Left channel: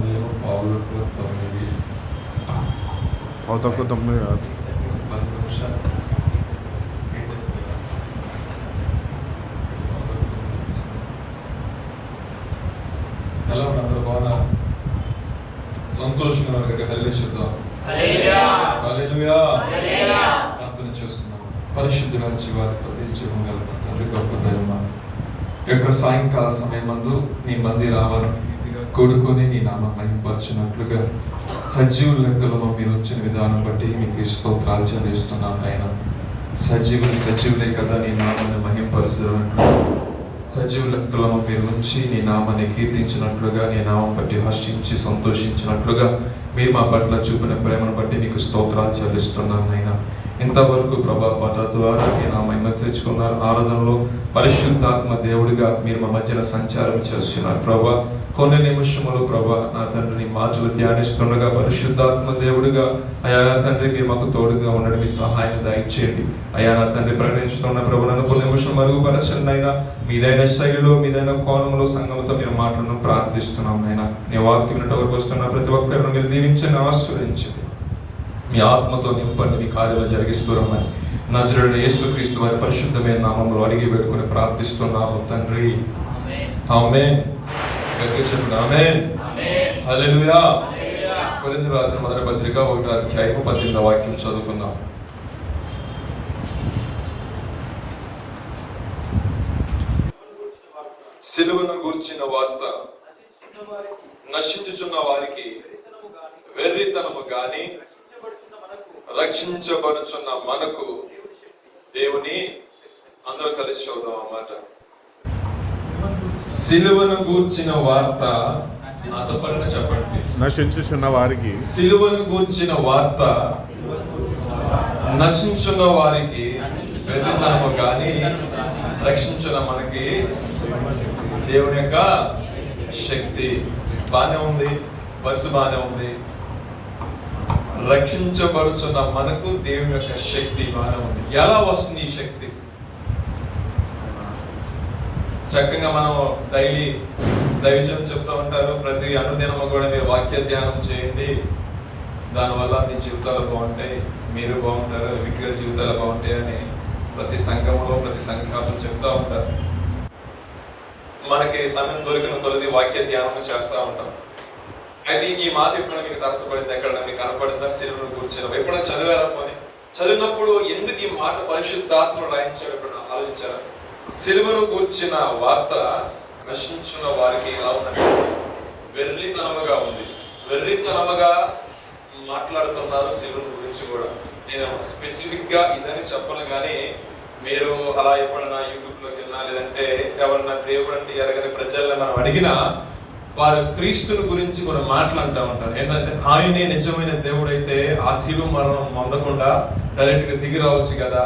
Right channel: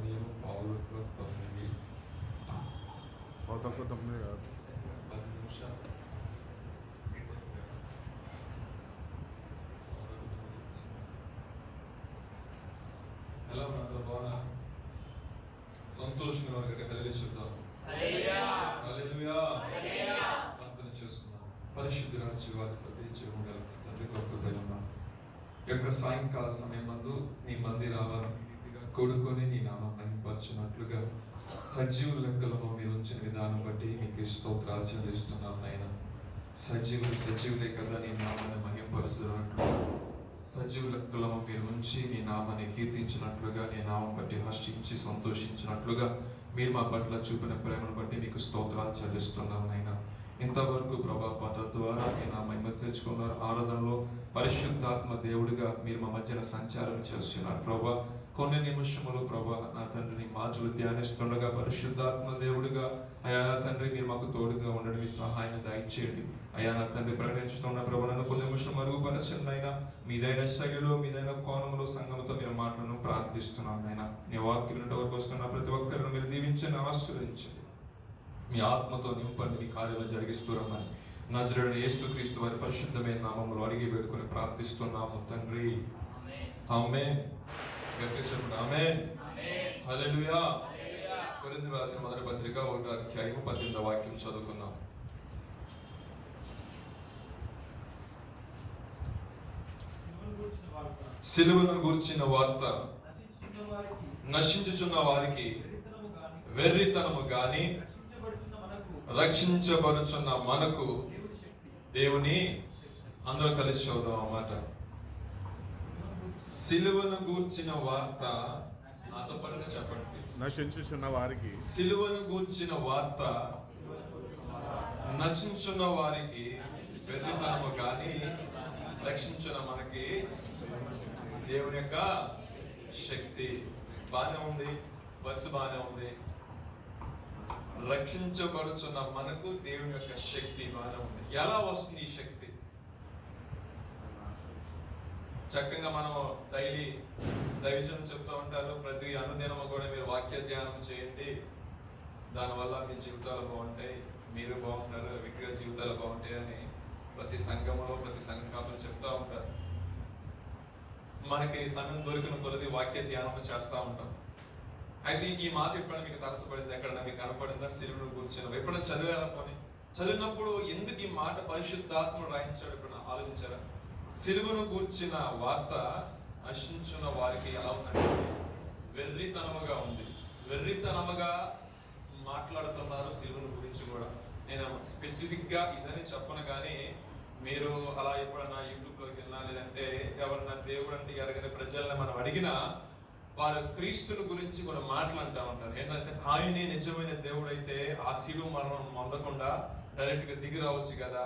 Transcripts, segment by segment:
సమయం పావులకు 9 తక్కువ 9 కాదు 10 నిమిషాలు. ఎలా ఉన్నారు? బాగా సంతోషంగా ఉన్నారు. హల్లెలూయా చెప్దాం. హల్లెలూయా. ప్రార్థన చేసుకున్నాం. పరిశుద్ధుల జీవాన్ని ప్రతించడం గల తండ్రి గొప్ప దైవమా, యొక్క సాయంకాల సమయమందు నీ మందిర ఆవరణ కూడుకొని నీ నామం మహిమపరచునట్లుగా సజీవుల లెక్కలలో మీరు వచ్చిన విధానం బట్టి మీకు స్తోత్రాలు చెల్లిస్తున్నాం. ఆయన సజీవులే కదా నీ నామాన్ని మహిమపరచునట్లు, సజీవుల లెక్కలలో మీరు ఉంచి నీ నామాన్ని కీర్తించినట్లుగా, నీ నామం బట్టి హర్షించి సంతోషించినట్లుగా మీరు మా పట్ల చూపిన ప్రేమను బట్టి మీకు స్తోత్రాలు చెల్లిస్తున్నాం. ఆయన ఇంతవరకు ప్రభా పాట ద్వారా నేను ఆ మహిమ తెచ్చుకున్నారు. ఆరాధనలో పరిశుద్ధాత్మ దేవుడిగా మీరు మా మధ్యన సంచారం చేస్తున్నారు ప్రభా. కొన్ని నిమిషములు ప్రభా నా తండ్రిని మాటలు ధ్యానిస్తుండగా పరిశుద్ధాత్మ దేవుడిగా అయా నా తండ్రి మీరు మాకు తోడుగా ఉండడం, మీ సహాయం దయచేయండి. అయా నా తండ్రి ప్రకటించుతున్న ప్రభు నన్ను కొన్ని నిమిషం మరుగుపరచండి అయినా. మీదైన శైలిలో మీదైన కోణంలో సంఘంతో మీరు మాటలను ప్రార్థిస్తున్నాం అయినా. నీ వాక్యం వరకు వస్తున్న ప్రతి ఒక్కరిని మీరు దీవించండి, ఆశీర్వదించండి. మీ ఆత్మతో నింపండి, మీ కార్యాలు జరిగిస్తూ రమ్మని నజరేయుడైన యేసుక్రీస్తు వారి పరిశుద్ధమైన నామములో అడిగి వేడుకొని ప్రార్థిస్తున్నాము తండ్రి. ఆమేన్. చెప్పండి ఆమేన్. హల్లెలూయా. కొరింథీయులకు రాసిన మొదటి పత్రిక 1వ అధ్యాయము 18వ వాక్యం చదువుకుందాం. సిలువను గూర్చిన వార్త నశించుచున్న వారికి వెర్రితనము గాని రక్షించబడుచున్న మనకు దేవుని, అందరూ కలిసి చూద్దాం అన్నమాట. సిలువను గూర్చిన వార్త నాతో పడిన చెప్పండి. నశించుచున్న వారికి, సిలువను గూర్చిన వార్త నశించున్న వారికి వెర్రితనము గాని రక్షించిన మనకి దేవుని యొక్క శక్తి. బానే ఉంది, బస్సు బానే ఉంది. రక్షించబడుచున్న మనకు దేవుని యొక్క శక్తి బాగా ఉంది. ఎలా వస్తుంది ఈ శక్తి? చక్కగా మనం డైలీ దైవజనం చెప్తూ ఉంటారు, ప్రతి అనుదినము కూడా మీరు వాక్య ధ్యానం చేయండి, దానివల్ల మీ జీవితాలు బాగుంటాయి, మీరు బాగుంటారు, వ్యక్తిగత జీవితాలు బాగుంటాయి అని ప్రతి సంఘంలో ప్రతి సంఘాలు చెప్తూ ఉంటారు. మనకి సమయం దొరికిన కొలది వాక్య ధ్యానం చేస్తూ ఉంటాం. అయితే ఈ మాట ఎప్పుడైనా మీకు తరసపడింది, ఎక్కడైనా మీకు కనపడిందా? సిలువను కూర్చున్న ఎప్పుడైనా చదివారా? పోనీ చదివినప్పుడు ఎందుకు ఈ మాట పరిశుద్ధాత్మ రాయించాడు ఎప్పుడైనా ఆలోచించారా? సిలువను కూర్చిన వార్త నశించిన వారికి ఎలా ఉందంటే వెర్రితనముగా ఉంది. వెర్రితనముగా మాట్లాడుతున్నారు సిలువను గురించి కూడా. నేను స్పెసిఫిక్ గా ఇదని చెప్పను, కానీ మీరు అలా ఎప్పుడైనా యూట్యూబ్ లోకి వెళ్ళినా, లేదంటే ఎవరన్నా దేవుడు అంటే ఎరగని ప్రజల్ని మనం అడిగినా వారు క్రీస్తుని గురించి కొన్ని మాటలు అంటూ ఉంటారు. ఏంటంటే ఆయనే నిజమైన దేవుడు అయితే ఆ శిలువ మరణం పొందకుండా డైరెక్ట్ గా దిగి రావచ్చు కదా,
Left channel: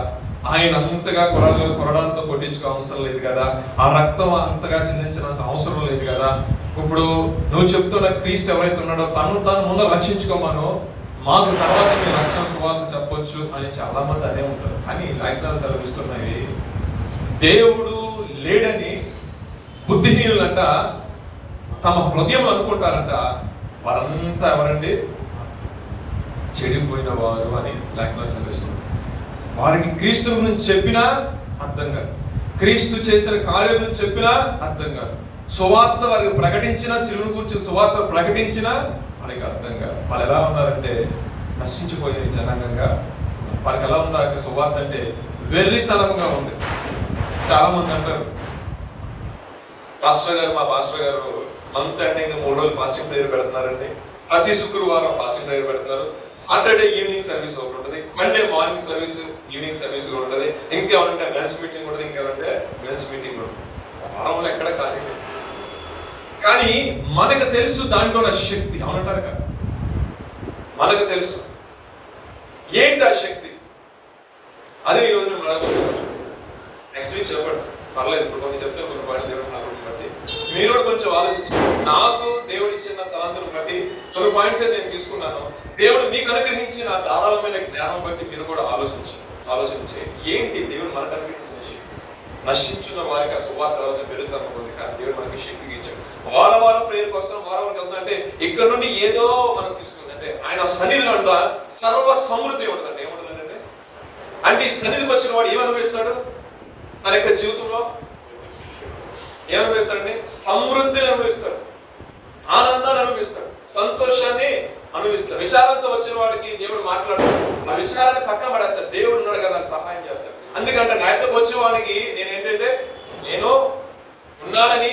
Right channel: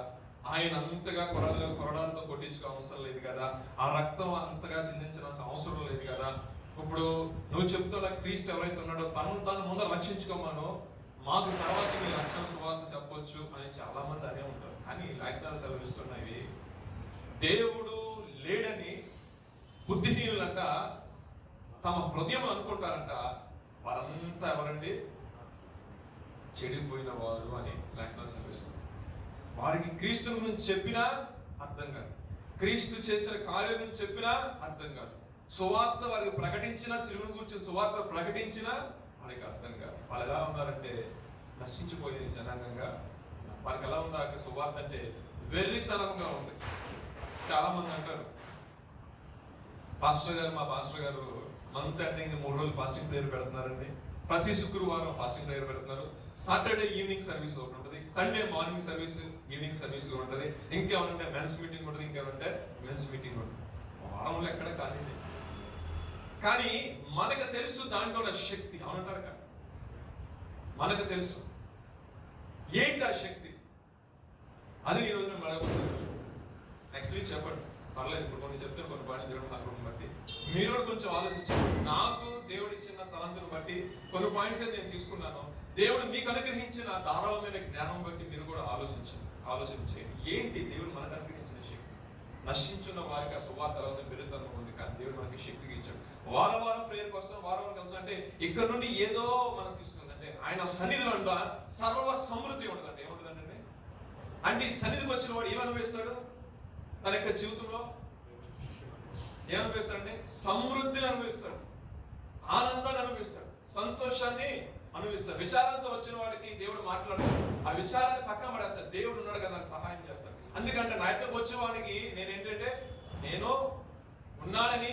ఆయన అంతగా కొరడాలతో కొట్టించుకో అవసరం లేదు కదా, ఆ రక్తం అంతగా చిందించిన అవసరం లేదు కదా, ఇప్పుడు నువ్వు చెప్తున్న క్రీస్తు ఎవరైతే ఉన్నాడో తను ముందు రక్షించుకోమను, మాకు తర్వాత మీ రక్షణ సువార్త చెప్పొచ్చు అని చాలా మంది అనే ఉంటారు. కానీ లేఖనాలు సెలవిస్తున్నాయి దేవుడు లేడని బుద్ధిహీనులంట తమ హృదయం అనుకుంటారంట. వారంతా ఎవరండి? చెడిపోయిన వారు అని లేఖనాలు సెలవిస్తున్నారు. వారికి క్రీస్తు గురించి చెప్పినా అర్థం కాదు, క్రీస్తు చేసిన కార్యం గురించి చెప్పినా అర్థం కాదు, సువార్త వారికి ప్రకటించినా, శిలువను గురించి సువార్త ప్రకటించినా వారికి అర్థం కాదు. వాళ్ళు ఎలా ఉన్నారంటే నశించిపోయే జనాంగంగా. వారికి ఎలా ఉన్నారు? సువార్త అంటే వెర్రితనంగా ఉంది. చాలా మంది అంటారు, మా పాస్టర్ గారు మంత్ ఎండింగ్ 3 రోజులు ఫాస్టింగ్ ప్రేయర్ పెడుతున్నారండి, ప్రతి శుక్రవారం ఫాస్టింగ్ ప్రేయర్ పెడుతున్నారు, సాటర్డే ఈవినింగ్ సర్వీస్ ఒకటి ఉంటుంది, Sunday morning service, evening service కూడా ఉంటుంది, ఇంకేమంటే మెన్స్ మీటింగ్ ఉంటుంది, ఇంకేమంటే మెన్స్ మీటింగ్ ఉంటుంది. వారంలో ఎక్కడ ఖాళీ లేదు. కానీ మనకు తెలుసు దాంట్లో ఉన్న శక్తి. అవునంటారు కదా, మనకు తెలుసు ఏంటి ఆ శక్తి. అదే ఈరోజు నేను అడగబోతున్నాను. నెక్స్ట్ వీక్ చెప్పండి, పర్లేదు. ఇప్పుడు కొన్ని చెప్తే కొన్ని పాయింట్లు దేవుడు నాకు బట్టి మీరు కూడా కొంచెం ఆలోచించారు. నాకు దేవుడు ఇచ్చిన తలంతులను బట్టి కొన్ని పాయింట్స్ నేను తీసుకున్నాను. దేవుడు మీకు అనుగ్రహించిన ధారాళమైన జ్ఞానం బట్టి మీరు కూడా ఆలోచించే ఏంటి దేవుడు మనకు అనుగ్రహించిన శక్తి. నశించున్న వారికి ఆ సువార్త పెరుగుతూ ఉంది, కానీ దేవుడు మనకి శక్తికి ఇచ్చాడు. వారం ప్రేయర్కి వస్తాం, వారానికి వెళ్తాం అంటే ఇక్కడ నుండి ఏదో మనం తీసుకుంది అంటే ఆయన సన్నిధిలో ఉందా సర్వ సమృద్ధి ఉండదండి. ఏముండదండి అంటే ఈ సన్నిధికి వచ్చిన వాడు ఏమనుభవిస్తాడు తన యొక్క జీవితంలో? ఏమనుభవిస్తాడండి? సమృద్ధిని అనుభవిస్తాడు, ఆనందాన్ని అనుభవిస్తాడు, సంతోషాన్ని అనుభవిస్తాడు. విచారంతో వచ్చిన వాడికి దేవుడు మాట్లాడతాడు, ఆ విచారాన్ని పక్కన పడేస్తాడు. దేవుడు ఉన్నాడు కదా నాకు సహాయం చేస్తాడు. అందుకంటే నాయతో వచ్చే వాడికి నేను ఉన్నానని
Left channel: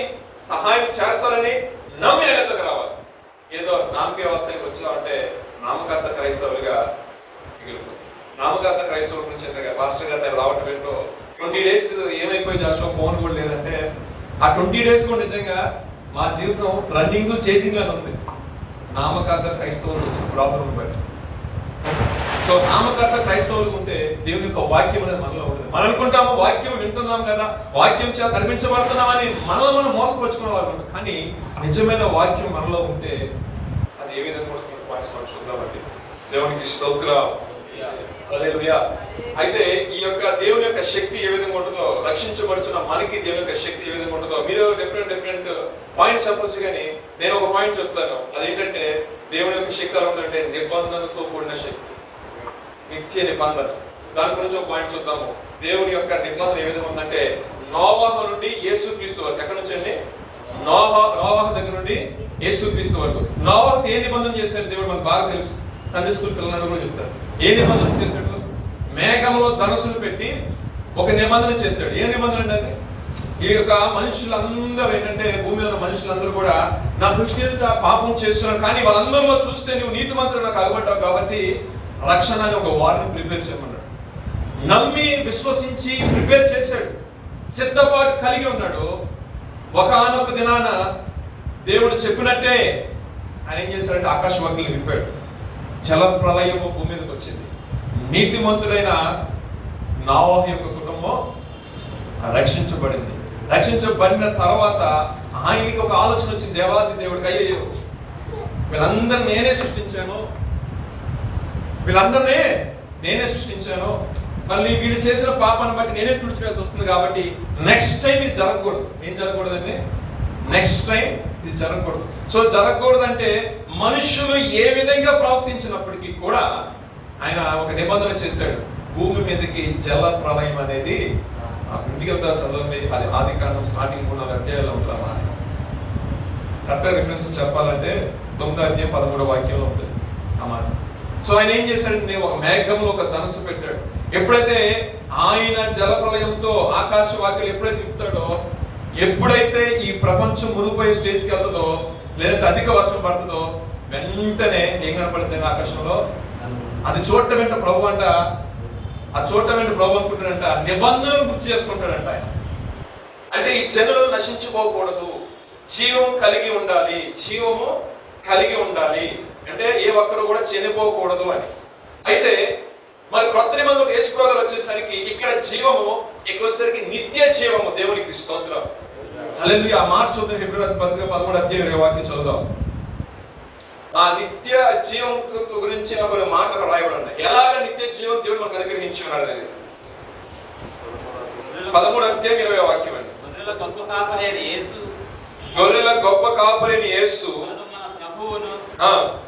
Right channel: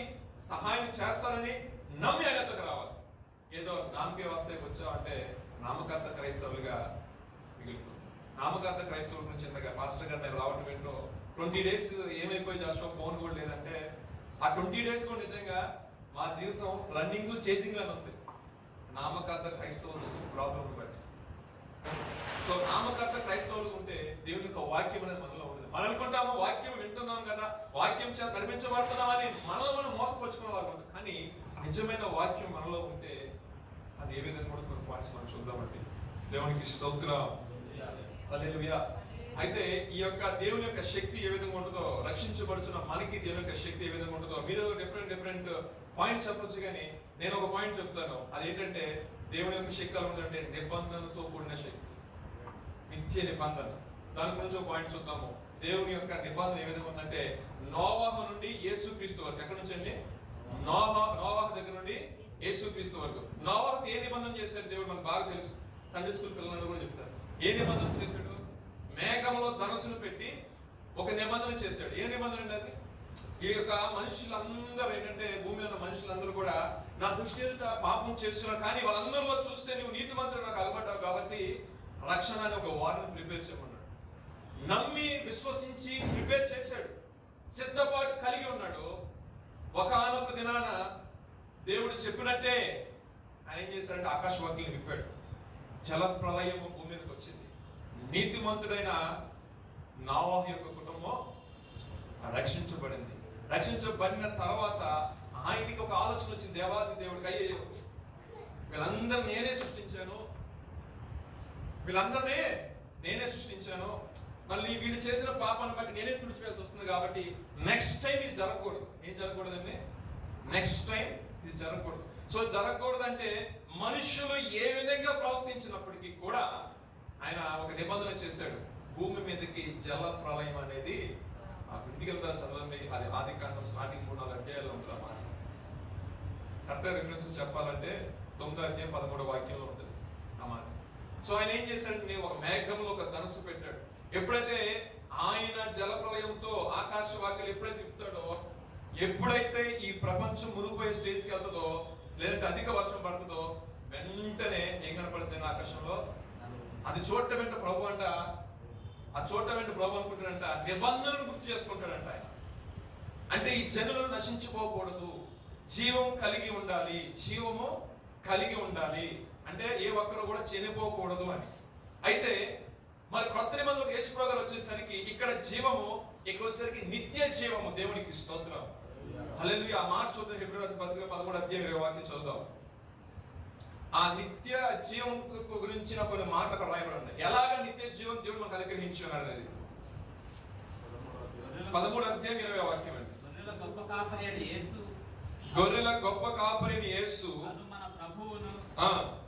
సహాయం చేస్తానని నమ్మి ఆయనతోకి రావాలి. ఏదో నామకే వస్తాయి వచ్చామంటే నామకార్థ క్రైస్తవులుగా మిగిలిపోతుంది. నామకార్థ క్రైస్తవుల గురించి ఎంతగా పాస్టర్ గారు నేను రావటం ఏంటో 20 days ఏమైపోయింది అసలు ఫోన్ కూడా లేదంటే ఆ 20 days కూడా నిజంగా మా జీవితం రన్నింగ్ చేసింగ్ అని ఉంది. నామకార్థ క్రైస్తవులు వచ్చిన ప్రాబ్లం బట్టి. సో నామకార్థ క్రైస్తవులు ఉంటే దేవుని యొక్క వాక్యం అనేది మనలో ఉంటుంది. మనం అనుకుంటాము వాక్యం వింటున్నాం కదా, వాక్యం చేత కనిపించబడుతున్నామని మనలో మనం మోసపరుచుకునే వారు ఉంటాం. కానీ నిజమైన వాక్యం మనలో ఉంటే అది ఏ విధంగా కూడా కొన్ని పాయింట్స్ మనం చూద్దామండి. దేవునికి స్తోత్రం. హల్లెలూయా. అయితే ఈ యొక్క దేవుని యొక్క శక్తి ఏ విధంగా ఉంటుందో, రక్షించబడుచున్న మనకి దేవుని యొక్క శక్తి ఏ విధంగా ఉంటుందో మీరు డిఫరెంట్ పాయింట్స్ చెప్పొచ్చు. కానీ నేను ఒక పాయింట్ చెప్తాను. అదేంటంటే దేవుని యొక్క శక్తి ఎలా ఉందంటే నిబంధనతో కూడిన శక్తి, నిత్య నిబంధన. దాని గురించి ఒక పాయింట్ చూద్దాము. దేవుని యొక్క నిబంధన ఏ విధంగా ఉందంటే నోవాహు నుండి యేసుక్రీస్తు వరకు. ఎక్కడి నుంచి అండి? నోవాహు దగ్గర నుండి యేసుక్రీస్తు వరకు. నోవాహుతో ఏ నిబంధన చేశాడు దేవుడు మనకు బాగా తెలుసు. సండే స్కూల్ పిల్లలందరూ కూడా చెప్తారు. ఏ నిబంధన చేశాడు? మేఘంలో ధనుసులు పెట్టి ఒక నిబంధన చేశాడు. ఏ నిబంధన అండి అది? ఈ యొక్క మనుషులందరూ ఏంటంటే భూమి ఉన్న మనుషులందరూ కూడా నా దృష్టి ఎదుట పాపం చేస్తున్నారు, కానీ వాళ్ళందరిలో చూస్తే నువ్వు నీతిమంతుడు నాకు అగబడ్డావు కాబట్టి రక్షణ అని ఒక వారిని ప్రిపేర్ చేయమన్నాడు. నమ్మి విశ్వసించి ప్రిపేర్ చేశాడు, సిద్ధపాటు కలిగి ఉన్నాడు. ఒకానొక దినాన దేవుడు చెప్పినట్టే ఆయన ఏం చేశాడంటే ఆకాశవాకుల్ని విప్పాడు. జల ప్రళయము భూమి మీదకి వచ్చింది. నీతిమంతుడైన నోవాహు యొక్క కుటుంబం రక్షించబడింది. రక్షించబడిన తర్వాత ఆయనకి ఒక ఆలోచన వచ్చింది. దేవాది దేవుడికి అయ్యో వీళ్ళందరినీ నేనే సృష్టించాను, మళ్ళీ వీళ్ళు చేసిన పాపాన్ని బట్టి నేనే తుడిచివేయాల్సి వస్తుంది. కాబట్టి నెక్స్ట్ టైం ఇది జరగకూడదు. ఏం జరగకూడదండి? నెక్స్ట్ టైం ఇది జరగకూడదు. సో జరగకూడదు అంటే మనుషులు ఏ విధంగా ప్రవర్తించినప్పటికీ కూడా ఆయన ఒక నిబంధన చేశాడు. భూమి మీదకి జల ప్రళయం అనేది ఇంటికి వెళ్తా చదవండి. అది ఆదికాండం స్టార్టింగ్ 3-4 అధ్యాయాల్లో ఉంటామా. కరెక్ట్గా రిఫరెన్సెస్ చెప్పాలంటే 9వ అధ్యాయం 13వ వాక్యంలో ఉంటుంది ఆ మాట. సో ఆయన ఏం చేశాడంటే ఒక మేఘంలో ఒక ధనుస్సు పెట్టాడు. ఎప్పుడైతే ఆయన జల ప్రళయంతో ఆకాశ వాక్యాలు ఎప్పుడైతే తిప్పుతాడో, ఎప్పుడైతే ఈ ప్రపంచం మునిగిపోయే స్టేజ్కి వెళ్తుందో, లేదంటే అధిక వర్షం పడుతుందో, వెంటనే ఏం కనపడుతుంది ఆకాశంలో? అది చూడటం వెంట ప్రభు అంట, ఆ చూడటం వెంట ప్రభు అనుకుంటాడంట నిబంధనను గుర్తు చేసుకుంటాడంట ఆయన. అంటే ఈ జనులు నశించిపోకూడదు, జీవము కలిగి ఉండాలి అంటే ఏ ఒక్కరు కూడా చనిపోకూడదు అని. అయితే మరి క్రొత్త నిబంధనలో యేసు ప్రభువు వచ్చేసరికి ఇక్కడ జీవము, ఇక్కడ వచ్చేసరికి నిత్య జీవము. దేవునికి స్తోత్రం. హల్లెలూయా. ఆ మాట చూద్దాం. హెబ్రీ రాసిన పత్రిక 13వ అధ్యాయం 20వ వాక్యం చదువుదాం. ఆ నిత్య జీవం గురించి కొన్ని మాటలు రాయబడి ఉన్నాయి. ఎలాగ నిత్య జీవం దేవుడు మనకు అనుగ్రహించి ఉన్నాడు అనేది 13వ అధ్యాయం 20వ వాక్యం అండి. గొర్రెల గొప్ప కాపరిని యేసు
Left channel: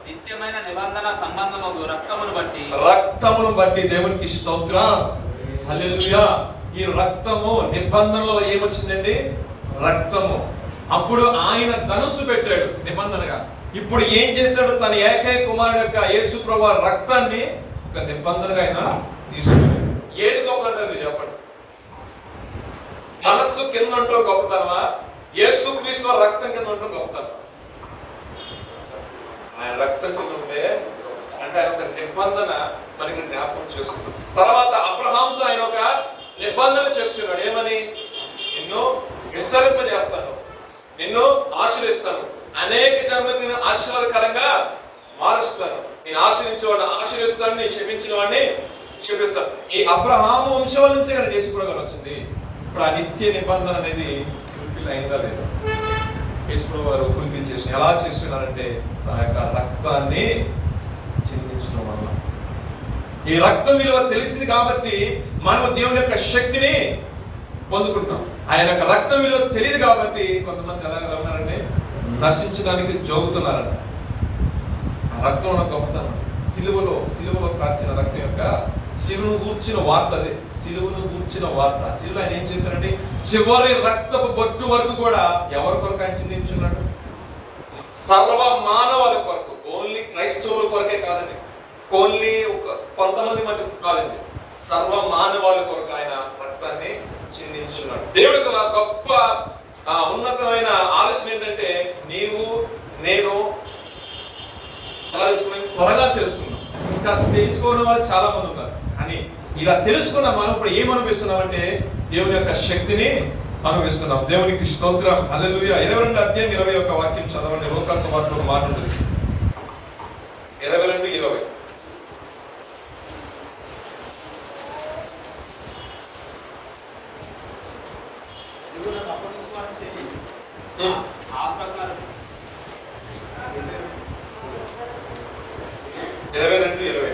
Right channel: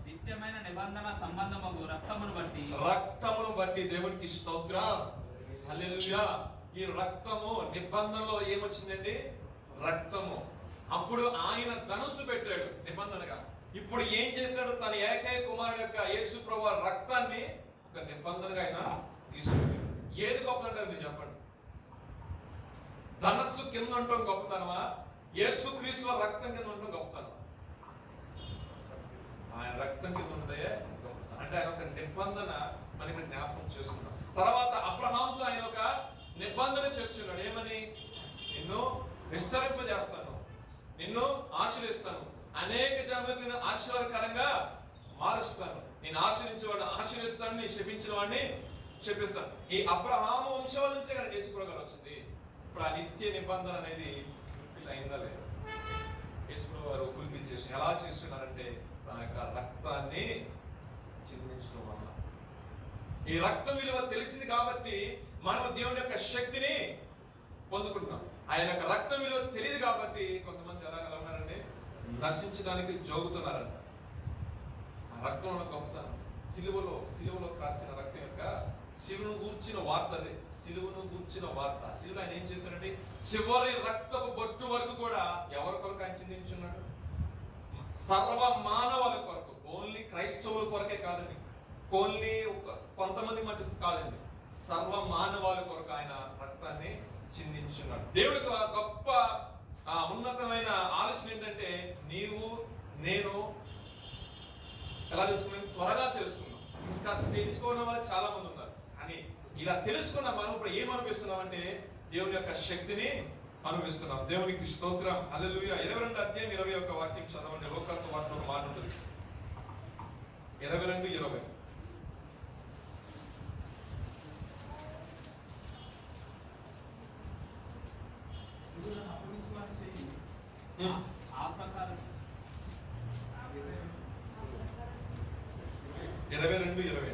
నిత్యమైన నిబంధన సంబంధము రక్తమును బట్టి దేవునికి స్తోత్రం. హల్లెలూయా. ఈ రక్తము నిబంధనలో ఏమొచ్చిందండి? రక్తము. అప్పుడు ఆయన ధనుస్సు పెట్టాడు నిబంధనగా. ఇప్పుడు ఏం చేశాడు? తన ఏకైక కుమారుడు యొక్క యేసు ప్రభువు రక్తాన్ని ఒక నిబంధనగా ఆయన తీసుకున్నాడు. ఏది గొప్పదంటే చెప్పండి. ధనస్సు కింద ఉండటం గొప్పతనమా? యేసు క్రీస్తు రక్తం కింద ఉండటం గొప్పతనం? ఆయన రక్తం కింద ఉంటే అంటే ఆయన ఒక నిబంధన మనకి జ్ఞాపకం చేసుకున్నాడు. తర్వాత అబ్రహాంతో ఆయన ఒక నిబంధన చేస్తున్నాడు. ఏమని? నిన్ను విస్తరింపజేస్తాను, నిన్ను ఆశీర్వదిస్తాను, అనేక జన్మలకు నేను ఆశీర్వాదకరంగా మారుస్తాను, నేను ఆశీర్వించేవాడిని ఆశీర్విస్తాను, నేను క్షమించిన వాడిని క్షమిస్తాను. ఈ అబ్రహాము వంశం నుంచే కానీ యేసు ప్రభువు వచ్చింది. ఇప్పుడు ఆ నిత్య నిబంధన అనేది ఫుల్ఫిల్ అయిందా లేదా? యేసు ప్రభువు వారు ఫుల్ఫిల్ చేసి ఎలా చేస్తున్నారంటే తన యొక్క రక్తాన్ని చిందించడం వల్ల. ఈ రక్తం విలువ తెలిసింది కాబట్టి మనం దేవుని యొక్క శక్తిని పొందుకుంటున్నాం. ఆయన యొక్క రక్తం విలువ తెలియదు కాబట్టి కొంతమంది ఎలా ఉన్నారండి? నశించడానికి జోగుతున్నారంట. ఆ రక్తం ఉన్న గొప్పతనం, సిలువలో కార్చిన రక్తం యొక్క సిలువను గూర్చిన వార్త. అదే సిలువను గూర్చిన వార్త. సిలువ ఆయన ఏం చేశారండి? చివరి రక్తపు బొట్టు వరకు కూడా ఎవరి కొరకు ఆయన చిందించున్నాడు? సర్వ మానవాళి కొరకు. ఓన్లీ క్రైస్తవుల కొరకే కాదండి, ఓన్లీ కొంతమంది మటుకు కాదండి, సర్వ మానవాళి కొరకు ఆయన రక్తాన్ని చిందించున్నాడు. దేవుడికి గొప్ప ఉన్నతమైన ఆలోచన ఏంటంటే, నీవు నేను ఎలా తెలుసుకున్నాం? త్వరగా తెలుసుకున్నాం. ఇంకా తెలుసుకోవడం వాళ్ళు చాలా మంది ఉన్నారు. కానీ ఇలా తెలుసుకున్న మనం ఇప్పుడు ఏం అనుభవిస్తున్నాం అంటే, దేవుని యొక్క శక్తిని అనుభవిస్తున్నాం. దేవునికి స్తోత్రం, హల్లెలూయా. 22:21 వాక్యం చదవండి. లూకా సువార్తలో ఒక మాట ఉంటుంది, 22:20. ఆ ప్రకారం 22:20.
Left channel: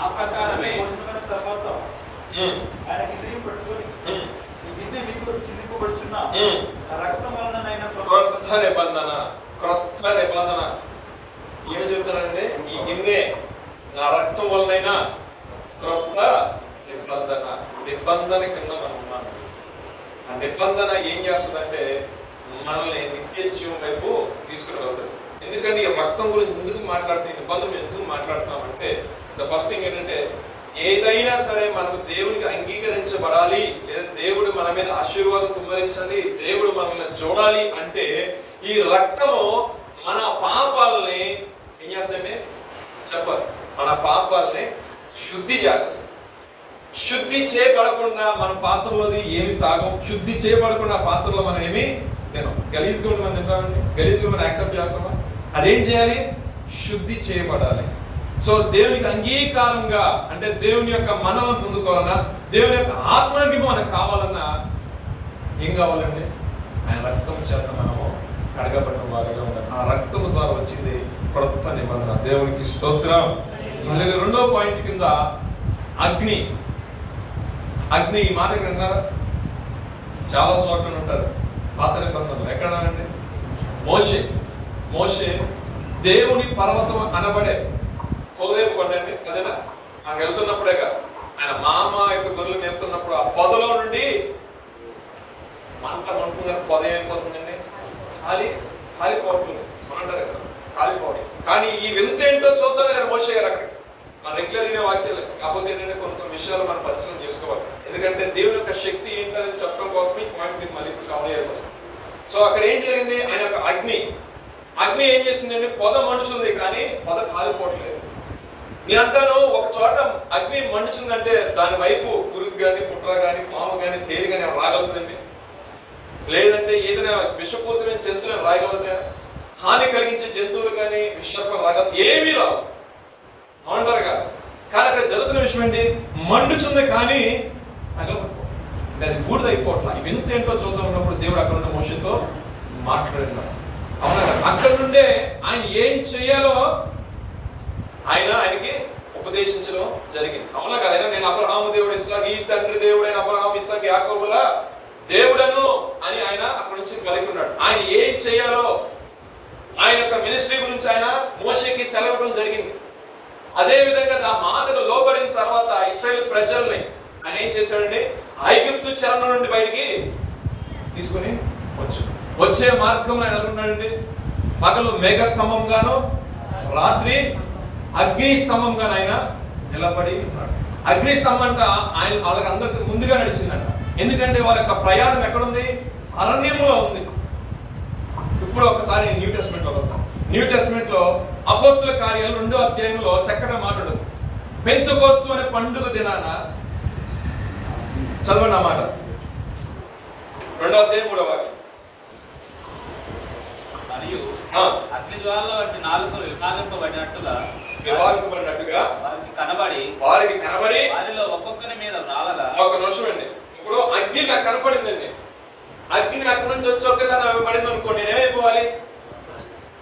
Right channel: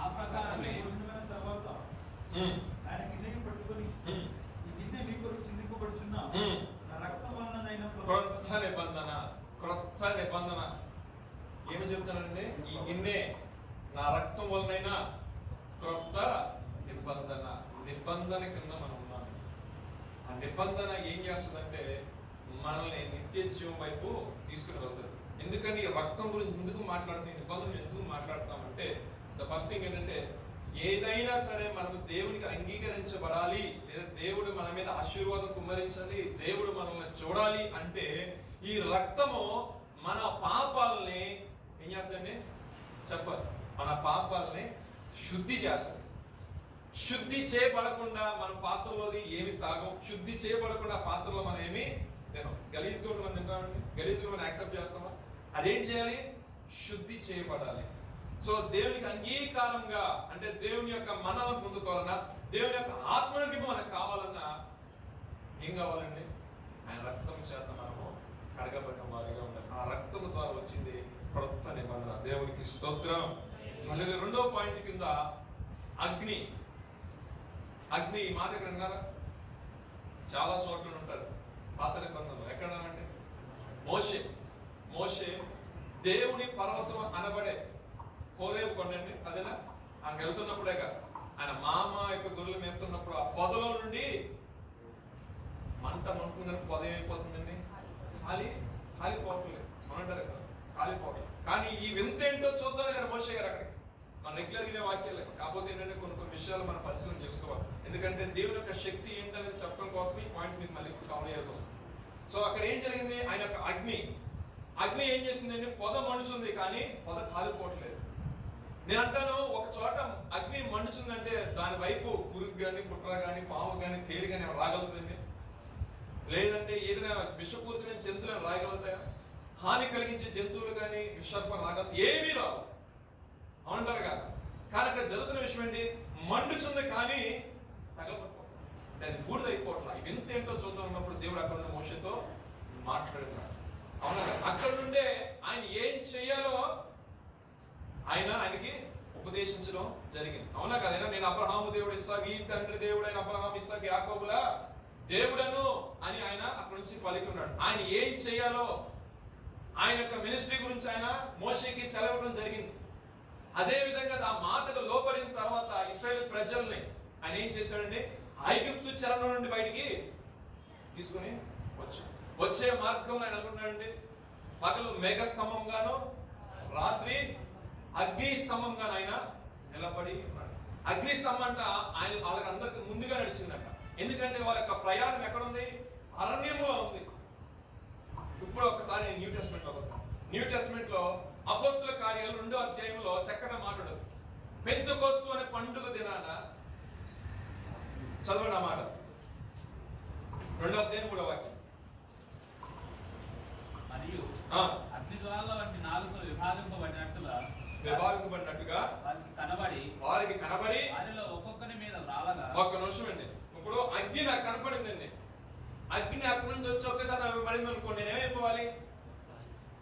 ఆ ప్రకారమే తర్వాత ఆయన గిన్నె పట్టుకొని ఈ గిన్నె మీకు చిందింపబడుచున్న రక్తం వలనైనా క్రొత్త నిబంధన ఏమి చెప్తానండి? ఈ గిన్నె నా రక్తం వలనైనా క్రొత్త నిబంధన కింద మనం ఉన్నాం. ఆ నిబంధన ఏం చేస్తుందంటే, మనల్ని నిత్య జీవం వైపు తీసుకుని వెళ్తాడు. ఎందుకంటే ఈ రక్తం గురించి ఎందుకు మాట్లాడుతుంది, నిబంధన ఎందుకు మాట్లాడుతున్నామంటే, ద ఫస్ట్ థింగ్ ఏంటంటే, ఏదైనా సరే మనకు దేవునికి అంగీకరించబడాలి, లేదా దేవుడు మన మీద ఆశీర్వాదం కుమ్మరించాలి, దేవుడు మనల్ని చూడాలి అంటే ఈ రక్తము మన పాపాలని ఏం చేస్తుందండి? చెప్పాలి, మన పాపాలని శుద్ధి చేస్తుంది. శుద్ధి చేయబడకుండా మన పాత్రలోది ఏమి తాగం, శుద్ధి చేయబడకుండా పాత్రలో మనం ఏమి తినం. గలీజ్గా మనం తింటామండి, గలీజ్గా మనం యాక్సెప్ట్ చేస్తామా? అదేం చేయాలి? శుద్ధి చేయబడాలి. సో దేవునికి అంగీకారంగా అంటే దేవుని యొక్క మనలను పొందుకోవాలన్నా, దేవుని యొక్క ఆత్మకి మనకు కావాలన్నా ఏం కావాలండి? ఆయన రక్తం చేత మనము కడగబడిన వారిగా ఉండాలి. ఆ రక్తము ద్వారా వచ్చింది క్రొత్త నిబంధన. దేవునికి స్తోత్రం. మళ్ళీ రెండో పాయింట్ కింద అగ్ని. అగ్ని ఈ మాట ఎక్కడ విన్నారా? చాలా చోట్ల ఉంటారు పాత నిబంధనలు. ఎక్కడండి? మోషే దేవుని పర్వతం అనబడే హోరేబు కొండండి, అదేనా? ఆయన వెళ్తున్నప్పుడేగా, ఆయన మామ యొక్క గొర్రెలు మేపుతున్నప్పుడు ఆ పొదలో నుండి మంటుందని పొద ఏమైపోతుందండి? కాలిపోవట్లేదు. మనంటారు కదా కాలిపోవడం. కానీ ఈ వింత ఏంటో చూద్దాం నేను మోషే గారు అక్కడికి. మన రెగ్యులర్ అయిన వాక్యాలు కాకపోతే ఏంటంటే కొన్ని విషయాలు మనం పరిశీలన చేసుకోవాలి. ఎందుకంటే దేవుని యొక్క శక్తి ఏంటనేది చెప్పడం కోసం ఈ పాయింట్స్ మీకు మళ్ళీ ఇప్పుడు కవర్ చేయాల్సి వస్తుంది. సో అక్కడ ఏం జరిగింది? ఆయన యొక్క అగ్ని ఏం చేసిందంటే, పొద మండుచుంది కానీ పొద కాలిపోవట్లేదు. నేను అంటాను, ఒక చోట అగ్ని మండుచుందంటే దాని వైపు పురుగు కానీ, పుట్ర కానీ, పాము కానీ, తేలి కానీ రాగలుగుతుందండి? లేదంటే ఏదైనా విషపూరితమైన జంతువులను రాయగలుగుతాయా? హాని కలిగించే జంతువులు కానీ, విషర్పం రాగలుగుతాయి? ఏమీ రావు, అవునంటారు కదా. కానీ అక్కడ జరుగుతున్న విషయం ఏంటి? మండుచుంది కానీ తగలబడిపో అంటే అది బూడిదైపోవట్లా. ఈ వింత ఏంటో చూద్దాం ఉన్నప్పుడు దేవుడు అక్కడ ఉన్న మోషేతో మాట్లాడినాడు. అవునా కదా? అక్కడ నుండే ఆయన ఏం చేయాలో ఆయనకి ఉపదేశించడం జరిగింది. అవునా కదా? నేను అబ్రహాము దేవుడు, ఇస్సాకు, ఈ తండ్రి దేవుడైన అబ్రహాము, ఇస్సాకు, యాకోబుల దేవుడను అని ఆయన అక్కడి నుంచి పలికిన్నాడు. ఆయన ఏం చేయాలో ఆయన యొక్క మినిస్ట్రీ గురించి ఆయన మోషేకి సెలవడం జరిగింది. అదే విధంగా ఆ మాటకు లోబడిన తర్వాత ఇశ్రాయేలు ప్రజల్ని ఆయన ఏం చేశాడండి? ఐగుప్తు చెర నుండి బయటికి తీసుకుని వచ్చే మార్గంలో ఆయన అనుకున్నాడండి. పగలు మేఘస్తంభంగాను, రాత్రి అగ్ని స్తంభంగాను ఆయన నిలబడి ఉన్నాడు. అగ్ని స్తంభం అంట ఆయన వాళ్ళకి అందరికి ముందుగా నడిచిందంట. ఎందుకంటే వాళ్ళ యొక్క ప్రయాణం ఎక్కడుంది? అరణ్యంలో ఉంది. ఇప్పుడు ఒకసారి న్యూ టెస్ట్మెంట్ లో వద్దాం. న్యూ టెస్ట్మెంట్ లో అపోస్తుల కార్యాలు 2వ అధ్యాయంలో చక్కగా మాట్లాడదు. పెంతెకోస్తు అనే పండుగ దినాన చదవండి ఆ మాట. 2వ అధ్యాయం 3వ వాక్యం. మరియు అగ్ని జ్వాల వంటి నాలుకలు విభాగింపబడినట్టుగా వారికి కనబడి వారిలో ఒక్కొక్కరి మీద రాలగా. ఒక నిమిషం అండి. ఇప్పుడు అగ్ని నాకు కనపడిందండి. అగ్ని అక్కడి నుంచి వచ్చి ఒక్కసారి నాకు పడింది అనుకోండి, నేనేమైపోవాలి?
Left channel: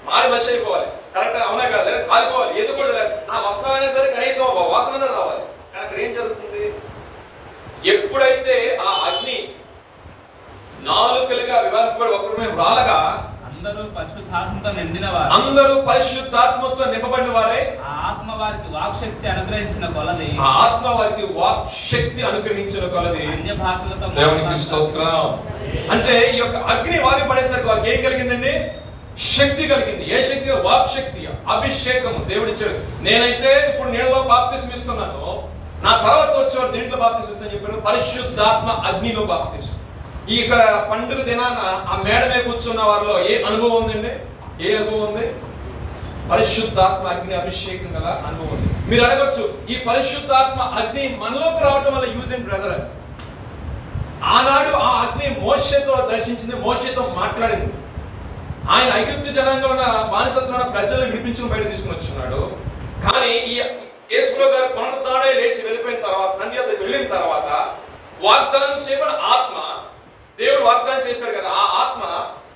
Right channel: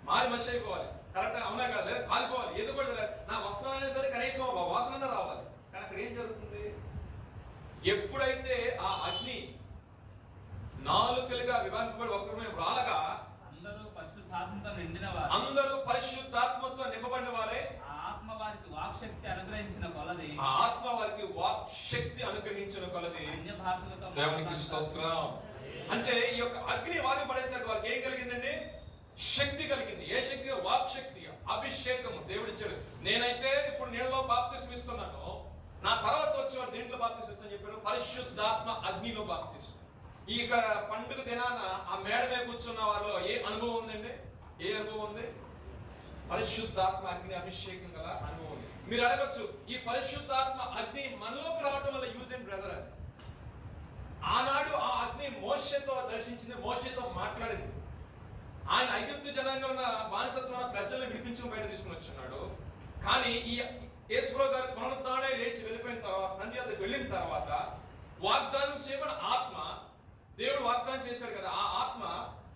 మారి మనిషి అయిపోవాలి. కరెక్ట్ అవునా కదా? లేదా కాలిపోవాలి. ఏదో కూడా లేదు. నా వస్త్రాలైనా సరే కనీసం వాసన రావాలి. కానీ అక్కడ ఏం జరుగుతుంది? ఎప్పుడైతే ఆ అగ్ని నాలుకలుగా విభాగింపబడి ఒకరి మీద రాలగా అందరూ పరిశుద్ధాత్మతో నిండిన వారు, అందరూ పరిశుద్ధాత్మతో నింపబడిన వారే, ఆ ఆత్మ వారికి వాక్శక్తి అనుగ్రహించిన కొలది, ఆ ఆత్మ వారికి వాక్ శక్తి అనుగ్రహించిన కొలది అన్య భాషలతో దేవునికి స్తోత్రం. అంటే ఈ యొక్క అగ్ని వారి పడేసరికి వారికి ఏం కలిగిందండి? శక్తి కలిగింది. ఏ శక్తి? వాక్ శక్తి, అభిషేకము దేవుడు ఇచ్చాడు. నేనైతే ఇప్పుడు నీళ్ళలో బాప్తిస్మం ఇస్తున్నాను, నా తర్వాత వచ్చేవాడు దేంట్లో బాప్తిస్మం ఇస్తాను చెప్పాడు? పరిశుద్ధాత్మ అగ్నిలో బాప్తిస్మం. ఈ ఇక్కడ పండుగ దినాన ఆ మేడ మీద కూర్చున్న వారిలో ఏ అనుభవం ఉందండి? ఏ అనుభవం ఉంది? పరిశుద్ధాత్మ అగ్ని అభిషేకం గల అనుభవం ఉంది. మీరు అడగొచ్చు, ఈ పరిశుద్ధాత్మ అగ్ని మనలోకి రావడం వల్ల యూజ్ అండ్ బ్రదర్. ఆనాడు ఆ అగ్ని మోషేతో దర్శించింది, మోషేతో మాట్లాడింది. ఆయన ఐగుప్తు జనాంగంలో ఉన్న బానిసత్వంలో ప్రజలను విడిపించుకుని బయట తీసుకుని వచ్చున్నాడు. కానీ ఈ యేసుప్రభు గారు పునరుద్ధారణై లేచి వెళ్ళిపోయిన తర్వాత, తండ్రి వద్దకు వెళ్ళిన తర్వాత వాగ్దానం చేయబడిన ఆత్మ, దేవుడు వాగ్దానం చేశాడు కదా, ఆ ఆత్మ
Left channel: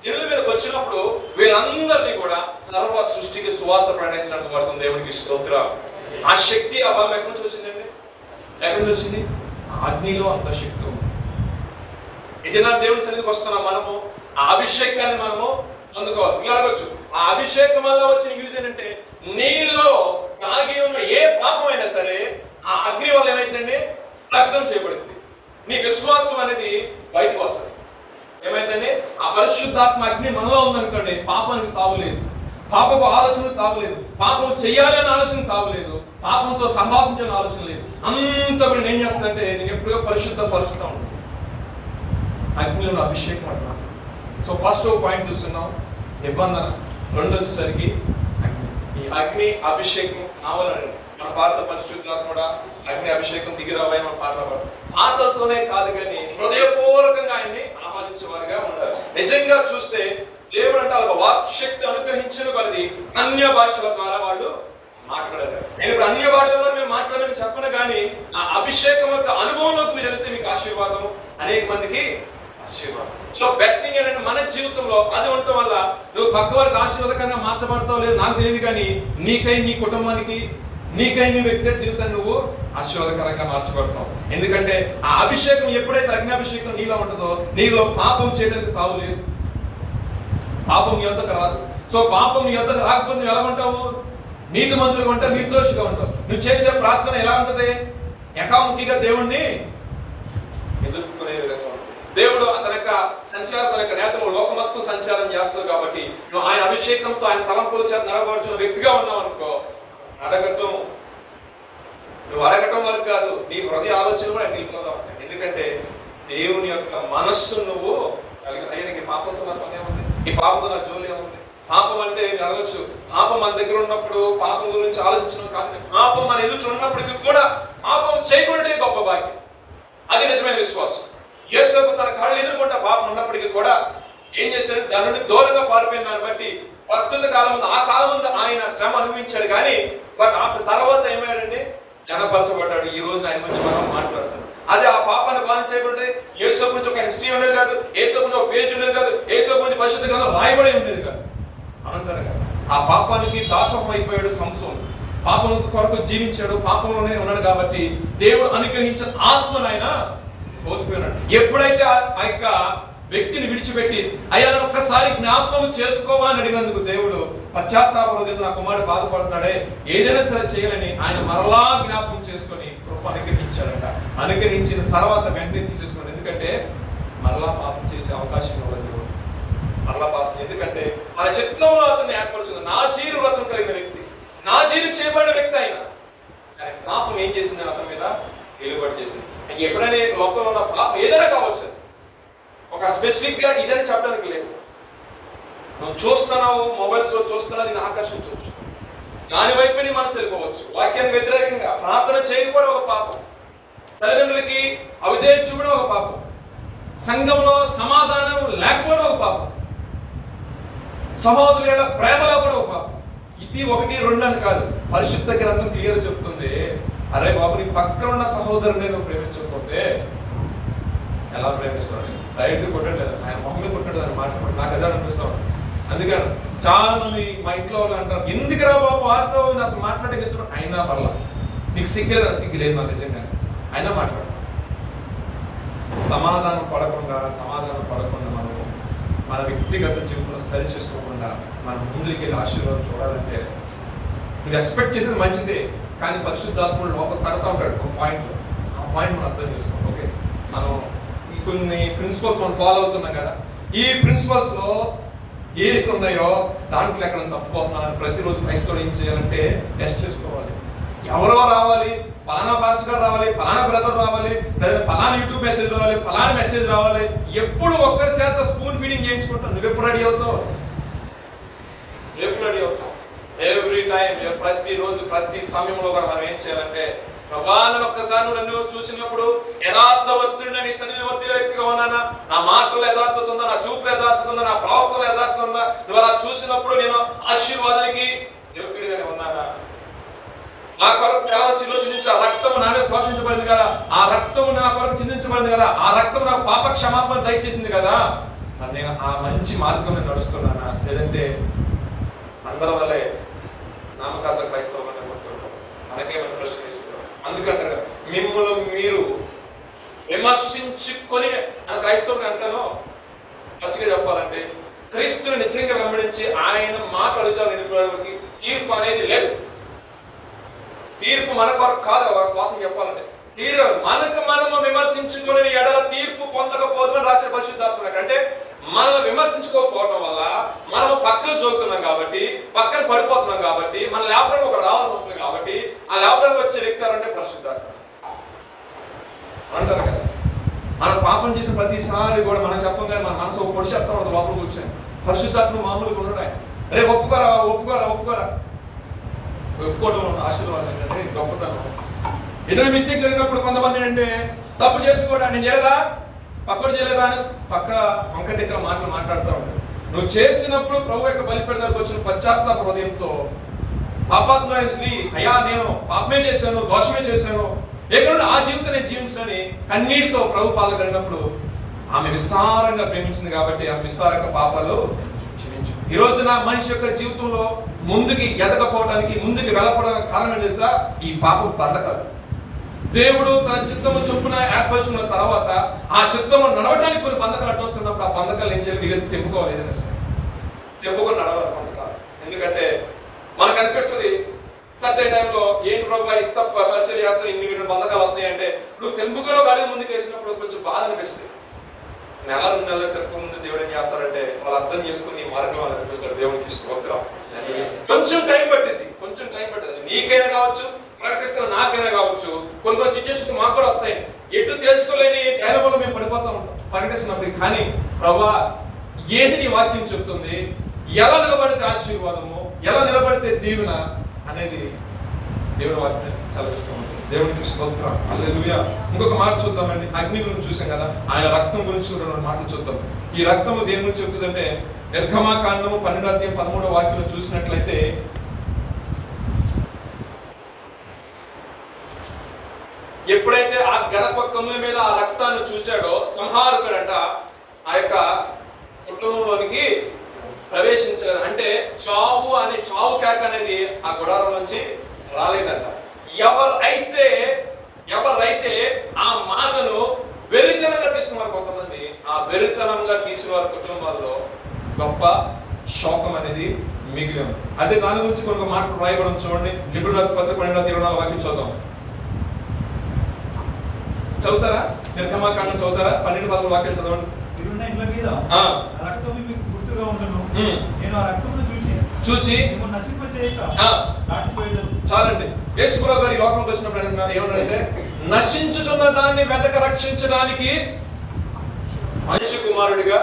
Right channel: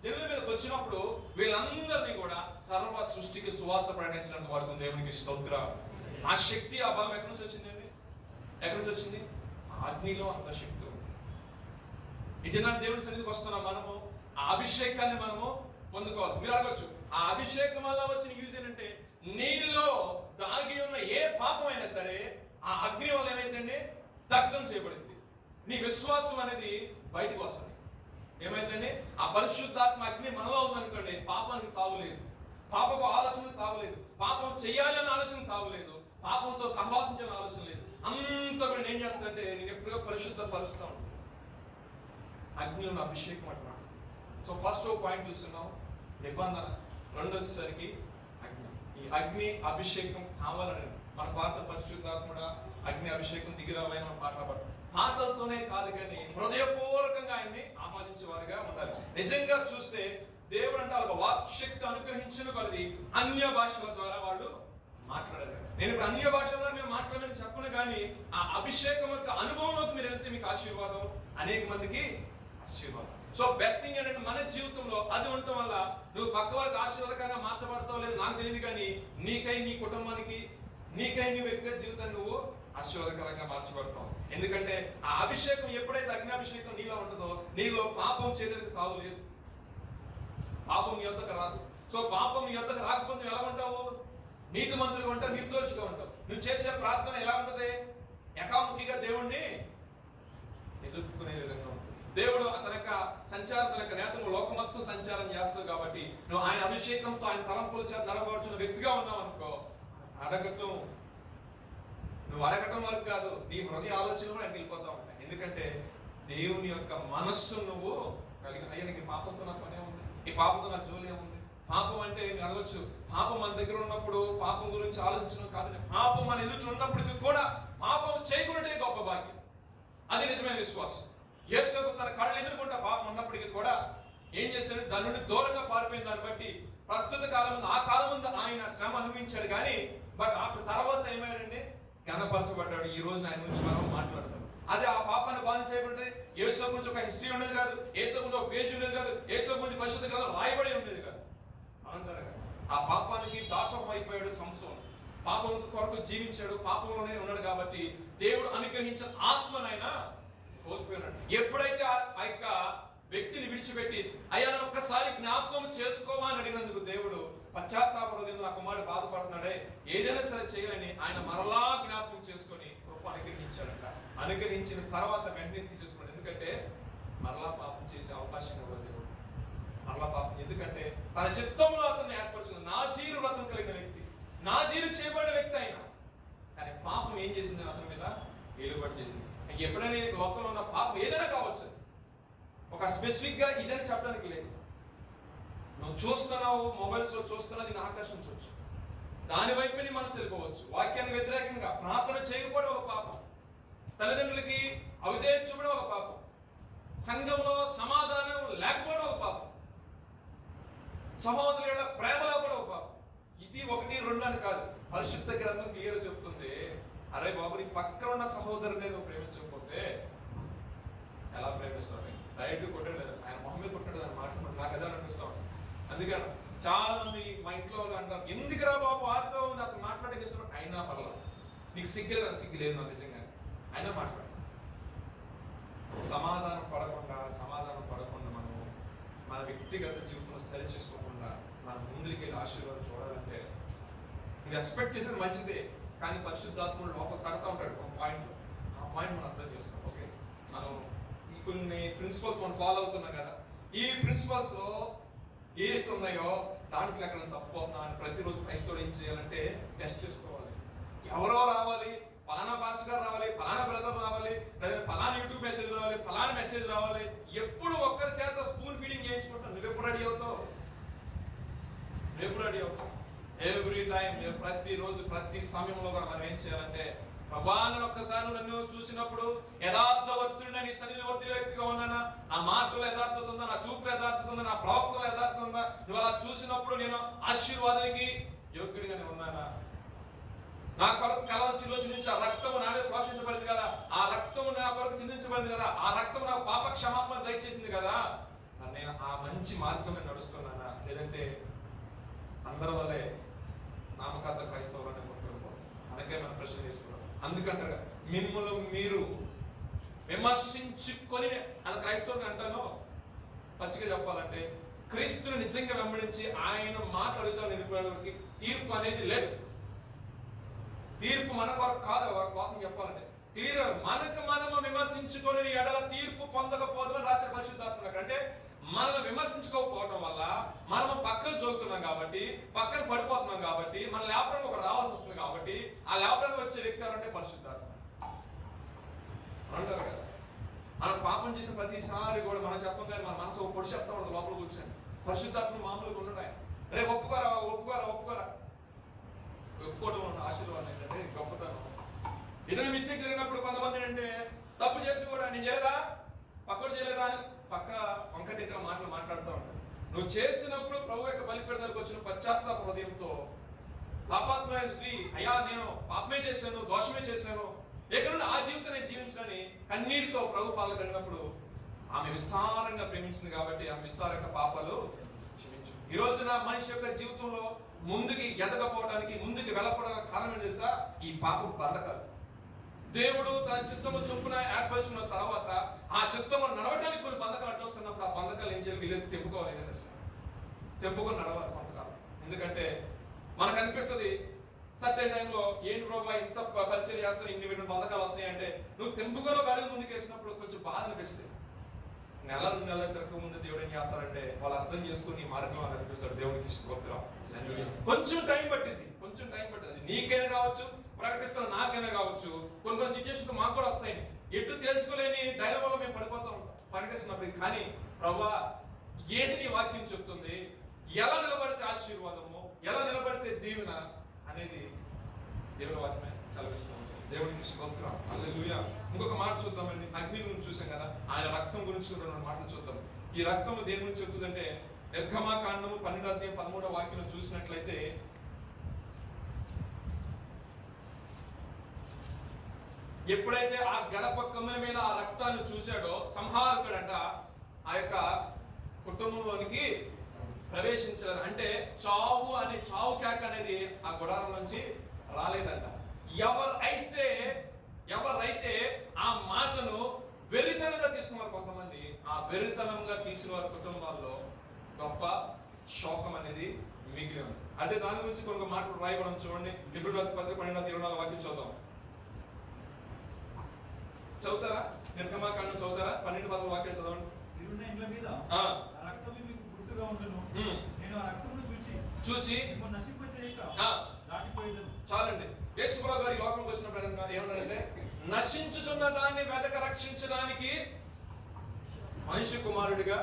జనుల మీదకి వచ్చినప్పుడు వీళ్ళందరినీ కూడా సర్వ సృష్టికి సువార్త ప్రకటించడానికి వాడుతుంది. దేవునికి స్తోత్రం. ఆ శక్తి, ఆ బలం ఎక్కడి నుంచి వచ్చిందండి? ఎక్కడి నుంచి వచ్చింది? ఆ అగ్నిలో అంత శక్తి ఉంది. ఇది నా దేవుడి సన్నిధికి వస్తున్నాం, మనము ఆ అభిషేకాన్ని మనము పొందుకోవచ్చు. మీరు అడగచ్చు, ఆ అభిషేకం వల్ల వచ్చిన యూజ్ ఏంటంటే, నీలో తాగి ఉన్న ఏ పాపమైనా సరే ఆ అగ్ని వల్ల ఏమైందండి? దగ్ధం చేయబడుతుంది. నీ విశ్వాసం అనేది బయటకు వస్తుంది. ఏమైందండి? ఆ పరిశుద్ధాత్మ అగ్ని మనలో ఉందనుకోండి, పాపానికి తావులేదు, పాపపు ఆలోచన తావులేదు, పాపం చెయ్యాలి అనే ఆలోచన తావులేదు, పాపంతో సహవాసించాలని ఆలోచన లేదు. అంతా కూడా నేను చేస్తానంటే నేను ఎప్పుడో పరిశుద్ధపరుస్తూ ఉంటాను. అగ్నిలో అభిషేకం అంటున్నాను. సో ఫస్ట్ పాయింట్ చూస్తున్నాం, నిబంధన. రెండోసరికి అగ్ని. ఈ అగ్ని అభిషేకం కావాలని మన భారత పరిశుద్ధాత్మ కూడా అగ్ని అభిషేకం దిగిరావని మన పాటలు పాడు. పాటలతోనే కాదు కానీ హృదయపూర్వకంగా ఆయన్ని ఆహ్వానించేవారిగా ఉండాలి. నిజంగా చూస్తే దేవుడు అంటే వాళ్ళ వాక్ శక్తి అనుగ్రహించిన కొలది అన్య భాషల ద్వారా వాళ్ళు మాట్లాడారు. నేను ఇప్పుడు అన్య భాషల్లో మీరు మాట్లాడమని చెప్పను, కానీ ఆ అభిషేకం యొక్క అనుభవంలోకి మీరు వెళ్తే మీకు ఆశీర్వాదం, అనేక మందికి ఆశీర్వాదం. సో బెస్ట్ థింగ్ ఏంటంటే మన జీవితంలో అది ఉండటం వల్ల నువ్వు పక్క వారికి ఆశీర్వాదకంగా మార్చబడతావు లేదు నాకు తెలియదు, కానీ నీకై, నీ కుటుంబానికి, నీకై, నీ వ్యక్తిగత జీవితాన్ని నువ్వు ఆశీర్వాదకరంగా మార్చబడతావు. ఎందుకంటే ఆ అభిషేకం ఎప్పుడైతే అగ్నిఅభిషేకం నీలో ఉంటుందో నీలో పాపం చేయడానికి తావు లేదు, పాపం నీ యొద్దకు రాదు. సో పాపం నీ యొద్దకు రాకపోతే నువ్వు ఎలా ఉంటావు? నీతిమంతులుగా ఉంటావు, నిర్దోషిగా ఉంటావు. నువ్వు చేసే ప్రార్థన ఎలా ఉంటుంది? ఏకాముఖిగా దేవుణ్ణి ఎదుర్కొనే విధంగా ఉంటుంది. దేవుడు అతని యొక్క సంచారం, తన యొక్క నేతలు లోకం మొత్తం సంచారం చేస్తావు కాబట్టి నువ్వు ఆయన అభిషేకంతో, ఆయన తలంపుల చేత నడవబడుచున్న వ్యక్తిగా ఉన్నావు అనుకో, నువ్వు అడగటం వరకు కాదు, నీ హృదయ ఆలోచనలు కూడా వెళ్ళిపోతా ఉంటాయి. ఎందుకంటే దేవుని యొక్క మనస్సు నువ్వు కలిగిన. అయ్యా, పాపంతో నా పని ఏముంది? ఈ పాపంతో నా జోలి ఏముంది? పాపం అంటే నేను అడగచ్చు, పాపం మన దగ్గర ఉన్నప్పుడు పాపం గురించి ఆలోచించడం కాదు, పాపం మన ఎదుట ఉన్నప్పటికీ కూడా పాపం చేయకుండా గొప్ప భాగ్యం. అది నిజమైన విశ్వాసం. యేసయ్య తన కళ్ళు ఎదుర్కొంటే పాపం ఉన్నప్పటికీ కూడా ఏం చేశాడు? దాని నుండి దూరంగా పారిపోయిన దాన్ని బట్టి ప్రస్తుత కాలం ముందు, ఆ కాలం ముందు ఆయన శ్రమ అనుభవించాడు, కానీ బట్ ఆ తర్వాత ఏమయ్యాడండి? జనపరచబడ్డాడు. ఈ రోజు ఆయన గురించి మనం మాట్లాడతాం. అదే ఆ పాపాన్ని బానిసైపోతే యేసు గురించి ఒక హిస్టరీ ఉండేది కాదు, యేసు గురించి ఒక పేజ్ ఉండేది కాదు, యేసు గురించి పరిశుద్ధ గ్రంథం రాయబడి ఉండేది కాదు. అంటారు కదా, ఆ పాపానికి దాసోహం అయిపోయాడు సంసోను. పాపం కొరకు జీవించాడు, పాపంలోనే ఉన్నాడు కాబట్టి దేవుడు అనుగ్రహించిన ఆత్మను ఆయన కోల్పోయినాడు. ఎప్పుడైతే ఆ యొక్క వ్యక్తిని విడిచిపెట్టి అయ్యా ఒక్కసారి జ్ఞాపకం చేసుకోవా అని అడిగినందుకు దేవుడు పశ్చాత్తాప హృదయంతో నా కుమారుడు బాధపడుతున్నాడే, ఏదైనా సరే చేయాలని ఆయన మరలా జ్ఞాపకం చేసుకొని కృప అనుగ్రహించాడంట. అనుగ్రహించిన తర్వాత వెంటనే తీసేసుకున్నాడు. ఎందుకంటే మరలా పాపం చేసే అవకాశం ఇవ్వలేదు దేవుడు. మరలా పాపం, ఎందుకంటే తన చిత్తంలో అతన్ని ఏర్పరుచుకుంది. నాజీరు వ్రతం కలిగిన వ్యక్తి, నాజీరు చేయబడిన వ్యక్తి ఆయన, కానీ పాపం ఏం చేసింది? అతని మీద వెలువడి చేసింది. ఎప్పుడైనా లోకంలో ఉన్న పాపం ఏదైనా కావచ్చు, ఒక స్పెసిఫిక్ గా ఇదని చెప్పడానికి లేదు. నువ్వు చూస్తున్నావు, మొబైల్స్ లో చూస్తున్నావు, దీన్ని ఆకర్షించవచ్చు, దాని వైపు నీ మనసు వెళ్ళిపోవచ్చు. వాక్యానికి వ్యతిరేకంగా ప్రార్థన చేయకపోవడం ఒక పాపం, తల్లిదండ్రులకి అవిధేయత చూపడం ఒక పాపం, సంఘంలో సమాధానం లేకపోవడం ఒక పాపం, సహోదరుల ప్రేమ లేకపోవడం ఒక పాపం. ఇది 1, 2 అని కాదు, పరిశుద్ధ గ్రంథం క్లియర్ చెప్తుంది. అరే బాబు, నీ పక్కన ఉన్న సహోదరుని నువ్వు ప్రేమించకపోతే ఎలా ప్రేమిస్తావు? రైట్ కొట్టలేదు, ఆయన మొహం కొట్టాడు, అని మాట్లాడు. నాకు అదే అనిపిస్తావు. అందుకని చాలా మంది మా ఇంట్లో వాళ్ళు అంటారు, ఎందుకురా బాబు వారితో అసలు మాట్లాడక ఇష్టం. అయినా పర్లా, నీకు సిగ్గులేదు, సిగ్గులేదు నాకు నిజంగా, అయినా మాట్లాడతాం. సమాధానం పడకుండా మనం మన వ్యక్తిగత జీవితంలో సరి చేసుకోకుండా మనం ముందుకు వెళ్ళి ఆశీర్వాదం చూడాలంటే నువ్వు ఎక్స్పెక్ట్ చేసేది మంచిదే, కానీ పరిశుద్ధాత్ముడు లోపల కడతా ఉంటాడు ఒక పాయింట్లో. ఆ పాయింట్ మనం అర్థం చేసుకోండి. ఓకే, మనం ఈ కొన్ని ప్రిన్సిపల్స్ మనం ఫాలో అవుతున్నాం కదా, ఈ ప్రిన్సిపల్స్లో ఏదైతే ఉన్నాయో దాంట్లో ఎక్కడ తప్పుపోతున్నాను ప్రతిరోజు క్రైస్తవుడు ఏం చేయాలంటే టెస్ట్ చేసుకోవాలి. ఎవరో రావాలి, పలానా పాస్టర్ గారు రావాలి, పలానా బ్రదర్ రావాలి, లేదా పలానా యూట్యూబ్ మెసేజ్ రావాలి, పలానా మెసేజ్ రావాలి, ఎప్పుడు ఒక్కరి చేత స్పూన్ ఫీడింగ్ చేయించుకుంటావు. నువ్వు ఎప్పుడు రెడీ అవుతావు? ఎప్పుడు రెడీ అవుతావు? ఎవ్రీ టైం, ప్రతిరోజు ప్రతి సమయంలో కూడా మనం ఏం చేయాలంటే, ప్రభావం ఒక్కసారి నన్ను చూసినప్పుడు యథార్థవంతుడిని నీ సన్నిధిలో వర్తిలో వ్యక్తిగా ఉన్నానా, నా మాటలు యథార్థత ఉందా, నా చూపులు యథార్థత ఉందా, నా ప్రవక్తలు యథార్థత ఉందా, నువ్వు అలా చూసినప్పుడు నేను ఆశీర్వాదానికి యోగ్యుడిగానే ఉన్నానా? నా కొరకు తెలవసిలో చిందించి ఆ రక్తము నా మీద ప్రోక్షించబడింది కదా, ఆ రక్తము నా కొరకు చిందించబడింది కదా, ఆ రక్తము నాకు పాప క్షమాపణ దయచేసింది కదా, నేను ఆ మంచి మార్గం మీద నడుస్తున్నానా, లేదంటే అందరి వల్లే నామకార్థ క్రైస్తవులను కొట్టుకుంటాం. మనకే మనం ప్రశ్న చేసుకోవాలి. అందుకంటే మిమ్మల్ని మీరు విమర్శించుకొని క్రైస్తవుని అంటాను. పచ్చిగా చెప్పాలంటే క్రీస్తుని నిజంగా వెంబడించి ఆయన మాట అడుగుతాడు నిలబడడానికి తీర్పు అనేది లేదు. తీర్పు మన కొరకు కాదు, వాసన చెప్పాలంటే మనకు మనము విమర్శించుకొని ఎడల తీర్పు పొందకపోవడం రాసిన పరిశుద్ధాత్మ. అంటే మనం విమర్శించుకోకపోవడం వల్ల మనము పక్కన జోగుతున్నాం కాబట్టి, పక్కన పడిపోతున్నాం కాబట్టి, మన లేపడానికి ఒక రావాల్సి వస్తుంది కాబట్టి, ఆ లేపడానికి వచ్చే వ్యక్తి అంటే పరిశుద్ధాత్మ అంటారు కదా. మనం పాపం చేసిన ప్రతిసారి కూడా మనం చెప్పగానే మన మనసు ఒక పొడి చెప్తా ఉంటుంది లోపల కూర్చొని. పరిశుద్ధాత్మ మామూలుగా ఉండడా, రే ఒప్పుకోరా ఒప్పుకోరా ఒప్పుకోరా, ఒప్పుకోవడం ఆశీర్వాదం కంటే గొప్పతనం. ఏదైనా మిస్టేక్ జరిగినప్పుడు కొంతమంది అంటే తప్పు చేసుకోవడా, నేను చేయలేదా, పక్కడు చేయలేదా అని పక్క వంకటి ఇతర మాటలు మాట్లాడుతూ ఉంటాడు. నువ్వు చేసినప్పుడు ప్రభు యొక్క బలిపీఠానికి వచ్చిన పశ్చాత్తాప హృదయంతో పాపాత్మైన స్త్రీ, అయ్యా నేను పాపమే చేశాను, దోషమే చేశాను, ఎక్కడ ఆ జీవితం నేను జీవించని కన్నీటితో ప్రభు పాలు కలిగినప్పుడు ఆమె విస్తారంగా ప్రేమించింది కాబట్టి ఆమె విస్తారంగా పాపాలు క్షమించు. ఈ రోజు నా మనిషి యొక్క జీవితంలో ముందుకి ఎదగపోవడానికి, ముందుకు వెళ్ళకపోవడానికి కారణం ఏం తెలుసా? ఈ పాపం బంధకాలు. దేవుడు తన చిత్తము చొప్పున ఏర్పరుచుకున్న తర్వాత ఆ చిత్తము నడవటానికి కొన్ని బంధకాలు అడ్డొస్తున్నప్పుడు ఆ బంధకాలు ఏం చేయాలి? వీళ్ళు తెంపుకోవాలి. ఏదైనా సరే తెంపుకొని నడవాలి కొంతకాలం. ఎందుకంటే మనకు అనిపిస్తుంది సర్టైన్ టైంలో ఏంటి ప్రభావ ఇంత పరిచయం చేస్తే ఇన్ని బంధకాలు వస్తాయి అంటే, నువ్వు తెంపుకొని ఒక అడుగు ముందుకు వేసినప్పుడు కొంచెం బాధ అనిపిస్తుంది. నెల 2 నెలల తక్కువ ముందు దేవుడు ఏం చేస్తారంటే వాళ్ళు అర్థం చేసుకుని మార్గం వాళ్ళు అనిపిస్తాడు. దేవునికి స్తోత్రం. కొంచెం టైం పట్టింది, కొంచెం టైం పట్టింది. నీకైనా కావచ్చు, ప్రకటిస్తున్న నాకైనా కావచ్చు, కొన్ని సిచ్యువేషన్స్ మాకు కూడా వస్తాయి. ఎటు తేల్చుకోలేని డైలమాలో మేము పడిపోతూ ఉంటాం ప్రకటిస్తున్నప్పుడు. కానీ ప్రభా ఏది నీ వాక్యం చెప్తుంది, ఎలా నిలబడితే ఆశీర్వాదము, ఎలా నిలబడితే దీవెన అనేది దేవుని వాక్యం సెలవిస్తూ ఉంటుంది. దేవునికి స్తోత్రం. హల్లెలూయా. ఇంకొక మాట చూద్దామండి. అగ్ని గురించి చూసాం కదా, ఆయన రక్తం గురించి 2 మాటలు చూద్దాం. ఈ రక్తము దేని గురించి చెప్తుందంటే, నిర్గమాకాండము 12:13 చూసినట్లయితే, ఎప్పుడైతే ఆ గడప కమ్ముల మీద ఆ రక్తాన్ని చూచాడో సంహారకుడంట ఆ యొక్క కుటుంబంలోనికి ప్రవేశించలేదు. అంటే చావు అనే చావు కేక అనేది ఆ గుడారం నుంచి రాలేదంట. ఎవరైతే ఆ మాటను వెరితనంగా తీసుకున్నారు కొంతమంది, ఆ వెరితనంగా తీసిన వారి కుటుంబాల్లో గొప్ప శోకం అనేది మిగిలి ఉంది. అదే దాని గురించి కొన్ని మాటలు రాయబడం చూడండి. లిబిడ్ రాసిన పత్రిక 12:24 వాక్యం చదువుతాం. చదువుతారా? నిర్గమాకాండం చదువుతారా? 12-13 వాక్యాలు చదవండి. మీరున్న ఇండ్ల మీద రక్తము మీకు గుర్తుగా ఉండును. నేను ఆ రక్తమును చూచి మిమ్మల్ని నశింపచేయక దాటిపోయేదను. చాలండి. యేసుప్రభు గారి లోకంలోకి వచ్చినప్పుడు ఏమన్నారంటే, నశించుచున్న దాన్ని వెతక రక్షించడానికి మనిషి కుమారుడిగా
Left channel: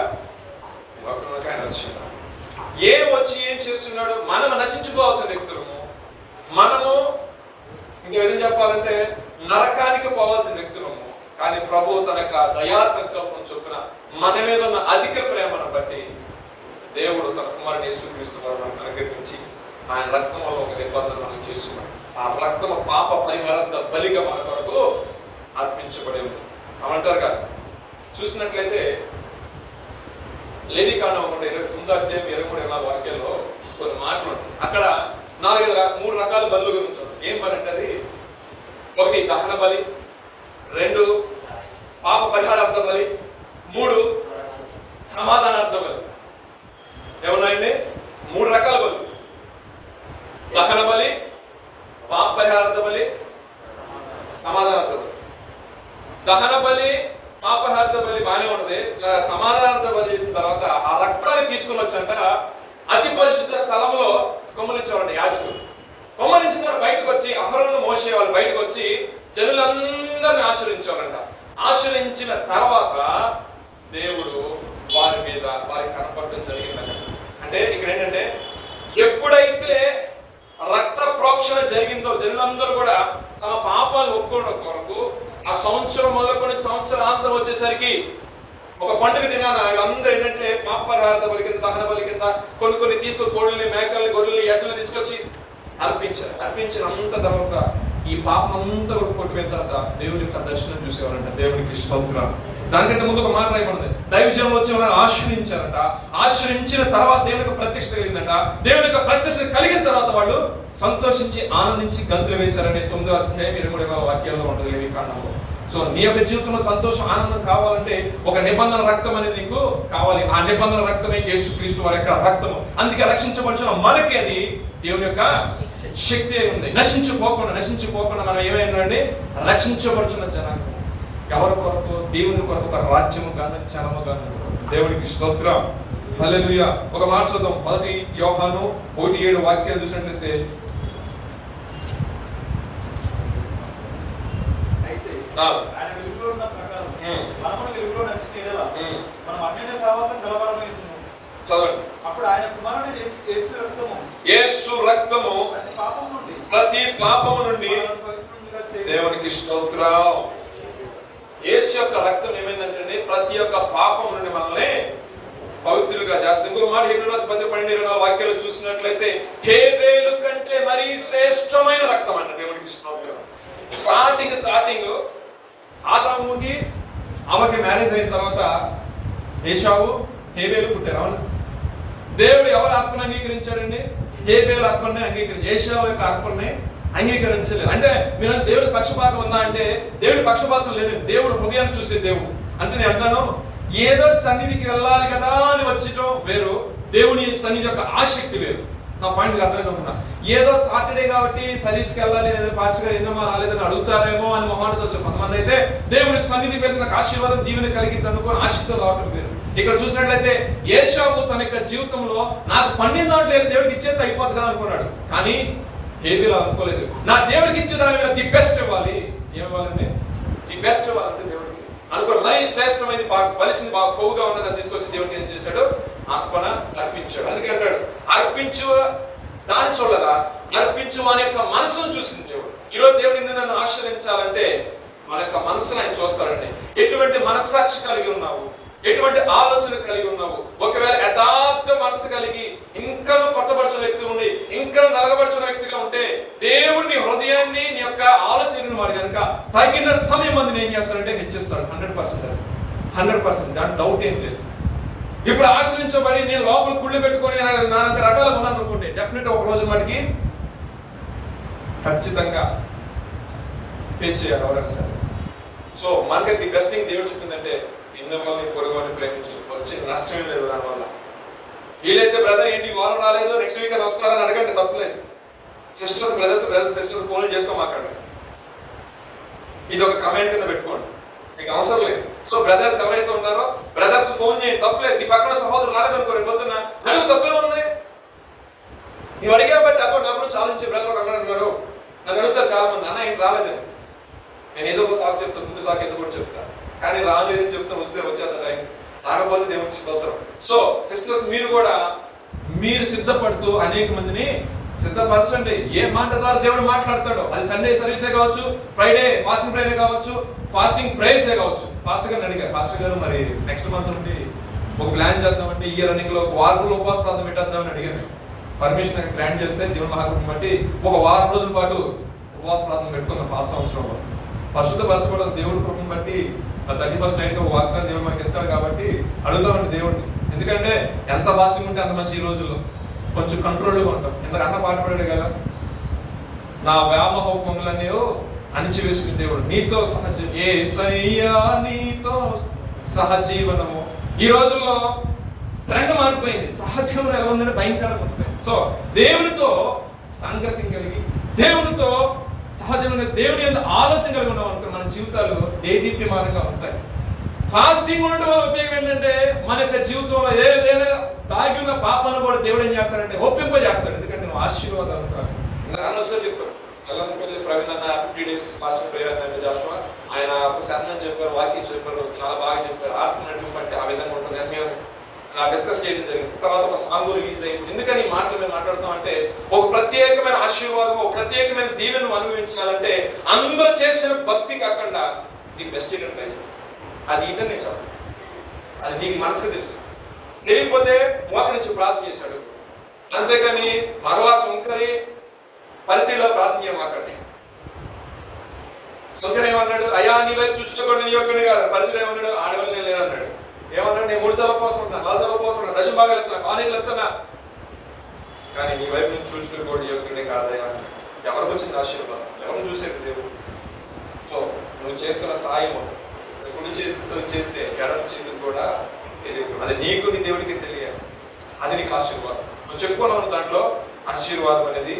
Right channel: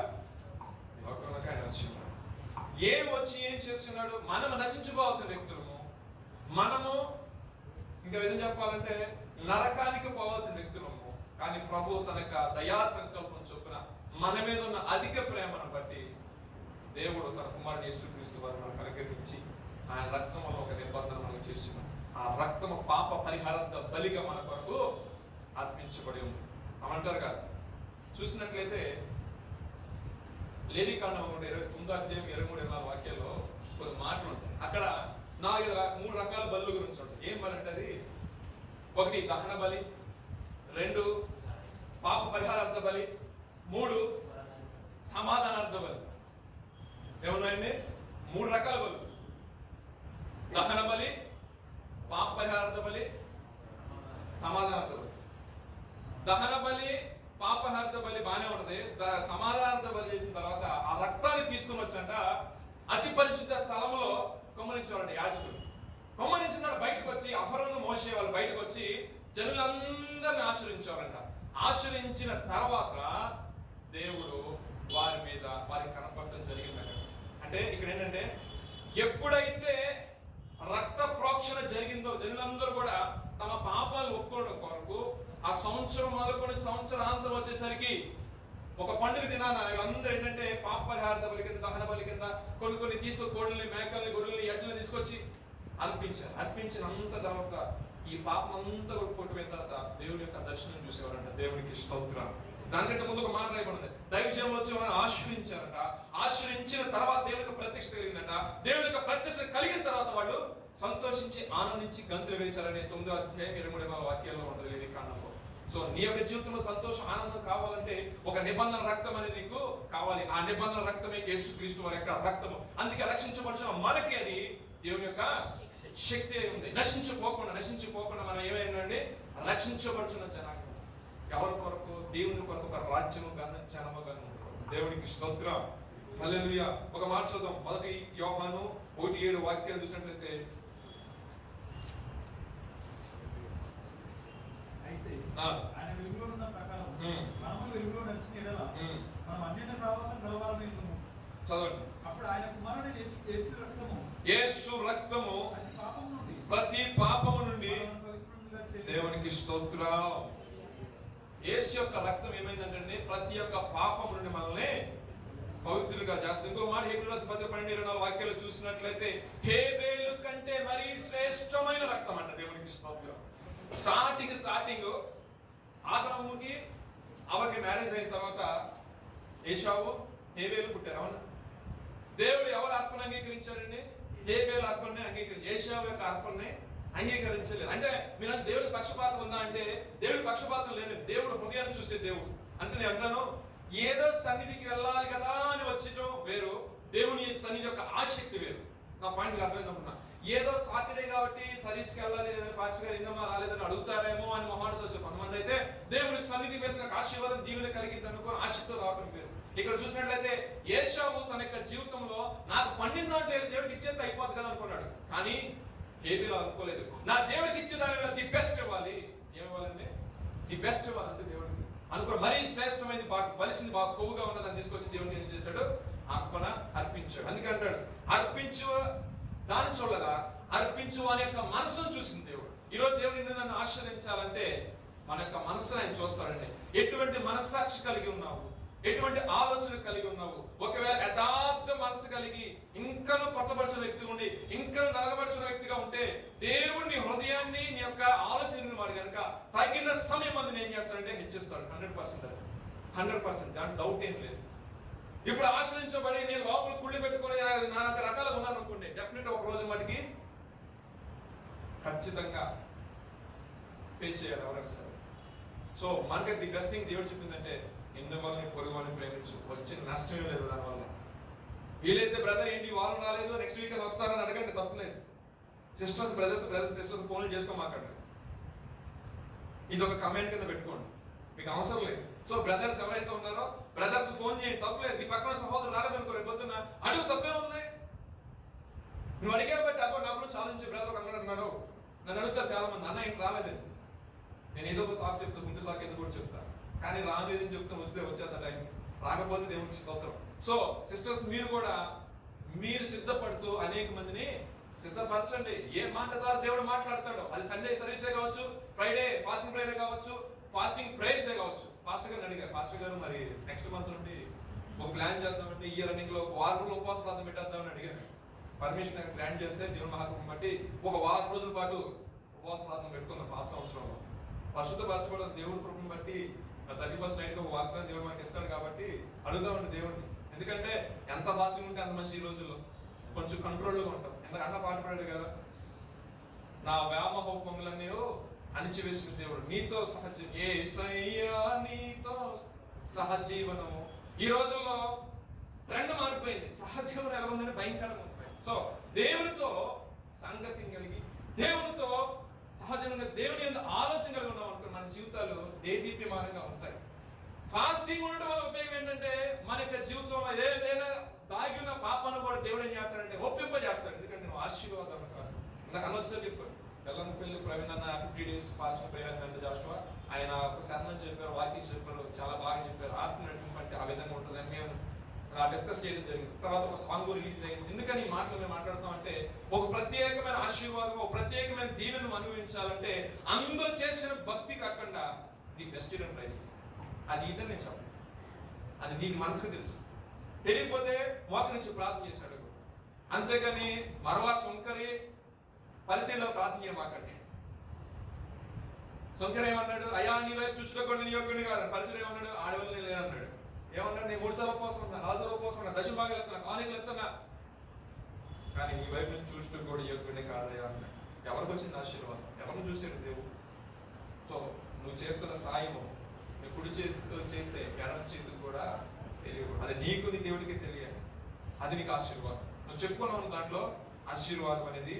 లోకంలోకి ఆయన వచ్చినాడు. వచ్చి ఏం చేస్తున్నాడు? మనము నశించుకోవాల్సిన వ్యక్తులము, మనము ఇంకా ఏం చెప్పాలంటే నరకానికి పోవాల్సిన వ్యక్తులము. కానీ ప్రభు తన యొక్క దయా సంకల్పం చొప్పున మన మీద ఉన్న అధిక ప్రేమను బట్టి దేవుడు తన కుమారుని యేసుక్రీస్తు మనకు అనుగ్రహించి ఆయన రక్తం వల్ల ఒక నిబంధన మనం చేస్తున్నాడు. ఆ రక్తము పాప పరిహారార్థ బలిగా మన కొరకు అర్పించబడి ఉంది. అమంటారు కదా. చూసినట్లయితే లేవికాండం 9:23-24 వాక్యాల్లో కొన్ని మాటలు ఉంటాయి. అక్కడ 3 రకాల బలుల గురించి ఉంటుంది. ఏం పని అంటే, అది 1 దహన బలి, 2 పాప పరిహారార్థ బలి, 3 సమాధానార్థ బలి. ఏమున్నాయండి? 3 రకాల బలి: దహన బలి, పాప పరిహారార్థ బలి, సమాధానార్థ బలి. దహన బలి, పాపహార్థ బలి బాగానే ఉన్నది. సమాధానార్థ బలి చేసిన తర్వాత ఆ రక్తాన్ని తీసుకుని వచ్చంట అతి పరిశుద్ధ స్థలంలో కొమ్మరించేవారండి యాజకులు. కొమ్మరించిన తర్వాత బయటకు వచ్చి అహరోను మోషే వాళ్ళు బయటకు వచ్చి జనులందరిని ఆశ్రయించారంట. ఆశ్రయించిన తర్వాత దేవుడు వారి మీద వారికి కనపడటం జరిగిందంట. అంటే ఇక్కడ ఏంటంటే ఎప్పుడైతే రక్త ప్రోక్షణ జరిగిందో జనులందరూ కూడా తమ పాపాలు ఒప్పుకోవడం కొరకు ఆ సంవత్సరం మొదలుకొని సంవత్సరాంతం వచ్చేసరికి ఒక పండుగ దినాన అందరూ ఏంటంటే పాప పరిహారార్థ బలి కింద, దహన బలి కింద కొన్ని తీసుకొని కోళ్ళని, మేకల్ని, గొర్రెల్ని, ఎడ్లని తీసుకొచ్చి అర్పించారు. అర్పించినంత తర్వాత ఈ పాపం అంతా కూడా కొట్టిపోయిన తర్వాత దేవుని యొక్క దర్శనం చూసేవారంట. దేవునికి స్తోత్రం. దానికంటే ముందు ఒక మాట రాయబడింది, దైవజనం వచ్చి వాళ్ళని ఆశ్రయించారంట. ఆశ్రయించిన తర్వాత దేవుని యొక్క ప్రత్యక్షత కలిగిందంట. దేవుని యొక్క ప్రత్యక్షత కలిగిన తర్వాత వాళ్ళు సంతోషించి ఆనందించి గంతులు వేశారని 9వ అధ్యాయం 23వ వాక్యాల్లో ఉంటుంది లేవి కాండంలో. సో నీ యొక్క జీవితంలో సంతోషం, ఆనందం కావాలంటే ఒక నిబంధన రక్తం అనేది నీకు కావాలి. ఆ నిబంధన రక్తమే యేసుక్రీస్తు వారి యొక్క రక్తము. అందుకే రక్షించబడిన మనకి అది దేవుని యొక్క శక్తి ఉంది. నశించిపోకుండా మనం ఏమైందండి? రక్షించబడుచున్న జనాంగం. ఎవరి కొరకు? దేవుని కొరకు, ఒక రాజ్యము గాను జనము గాను. దేవునికి స్తోత్రం. హల్లెలూయా. ఒక మాట చూద్దాం. 1 యోహాను 1:7 వాక్యాలు చూసినట్లయితే, ఆయన వెలుగులో ఉన్న ప్రకారం మనము వెలుగులో నడిచిన యెడల మనం అన్యుల సహవాసం కలవారమైతుము. చదవండి. అప్పుడు ఆయన కుమారుని యేసు రక్తము ప్రతి పాపము నుండి దేవునికి స్తోత్రం. యేసు యొక్క రక్తం ఏమైందంటే ప్రతి ఒక్క పాపం నుండి మనల్ని పవిత్రులుగా చేస్తుంది. ఇంకొక మాట హెబ్రీ రాసిన 10:12 వాక్యాలు చూసినట్లయితే హేబేలు కంటే మరీ శ్రేష్టమైన రక్తం అంట. దేవునికి స్తోత్రం. స్టార్టింగ్ ఆదాముకి ఆమెకి మ్యారేజ్ అయిన తర్వాత ఏశావు, హేబేలు పుట్టారు. అవును, దేవుడు ఎవరు అర్పణ అంగీకరించాడండి? హేబేలు అర్పణని అంగీకరించాడు. ఏశావు యొక్క అర్పణని అంగీకరించలేదు. అంటే మీరు దేవుడి పక్షపాతం ఉందా అంటే దేవుడి పక్షపాతం లేదు. దేవుడు హృదయాన్ని చూసే దేవుడు. అంటే నేను అంటాను, ఏదో సన్నిధికి వెళ్ళాలి కదా అని వచ్చటం వేరు, దేవుని సన్నిధి యొక్క ఆసక్తి వేరు. నా పాయింట్ అర్థమైనా, ఏదో సాటర్డే కాబట్టి సర్వీస్కి వెళ్ళాలి, లేదా పాస్టర్ గారు ఎందుమా రాలేదని అడుగుతారేమో అని మొహాటతో వచ్చారు కొంతమంది. అయితే దేవుని సన్నిధికి వెళ్తే నాకు ఆశీర్వాదం, దీవెన కలిగింది అనుకో ఆసక్తితో రావటం వేరు. ఇక్కడ చూసినట్లయితే ఏశావు తన యొక్క జీవితంలో నాకు పండిన దాంట్లో దేవుడికి ఇచ్చేది అయిపోతుంది కదా అనుకున్నాడు. కానీ హేబేలు అనుకోలేదు. నా దేవుడికి ఇచ్చే దాని మీద ది బెస్ట్ ఇవ్వాలి. ఏమివ్వాలండి? ది బెస్ట్ ఇవ్వాలి అంతే దేవుడికి అనుకోండి. మరీ శ్రేష్టమైనది, బాగా బలిసింది, బాగా కొవ్వుగా ఉన్నదని తీసుకొచ్చి దేవుడికి ఏం చేశాడు? అర్పణ అర్పించాడు. అందుకే అంటాడు, అర్పించు దాన్ని చూడగా అర్పించు మన యొక్క మనసును చూసింది దేవుడు. ఈరోజు దేవుడు నన్ను ఆశ్రయించాలంటే మన యొక్క మనసును ఆయన చూస్తాడండి. ఎటువంటి మనస్సాక్షి కలిగి ఉన్నావు, ఎటువంటి ఆలోచన కలిగి ఉన్నావు. ఒకవేళ యథార్థ మనసు కలిగి ఇంకను కొట్టబడిచిన వ్యక్తి ఉండి ఇంకా నలగబడిచిన వ్యక్తిగా ఉంటే దేవుడిని హృదయాన్ని నీ యొక్క ఆలోచనని వాడు కనుక తగిన సమయం మంది ఏం చేస్తాడంటే హెచ్చిస్తాడు. 100%. దాని డౌట్ ఏం లేదు. ఇప్పుడు ఆశ్రయించబడి నేను లోపల కుళ్ళు పెట్టుకొని నాలుగు రకాలుగా ఉన్నాను అనుకోండి, డెఫినెట్ ఒక రోజు మటుకి ఖచ్చితంగా ఫేస్ చేయాలి ఎవరైనా సరే. సో మనకి ది బెస్ట్ థింగ్ దేవుడు చెప్పిందంటే ఇన్నవాళ్ళని పొరుగుని ప్రేమించు, వచ్చే నష్టమే లేదు దానివల్ల. వీలైతే బ్రదర్ ఏంటి వారం రాలేదు, నెక్స్ట్ వీక్ అని వస్తారని అడగండి, తప్పులేదు. బ్రదర్స్ సిస్టర్స్ ఫోన్లు చేసుకోమాకండి. ఇది ఒక కమెంట్ కింద పెట్టుకోండి, మీకు అవసరం లేదు. సో బ్రదర్స్ ఎవరైతే ఉన్నారో బ్రదర్స్ ఫోన్ చేయండి, తప్పులేదు. నీ పక్కన సహోదరులు రాలేదనుకో, రేపు పొద్దున్న అడుగు, తప్పే ఉంది. నువ్వు అడిగా బట్టి అప్పుడు నా గురించి ఆలోచించి బ్రదర్ ఒక అన్నారు, నన్ను అడుగుతారు చాలా మంది, అన్న ఏంటి రాలేదని. నేను ఏదో ఒక సాకు చెప్తాను, ముందు సాకు ఏదో కూడా చెప్తాను, కానీ రాలేదని చెప్తాను, వచ్చేంత టైం రాకపోతే దేవునికి స్తోత్రం. సో సిస్టర్స్ మీరు సిద్ధపడుతూ అనేక మందిని సిద్ధపరచండి. ఏ మాట ద్వారా దేవుడు మాట్లాడతాడో, అది సండే సర్వీసే కావచ్చు, ఫ్రైడే ఫాస్టింగ్ ప్రేయర్ కావచ్చు, ఫాస్టింగ్ ప్రేయర్సే కావచ్చు. పాస్టర్ గారిని అడిగారు, పాస్టర్ గారు మరి నెక్స్ట్ మంత్ నుండి ఒక ప్లాన్ చేద్దామంటే ఈ రన్నింగ్ లో 1 వారం రోజులు ఉపవాస ప్రార్థన పెట్టేద్దామని అడిగాను. పర్మిషన్ గ్రాంట్ చేస్తే దేవుని మహాకృపను బట్టి 1 వారం రోజుల పాటు ఉపవాస ప్రార్థన పెట్టుకున్నాం పాత సంవత్సరంలో. పరిశుద్ధపరచబడిన దేవుడి కృపను బట్టి 31st నైట్ ఒక వాగ్దానం దేవుడు మనకి ఇస్తాడు కాబట్టి అడుగుతామండి దేవుడిని. ఎందుకంటే ఎంత ఫాస్టింగ్ ఉంటే అంత మంచి. ఈ రోజుల్లో కొంచెం కంట్రోల్గా ఉంటాం. ఎందుకు అన్న పాట పడాడు కదా, నా వ్యామోహములన్నీ అణిచివేసిన దేవుడు నీతో నీతో సహజీవనము. ఈ రోజుల్లో ట్రెండ్ మారిపోయింది. సహజంగా ఎలా ఉందంటే భయంకరంగా ఉంటుంది. సో దేవునితో సంగతి కలిగి, దేవునితో సహజంగా దేవుని యొక్క ఆలోచన కలిగి ఉన్నాం అనుకో, మన జీవితాలు దేదీప్యమానంగా ఉంటాయి. ఫాస్టింగ్ ఉండడం వల్ల ఉపయోగం ఏంటంటే మన యొక్క జీవితంలో ఏదైనా దాగి ఉన్న పాపాలను కూడా దేవుడు ఏం చేస్తాడంటే ఒప్పింపజేస్తాడు. ఎందుకంటే నువ్వు ఆశీర్వాదం కాదు. అనవసరం చెప్పారు ఎల్లపల్లి ప్రవీణ్ అన్న 50 days ఫాస్టింగ్ ప్రేయర్ అన్న జాషువా, ఆయన ఒక శరణం చెప్పారు, వాక్యం చెప్పారు, చాలా బాగా చెప్పారు. ఆత్మ నడిపి బట్టి ఆ విధంగా ఉంటుంది అని మేము డిస్కస్ చేయడం జరిగింది. తర్వాత ఒక సాంగ్ రిలీజ్ అయింది. ఎందుకని ఈ మాటలు మేము మాట్లాడుతాం అంటే, ఒక ప్రత్యేకమైన ఆశీర్వాదం, ఒక ప్రత్యేకమైన దీవెను అనుభవించాలంటే అందరూ చేసిన భక్తి కాకుండా ది బెస్ట్ ట్రై చేయాలి. అది ఇదని నేను చెప్పాను, అది నీకు మనసుకు తెలుసు. తెలియకపోతే మోకరించి ప్రార్థన చేశాడు, అంతేకాని మరలా సుంకరి పరిశీలిలో ప్రార్థన చేయమాకండి. సుంకరి ఏమన్నాడు, అయ్యా నీ వైపు చూసుకోకుండా నీ యొక్కని కాదు. పరిశీలి ఏమన్నాడు, ఆడవాళ్ళు నేను లేదన్నాడు. ఏమన్నాడు, నేను 3 సభ కోసం ఉన్నా, 4 సభ కోసం ఉన్నా, దశ భాగాలు ఎత్తున్నా, కాలేజీలు ఎత్తున్నా, కానీ నీ వైపు నుంచి చూసుకోకూడదు యొక్కడే కాదయా. ఎవరికి వచ్చింది ఆశీర్వాదం? ఎవరిని చూసేది దేవుడు? సో నువ్వు చేస్తున్న సాయము కుడి చేతితో చేస్తే ఎడమ చేతికి కూడా తెలియదు. అది నీకు నీ దేవుడికి తెలియాలి. అది నీకు ఆశీర్వాదం. నువ్వు చెప్పుకున్నావు దాంట్లో ఆశీర్వాదం అనేది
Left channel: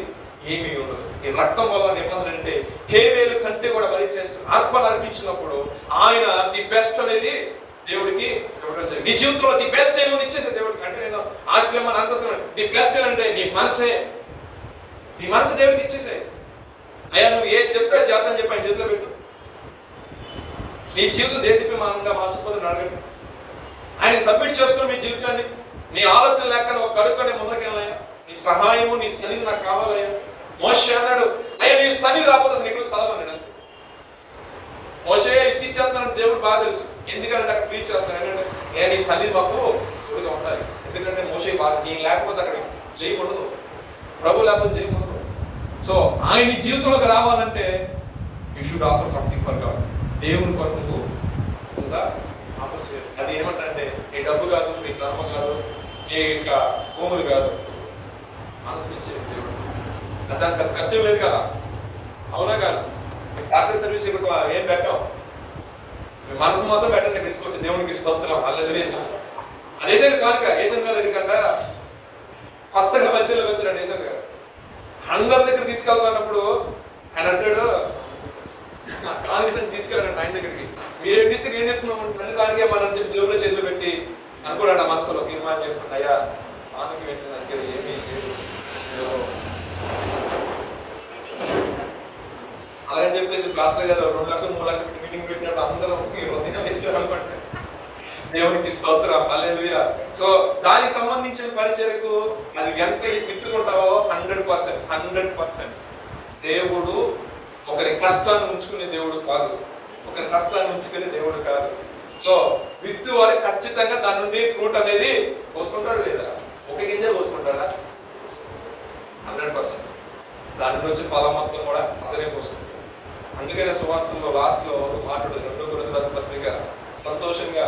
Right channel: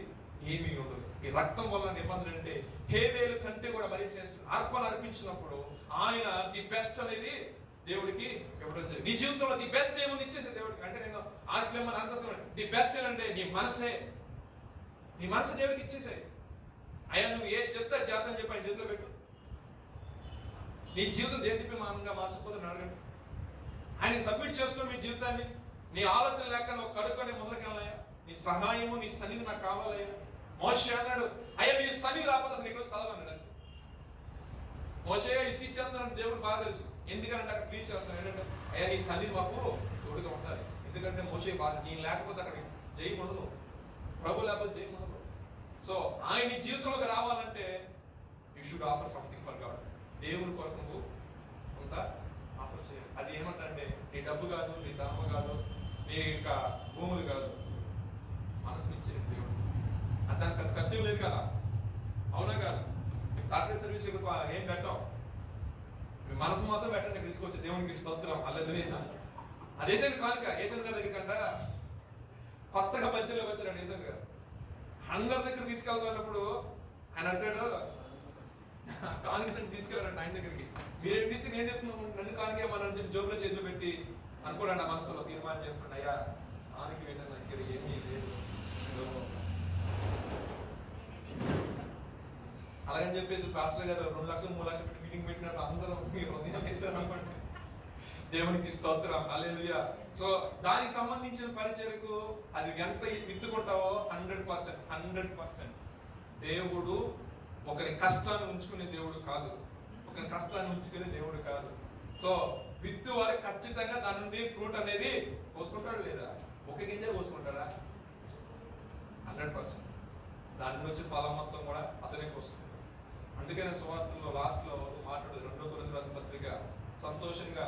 ఏమీ ఉండదు. ఈ రక్తం వల్ల నిబంధన అంటే హేబేలు కంటే కూడా బలి శ్రేష్ఠుడు. అర్పణ అర్పించినప్పుడు ఆయన ది బెస్ట్ అనేది దేవుడికి ఇవ్వడం జరిగింది. నీ జీవితంలో ది బెస్ట్ ఏమో ఇచ్చేసే దేవుడికి. అంటే నేను ఆశ్రమ అంతస్తు ది బెస్ట్ అంటే నీ మనసే, నీ మనసు దేవుడికి ఇచ్చేసే. అయ్యా నువ్వు ఏది చెప్తే చేద్దాం చెప్పి ఆయన చేతిలో పెట్టు. నీ జీవితం దేదీప్యమానంగా మార్చిపోతుంది అడగండి. ఆయనకి సబ్మిట్ చేసుకుని మీ జీవితాన్ని, నీ ఆలోచన లేక ఒక కడుక్కొని ముందుకెళ్ళాయా, నీ సహాయము నీ సన్నిధి నాకు కావాలయ్యా. మోషే అన్నాడు, అయ్యా నీ సన్నిధి రాకపోతే అసలు ఇక్కడ చదవన్నాడు. మోషే ఇసుకిచ్చేస్తున్నాడు, దేవుడు బాగా తెలుసు. ఎందుకంటే అక్కడ ప్లీజ్ చేస్తున్నాడు ఏంటంటే, ఏ నీ సన్నిధి మాకు తోడుగా ఉండాలి. ఎందుకంటే మోషే బాగా జయం లేకపోతే అక్కడ జయం ఉండదు, ప్రభు లేకపోతే జయం ఉండదు. సో ఆయన జీవితంలోకి రావాలంటే you should offer something for God. దేవుని కొరకు నువ్వు ఉందా ఆఫర్ చేయాలి. అది ఏమంటే నీ డబ్బు కాదు, నీ కర్మ కాదు, నీ యొక్క భూములు కాదు, మనసు ఇచ్చే దేవుడు. దానికి పెద్ద ఖర్చు లేదు కదా, అవునా కాదు? మీకు సాటర్డే సర్వీస్ ఇక్కడ ఏం పెట్టాం, మీ మనసు మాత్రం పెట్టండి, తెలుసుకోవచ్చు. దేవునికి స్తోత్రం, హల్లెలూయా. అది ఏషియన్ కానుక. ఏషియన్ గారు ఎందుకంట కొత్తగా మంచిలోకి వచ్చాడు ఏషియన్ గారు. 100 దగ్గర తీసుకెళ్తున్నప్పుడు ఆయన అంటాడు, కానికని తీసుకెళ్ళారంట ఆయన దగ్గరికి. మీరేం తీస్తే ఏం చేసుకున్నాం, నన్ను కానికే మన చెప్పి జోబులో చేతులు పెట్టి అనుకోండి మనసులో తీర్మానం చేసుకుంటా, అయ్యా కానుక ఏంటి దగ్గర ఏమీ లేదు అలాగని చెప్పేసి పాస్టర్ గారు 2 లక్షలు 3 లక్షలు పెట్టి మీటింగ్ పెట్టినట్టు అందరూ మీరు ఉదయం వేసారు అనుకోండి. దేవునికి స్తోత్రం, హల్లెలూయా. సో దానికి సంబంధించిన పరిచర్యకు అది ఎంత విత్తుకుంటావో 100% దేవుడు ఒకరి కష్టాన్ని ఉంచుకునే దేవుడు కాదు, ఒకరి కష్టాన్ని ఉంచుకునే దేవుడు కాదు. సో విత్తు వారి ఖచ్చితంగా దాని నుండి ఫ్రూట్ అనేది పోసుకుంటాడు లేదా? ఒక గింజ పోసుకుంటాడా? 100% దాని నుండి వచ్చే ఫలం మొత్తం కూడా అతనే పోస్తుంది. అందుకనే సువార్తలో లాస్ట్ లో మాట్లాడు 2 కొరింథీయుల రాసిన పత్రిక, సంతోషంగా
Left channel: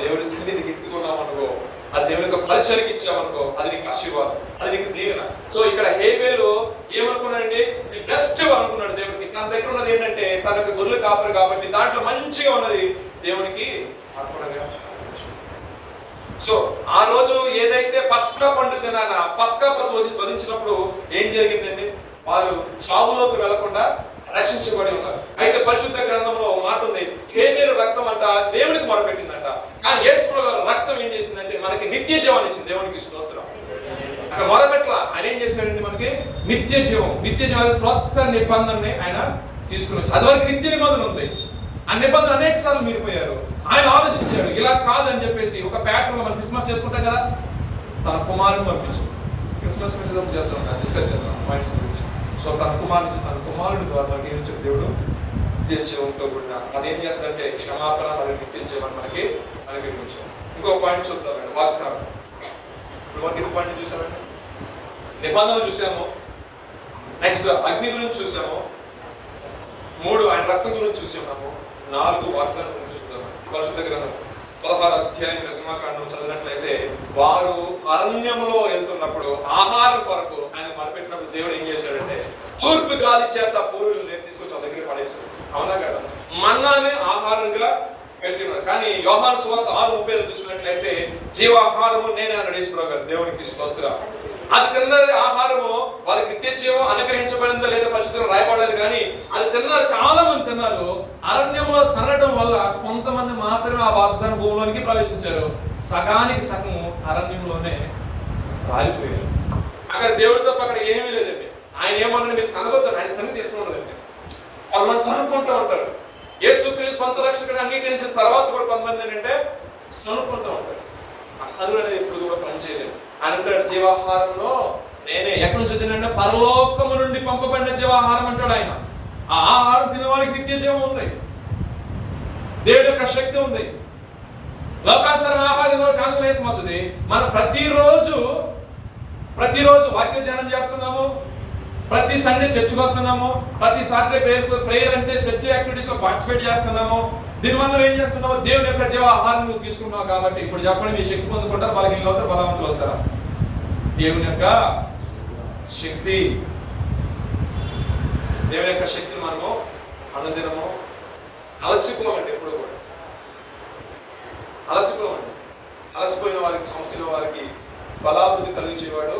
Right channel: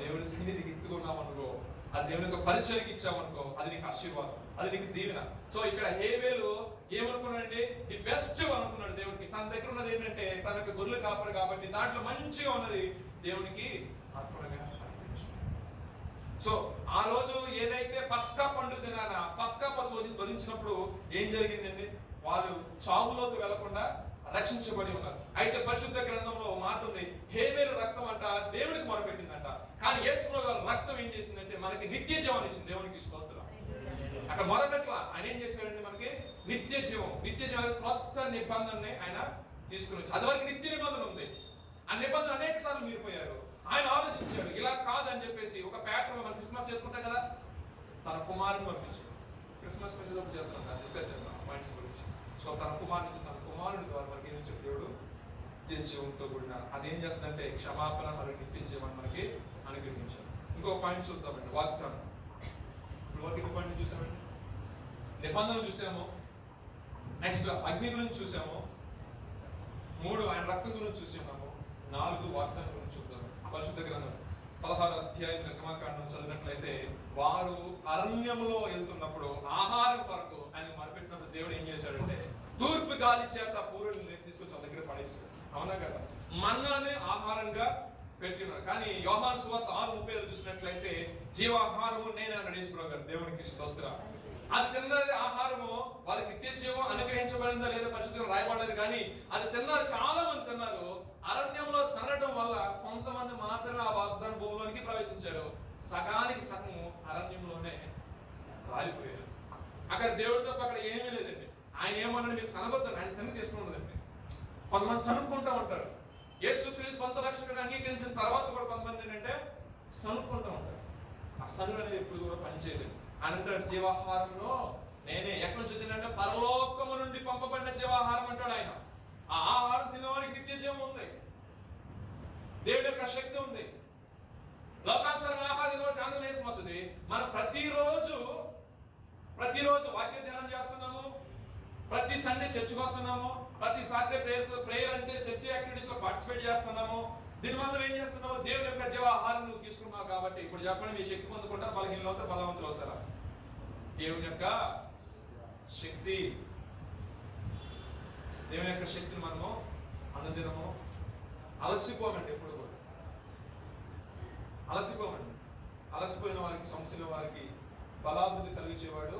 దేవుడి సన్నిధికి ఎత్తుకున్నాం అనుకో, అది దేవుని యొక్క పరిచర్యకి ఇచ్చామనుకో, అది నీకు ఆశీర్వాదం, అది నీకు దీవెన. సో ఇక్కడ హేబేలు ఏమనుకున్నాడండి, ది బెస్ట్ అనుకున్నాడు దేవుడికి. తన దగ్గర ఉన్నది ఏంటంటే తనకు గొర్రెలు కాపరు కాబట్టి దాంట్లో మంచిగా ఉన్నది దేవునికి అర్పణగా. సో ఆ రోజు ఏదైతే పస్కా పండుగ దినాన పస్కా పశువు వధించినప్పుడు ఏం జరిగిందండి, వాళ్ళు చావులోకి వెళ్లకుండా రక్షించబడి ఉన్నారు. అయితే పరిశుద్ధ గ్రంథంలో మాట ఉంది, హేబేలు రక్తం అంట దేవునికి మొరపెట్టిందంట, కానీ యేసు గారి రక్తం ఏం చేసిందంటే మనకి నిత్య జీవాన్ని ఇచ్చింది. దేవునికి స్తోత్రం. అక్కడ మొరపెట్ల ఆయన ఏం చేశాడండి, మనకి నిత్య జీవం. నిత్య జీవం క్రొత్త నిబంధనని ఆయన తీసుకుని వచ్చి, అది వరకు నిత్య నిబంధన ఉంది, ఆ నిబంధన అనేక సార్లు మీరిపోయారు. ఆయన ఆలోచించాడు, ఇలా కాదని చెప్పేసి ఒక ప్యాటర్న్ లో మనం క్రిస్మస్ చేసుకుంటాం కదా, తన కుమారుని పంపించాడు. క్రిస్మస్ మెసేజ్ చేద్దాం, డిస్కస్ చేద్దాం పాయింట్స్ గురించి. సో తన కుమారుడు ద్వారా మనకి ఏం చెప్పి దేవుడు నిత్య జీవంతో కూడిన అదేం చేస్తుందంటే క్షమాపణ మరియు నిత్య జీవనం మనకి అనుగ్రహించాం. ఇంకో పాయింట్ చూద్దామండి, వాగ్దానం. ఇప్పుడు మనకి ఇంకో పాయింట్ చూసామండి, నిబంధన చూసాము, నెక్స్ట్ అగ్ని గురించి చూసాము, 3 ఆయన రక్తం గురించి చూసాము, 4 వాగ్దానం గురించి చూద్దాం. పరిశుద్ధ గ్రంథం 16వ అధ్యాయం నిర్గమకాండం చదివినట్లయితే, వారు అరణ్యంలో వెళ్తున్నప్పుడు ఆహారం కొరకు ఆయన మొరపెట్టినప్పుడు దేవుడు ఏం చేశాడంటే తూర్పు గాలి చేత పూర్వీకులు తీసుకొచ్చి ఆ దగ్గర పడేస్తాడు. అవునా కదా? మన్నానే ఆహారంగా పెట్టినాడు. కానీ యోహాను సువార్త 6:30 చూసినట్లయితే జీవాహారము నేనే అన్నాడు యేసుప్రభు గారు. దేవునికి స్తోత్రం. అది తిన్నది ఆహారము వారికి నిత్య జీవం అనుగ్రహించబడిందో లేదో పరిశుద్ధంగా రాయబడలేదు, కానీ అది తిన్నారు, చాలా మంది తిన్నారు. అరణ్యంలో సరగడం వల్ల కొంతమంది మాత్రమే ఆ వాగ్దాన భూమిలోనికి ప్రవేశించారు. సగానికి సగం అరణ్యంలోనే రాలిపోయారు. అక్కడ దేవుడి తప్ప అక్కడ ఏమీ లేదండి. ఆయన ఏమన్నా మీరు సనగొద్దారు, ఆయన సన్ని తీసుకున్నదండి. కొంతమంది సనుక్కుంటూ ఉంటారు. యేసుక్రీస్తు సొంత రక్షకుడు అంగీకరించిన తర్వాత కూడా కొంతమంది ఏంటంటే సనుక్కుంటూ ఉంటారు. ఆ సనువు అనేది ఎప్పుడు కూడా పనిచేయలేదు. ఆయన అంటాడు జీవాహారంలో నేనే. ఎక్కడి నుంచి వచ్చిందంటే పరలోకము నుండి పంపబడిన జీవాహారం అంటాడు ఆయన. ఆ ఆహారం తినేవాడికి నిత్య జీవం ఉంది, దేవుడి యొక్క శక్తి ఉంది. లోకానుసార ఆహారం శాంతం వేసి వస్తుంది. మనం ప్రతిరోజు వాక్య ధ్యానం చేస్తున్నాము, ప్రతి సండే చర్చికి వస్తున్నాము, ప్రతి సాటర్డే ప్రేయర్ అంటే చర్చ్ యాక్టివిటీస్ లో పార్టిసిపేట్ చేస్తున్నాము. దీనివల్ల ఏం చేస్తున్నావు? దేవుని యొక్క జీవాహారం నువ్వు తీసుకున్నావు కాబట్టి. ఇప్పుడు చెప్పండి, మీ శక్తి పొందుకుంటారు, బలహీనలు అవుతారు, బలవంతులు అవుతారా? దేవుని యొక్క శక్తి, దేవుని యొక్క శక్తిని మనము అనుదినము అలసిపోమండి. ఎప్పుడు కూడా అలసిపోమండి. అలసిపోయిన వారికి, సమస్యల వారికి బలాభివృద్ధి కలిగించేవాడు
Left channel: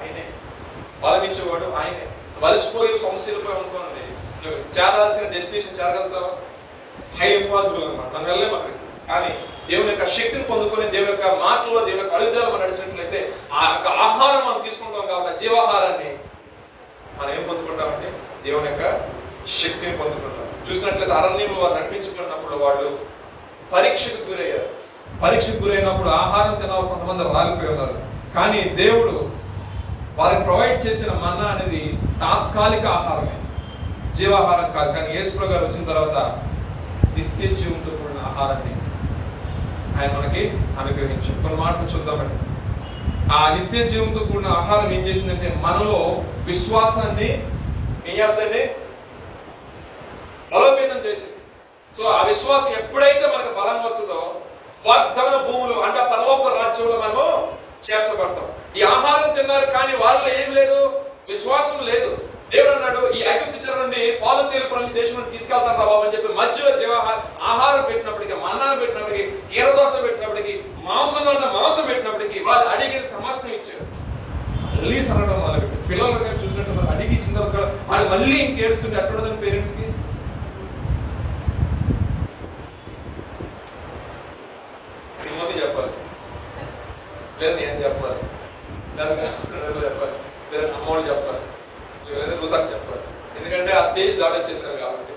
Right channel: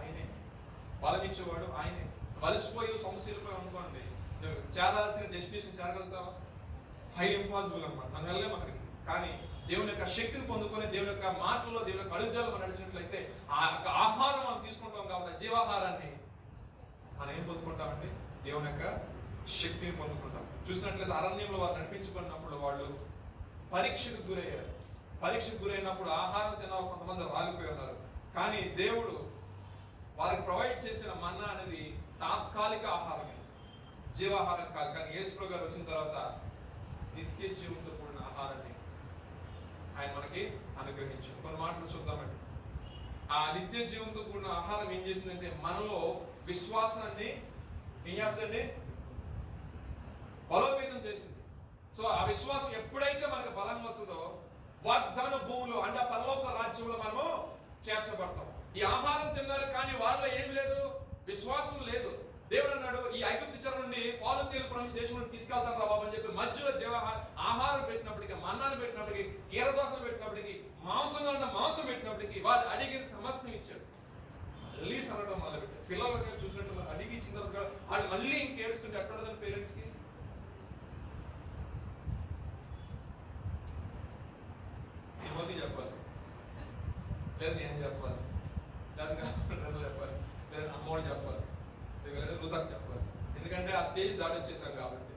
ఆయనే, బలం ఇచ్చేవాడు ఆయనే. అలసిపోయి సమస్యలపై అనుకోండి, చేరాల్సిన డెస్టినేషన్ చేరగలుగుతావా? హై ఇంపాసిబుల్ అనమాట. మనం వెళ్ళలేము అక్కడికి. కానీ దేవుని యొక్క శక్తిని పొందుకొని దేవుని యొక్క మాటల్లో దేవుని యొక్క అడుగుజాలు మనం నడిచినట్లయితే ఆ యొక్క ఆహారం మనం తీసుకుంటాం కాబట్టి జీవాహారాన్ని మనం ఏం పొందుకుంటామంటే దేవుని యొక్క శక్తిని పొందుకుంటాం. చూసినట్లయితే అరణ్యంలో వారు నడిపించుకున్నప్పుడు వాళ్ళు పరీక్షకు గురయ్యారు. పరీక్షకు గురైనప్పుడు ఆహారం తినాలి, కొంతమంది రాలిపోయి ఉన్నారు. కానీ దేవుడు వారికి ప్రొవైడ్ చేసిన మన్నా అనేది తాత్కాలిక ఆహారమే, జీవాహారం కాదు. కానీ యేసుప్రభు గారు వచ్చిన తర్వాత నిత్య జీవంతో కూడిన ఆహారాన్ని ఆయన మనకి అనుగ్రహించారు. కొన్ని మాటలు చూద్దామండి. ఆ నిత్య జీవంతో కూడిన ఆహారం ఏం చేసిందంటే మనలో విశ్వాసాన్ని ఏం చేస్తుందండి? బలోపేతం చేసింది. సో ఆ విశ్వాసం ఎప్పుడైతే మనకు బలం వస్తుందో వాగ్దాన భూములు అంటే పరలోక రాజ్యంలో మనము చేర్చబడతాం. ఈ ఆహారం తిన్నారు కానీ వారిలో ఏం లేదు, విశ్వాసం లేదు. దేవుడు అన్నాడు, ఈ ఐగుప్తు చెర నుండి పాలు తేలు ప్రపంచ దేశం తీసుకెళ్తాను రా బాబు అని చెప్పి మధ్యలో ఆహారం పెట్టినప్పటికీ, మన్నాను పెట్టినప్పటికీ, కీరదోసలు పెట్టినప్పటికీ, మాంసంలో ఉన్న మాంసం పెట్టినప్పటికీ వాళ్ళు అడిగిన సమస్తం ఇచ్చారు. మళ్ళీ సరగడం మొదలుపెట్టారు. పిల్లలు చూసినట్టు అడిగి ఇచ్చిన తర్వాత వాళ్ళు మళ్ళీ ఇంకేడుస్తుంటే అట్టుండదని పేరెంట్స్ కి. తిమోతి చెప్పాలి, లేదా నేను చెప్పాలి, లేదా చెప్పాలి, లేదా అమ్మోడు చెప్పాలి, లేదా రుతకు చెప్పాలి. ఎందుకంటే ఆ స్టేజ్ దాటొచ్చేసారు కాబట్టి.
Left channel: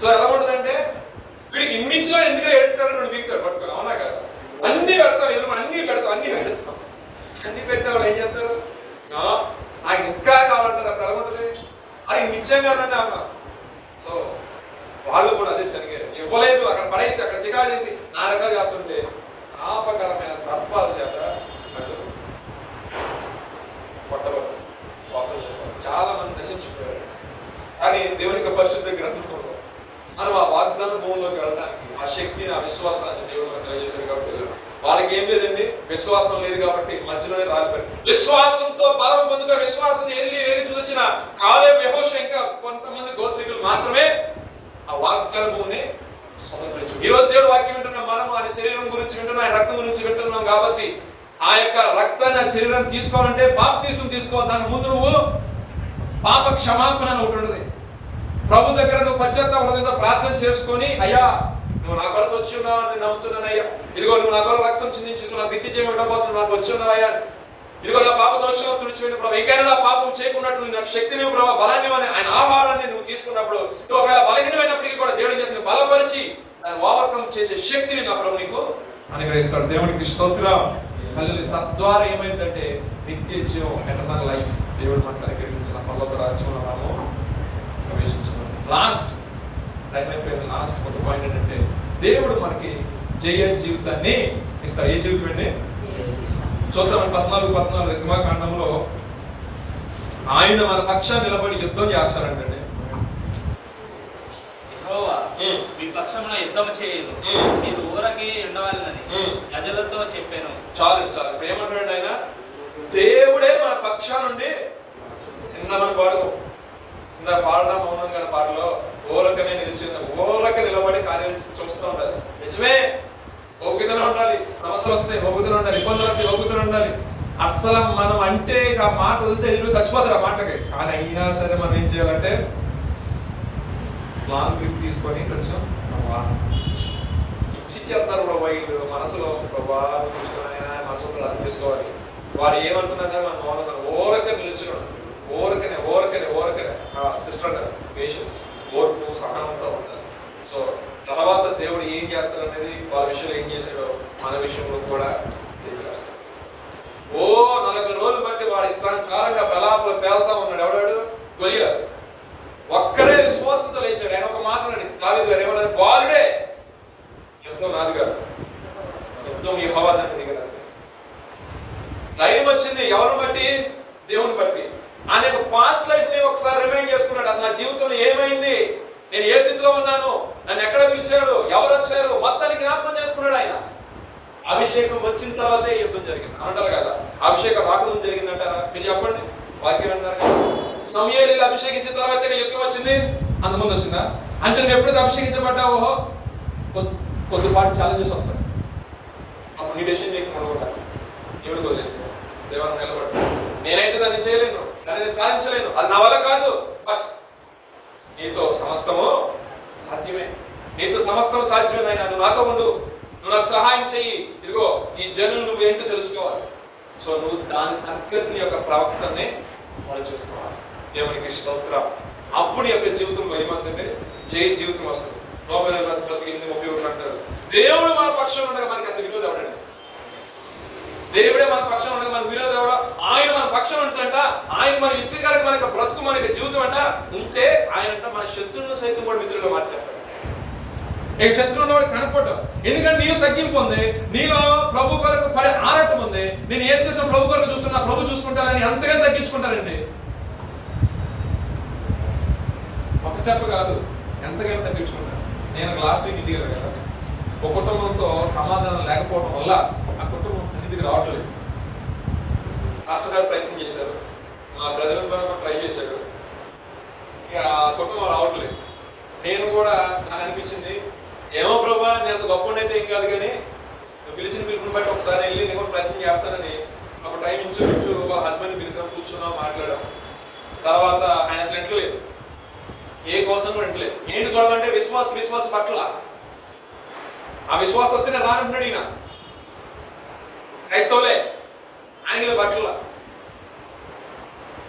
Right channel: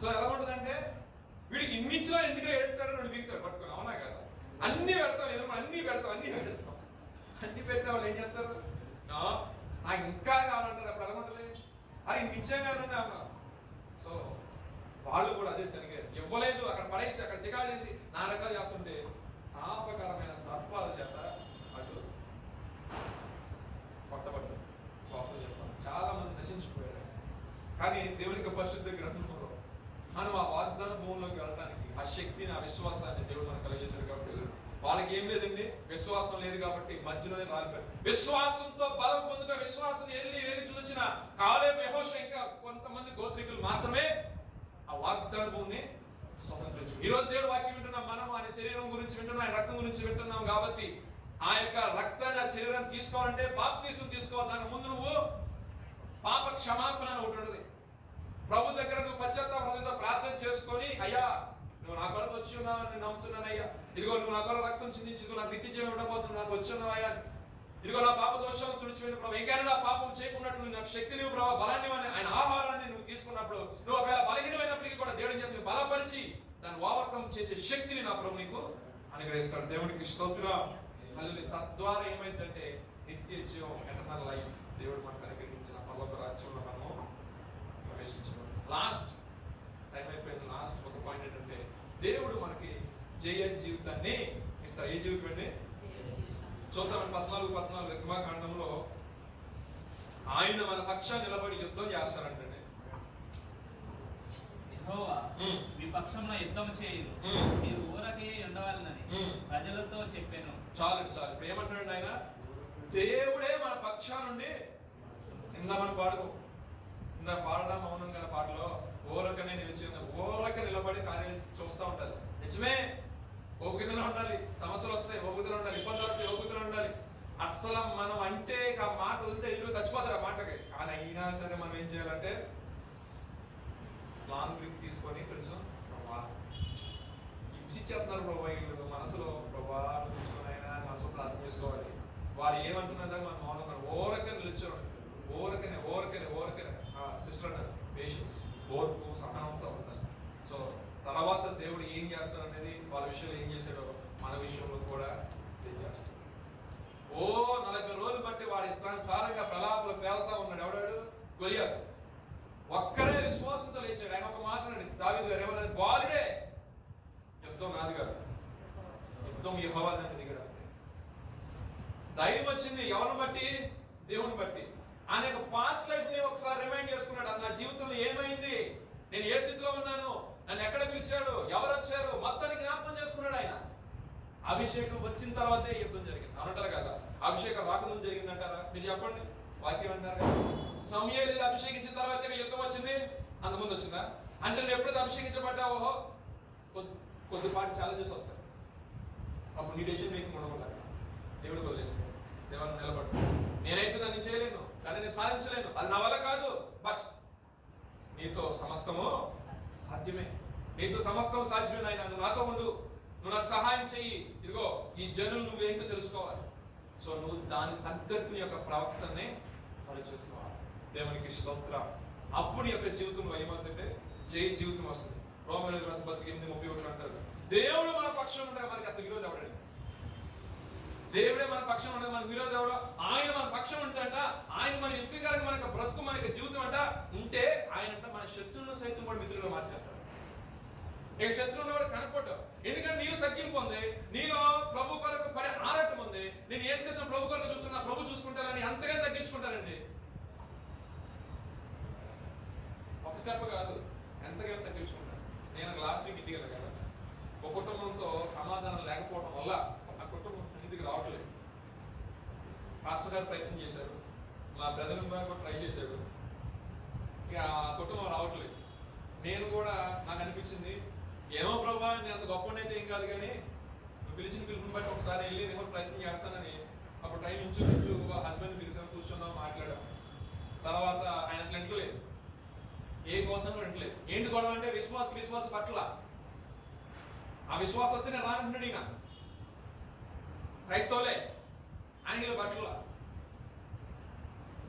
సో ఎలా ఉంటుందంటే వీడికి ఇన్నిచ్చినా ఎందుకు ఎడుతాడు, వాడు దిగుతాడు పట్టుకొని. అవునా కదా? అన్ని పెడతాం, ఎదురు అన్ని పెడతాం. అన్ని పెట్టిన వాళ్ళు ఏం చేస్తారు? నాకు ఇంకా కావాలంటారు. అప్పుడు ఎలా ఉంటుంది? అది నిత్యం కాదండి అన్న. సో వాళ్ళు కూడా అదే సరిగారు, ఇవ్వలేదు, అక్కడ పడేసి అక్కడ చికాకు చేసి నా రకాలు చేస్తుంటే పాపకరమైన సర్పాల చేత అటు కొట్టబడ్డారు. వాస్తవం చాలా మంది నశించిపోయారు. కానీ దేవుని యొక్క పరిశుద్ధ గ్రంథంలో మనం ఆ వాగ్దాన భూమిలోకి వెళ్ళడానికి ఆ శక్తిని, ఆ విశ్వాసాన్ని దేవుడు మనకు తెలియజేశాడు. కాబట్టి వాళ్ళకి ఏం లేదండి, విశ్వాసం లేదు కాబట్టి మధ్యలోనే రాలిపోయారు. విశ్వాసంతో బలం పొందుకుని విశ్వాసం ఏది చూసిన కాలేబు, యెహోషువ ఇంకా కొంతమంది గోత్రికులు మాత్రమే ఆ వాగ్దాన భూమిని స్వతంత్రించు. ఈ రోజు దేవుడు వాక్యం వింటున్నాం, మనం ఆయన శరీరం గురించి వింటున్నాం, ఆయన రక్తం గురించి వింటున్నాం. కాబట్టి ఆ యొక్క రక్తాన్ని, ఆ శరీరం తీసుకోవాలంటే బాప్తిస్మం తీసుకోవాలి. దాని ముందు నువ్వు పాప క్షమాపణ అని ఒకటి ఉన్నది. ప్రభు దగ్గర నువ్వు పశ్చాత్తాప హృదయంతో ప్రార్థన చేసుకొని, అయ్యా నువ్వు నా కొరకు వచ్చి ఉన్నావు అని నమ్ముతున్నాను అయ్యా, ఇదిగో నువ్వు నా కొరకు రక్తం చిందించి ఇదిగో నా నిత్య జీవం ఇవ్వడం కోసం నాకు వచ్చి ఉన్నావయ్యా, ఇదిగో నా పాప దోషంలో తుడిచిపెట్టి ప్రభు, ఇంకైనా నా పాపం చేయకున్నట్లు నాకు శక్తి నువ్వు ప్రభావ, బలాన్ని ఆయన ఆహారాన్ని నువ్వు తీసుకున్నప్పుడు నువ్వు ఒకవేళ బలహీనమైనప్పటికీ కూడా దేవుడిని చేసి బలపరిచి దాన్ని ఓవర్కమ్ చేసే శక్తిని నా ప్రభు నీకు అనుగ్రహిస్తాడు. దేవుడికి స్తోత్రం. తద్వారా ఏమైందంటే నిత్య జీవం, ఎటర్నల్ లైఫ్ దేవుడు మనకు అనుగ్రహించిన పరలోక రాజ్యంలో మనము ప్రవేశించున్నాం. లాస్ట్ టైం అయిపోయింది. లాస్ట్ ఒక పాయింట్ ఏంటంటే దేవుడు మనకి జయ జీవితాన్ని ఇస్తాడు. ఏ జీవితం అండి? చూద్దాం 14 నిర్మాకాండంలో ఆయన మన పక్షాన్ని నిలబడి యుద్ధం చేస్తారంటండి. యెహోవా మీ పక్షమున యుద్ధం చేయదు, మీరు ఊరకే ఉండవాలని ప్రజలతో చెప్పాను. చాలు ఇప్పుడు ఏమంటాడు ఆయన? దేవుడే మన పక్షా నుండి నిన్న మన వాడు ఇందా పాడడం మౌనంగా పాటలో ఊరకనే నిలిచి ఊరక నిలబడి కార్యాలు చూస్తూ ఉండాలి. నిజమే, ఓపికతోనే ఉండాలి. సమస్యలు వస్తాయి, ఓపికతోనే ఉండాలి. ఇబ్బందులు వస్తాయి, ఓపికతోనే ఉండాలి. అస్సలు మనం అంటే ఆ మాట వదిలితే ఇల్లు చచ్చిపోతారు ఆ మాటలకి. కానీ అయినా సరే మనం ఏం చేయాలంటే లాంగ్ గ్రిప్ తీసుకొని కొంచెం ఇచ్చిచ్చేస్తారు ప్రభా. వీళ్ళు మనసులో ప్రభా మనసులో ప్రార్థన చేసుకోవాలి. వాడు ఏమనుకున్నా సరే మనం మౌనంగా ఓరక నిలుచున్నాడు. ఓరకనే సిస్టర్ అన్నారు పేషెన్స్, ఓర్పు, సహనంతో ఉంటారు. సో తర్వాత దేవుడు ఏం చేస్తాడు అనేది వాళ్ళ విషయంలో ఏం చేశాడో మన విషయంలో కూడా తెలియజేస్తాడు. 40 రోజులు బట్టి వాడి ఇష్టానుసారంగా ప్రలాపలు పేలుతా ఉన్నాడు. ఎవడాడు? గొలియాతు. ఒక్కరే విశ్వాసంతో లేచాడు. ఆయన ఒక మాట అన్నాడు, దావీదు గారు ఏమన్నారు? బాలుడే, యుద్ధం నాది కాదు, యుద్ధం యెహోవా తండ్రి కదా. ధైర్యం వచ్చింది ఎవరిని బట్టి? దేవుని బట్టి. ఆయన యొక్క పాస్ట్ లైఫ్ ని ఒకసారి రిమైండ్ చేసుకున్నాడు. అసలు నా జీవితంలో ఏమైంది, నేను ఏ స్థితిలో ఉన్నాను, నన్ను ఎక్కడ పిలిచాడు, ఎవరు వచ్చారు, మొత్తానికి జ్ఞాపకం చేసుకున్నాడు ఆయన. అభిషేకం వచ్చిన తర్వాతే యుద్ధం జరిగింది అంటారు కదా. అభిషేకం రాకముందు జరిగిందంటారా? మీరు చెప్పండి. వాక్యం అంటారు కదా, సమూయేలుని అభిషేకించిన తర్వాతే యుద్ధం వచ్చింది, అంతకుముందు వచ్చిందా? అంటే నువ్వు ఎప్పుడైతే అభిషేకించబడ్డావో కొద్దిపాటి ఛాలెంజెస్ వస్తాయి. అప్పుడు నీ డెసిషన్ నీకు ఉండకూడదు, దేవుడికి వదిలేసి దేవాన్ని నిలబడు. నేనైతే దాన్ని చేయలేను, దాన్ని సాధించలేను, అది నా వల్ల కాదు. బట్ నీతో సమస్తము సాధ్యమే, నీతో సమస్తం సాధ్యమే నాయనా. నువ్వు నాతో ఉండు, నువ్వు నాకు సహాయం చెయ్యి. ఇదిగో ఈ జనులు నువ్వేంటో తెలుసుకోవాలి. సో నువ్వు దాని తగ్గట్టు నీ యొక్క ప్రవర్తనని ఫాలో చేసుకోవాలి. దేవునికి స్తోత్రం. అప్పుడు యొక్క జీవితంలో ఏమంటే జయ జీవితం వస్తుంది. రోమేయుల రాసిన పత్రిక 8:31 అంటారు, దేవుడు మన పక్షంలో ఉండగా మనకి అసలు విరోధం ఎవడండి? దేవుడే మన పక్షం ఉండగా మన విరోధం ఎవడ? ఆయన మన పక్షం ఉంటుందంట. ఆయన మన ఇష్టకరంగా మనకి బ్రతుకు, మనకి జీవితం అంట ఉంటే ఆయన అంట మన శత్రువులను సైతం కూడా మిత్రులుగా మార్చేస్తాడు. ఇక శత్రువులు వాడు కనపడ్డావు. ఎందుకంటే నీలో తగ్గింపు ఉంది, నీలో ప్రభు కొరకు పడే ఆరాటం ఉంది. నేను ఏం చేసిన ప్రభు కొరకు చూస్తున్నా, ప్రభు చూసుకుంటానని అంతగా తగ్గించుకుంటారండి. ఒక స్టెప్ కాదు, ఎంతగానో తగ్గించుకుంటాను. నేను లాస్ట్ వీక్ ఇంటికి వెళ్ళాను కదా, ఒక కుటుంబంతో సమాధానం లేకపోవడం వల్ల ఆ కుటుంబం స్థితికి రావట్లేదు. మాస్టర్ గారు ప్రయత్నం చేశారు, మా బ్రదర్ కూడా ట్రై చేశాడు, ఇక ఆ కుటుంబం రావట్లేదు. నేను కూడా నాకు అనిపించింది, ఏమో ప్రభా నేను అంత గొప్ప అయితే ఏం కాదు, కానీ నువ్వు పిలిచిన పిలుపుని బట్టి ఒకసారి వెళ్ళి నేను కూడా ప్రయత్నం చేస్తానని అప్పుడు టైం ఇంచుమించు వాళ్ళ హస్బెండ్ని పిలిచాం, కూర్చున్నాం, మాట్లాడాం. తర్వాత ఆయన అసలు ఇంటలేదు, ఏ కోసం కూడా ఇంటలేదు. ఏంటి గొడవ అంటే విశ్వాసం పట్ల. ఆ విశ్వాసం వస్తే నేను రానంటున్నాడు ఈయన. క్రైస్తవులే, ఆయనలో పట్ల.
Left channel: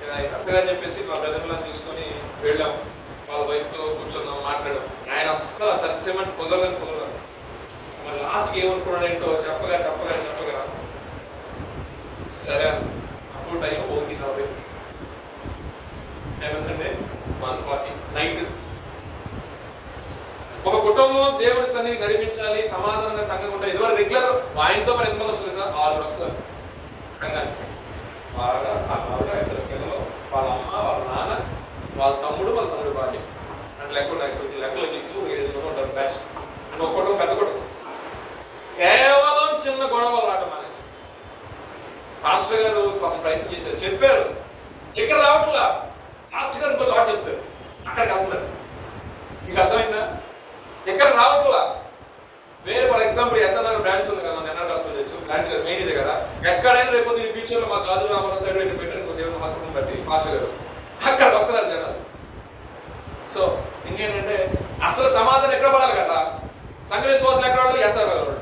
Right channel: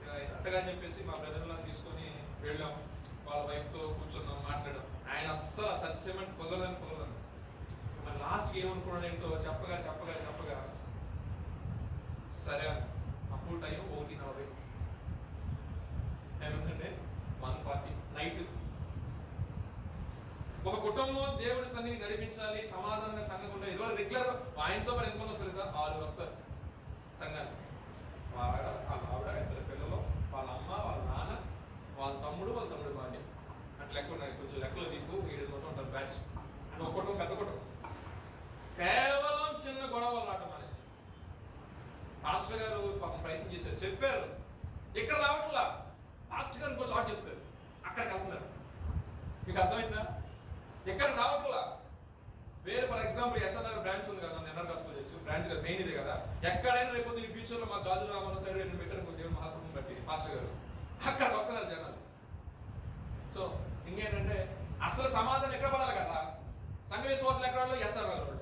కరెక్ట్గా చెప్పేసి మా బ్రదర్లను తీసుకొని వెళ్ళాం, వాళ్ళ వైఫ్తో కూర్చున్నాం, మాట్లాడాం. ఆయన అస్సలు సస్యమంటే కుదరదు. మరి లాస్ట్కి ఏమనుకున్నాడు ఏంటో చెప్పగా సరే అప్పుడు టైం 1:40 ఏమంటే 1:40 నైట్. ఒక కుటుంబం దేవుడి సన్నిధి నడిపించాలి, సమాధానంగా సంఘం ఉంటాయి. ఇదివరకు రెగ్యులర్ ఆయనతో మరి ఎంతమంది వస్తుంది సార్? 6 వస్తారు సంఘానికి. వాళ్ళ ఆవిడ, 2 పిల్లలు, వాళ్ళ అమ్మ, వాళ్ళ నాన్న, వాళ్ళ తమ్ముడు భార్య అంటే లెక్క ఉన్నాయి. కొంచెం లెక్కలు దిక్కు 7 మంది ఉంటారు బ్యాచ్. అంటే ఒక కుటుంబం పెద్ద కుటుంబం. కేవలం చిన్న గొడవలు రావడం అనేసి పాస్టర్ గారు పాపం ప్రయత్నం చేశారు, చెప్పారు, ఇక్కడ రావట్లా. పాస్టర్ గారు ఇంకో చోట చెప్తారు, అక్కడికి వెళ్తున్నారు. మీకు అర్థమైందా? ఎక్కడ రావట్లా. వేరే ఫర్ ఎగ్జాంపుల్ ఎస్ఎన్ఆర్ బ్రాంచ్ ఉంది కదా, మన ఎన్ఆర్ హాస్పిటల్ బ్రాంచ్ కదా, మెయిన్ ఇదే కదా. ఎక్కడైనా రేపు ఈ ఫ్యూచర్ లో మా గాజు రామారావు సైడ్ పెట్టారు ఇంకో దేవుని హాస్పిటల్ బట్టి పాస్టర్ గారు అక్కడ వస్తున్నారు జనాలు. సో ఇంకేంటంటే అసలు సమాధానం ఎక్కడ పడాలి కదా, సంఘ విశ్వాసాలు ఎక్కడ పడాలి? ఎస్ఆర్ వాళ్ళు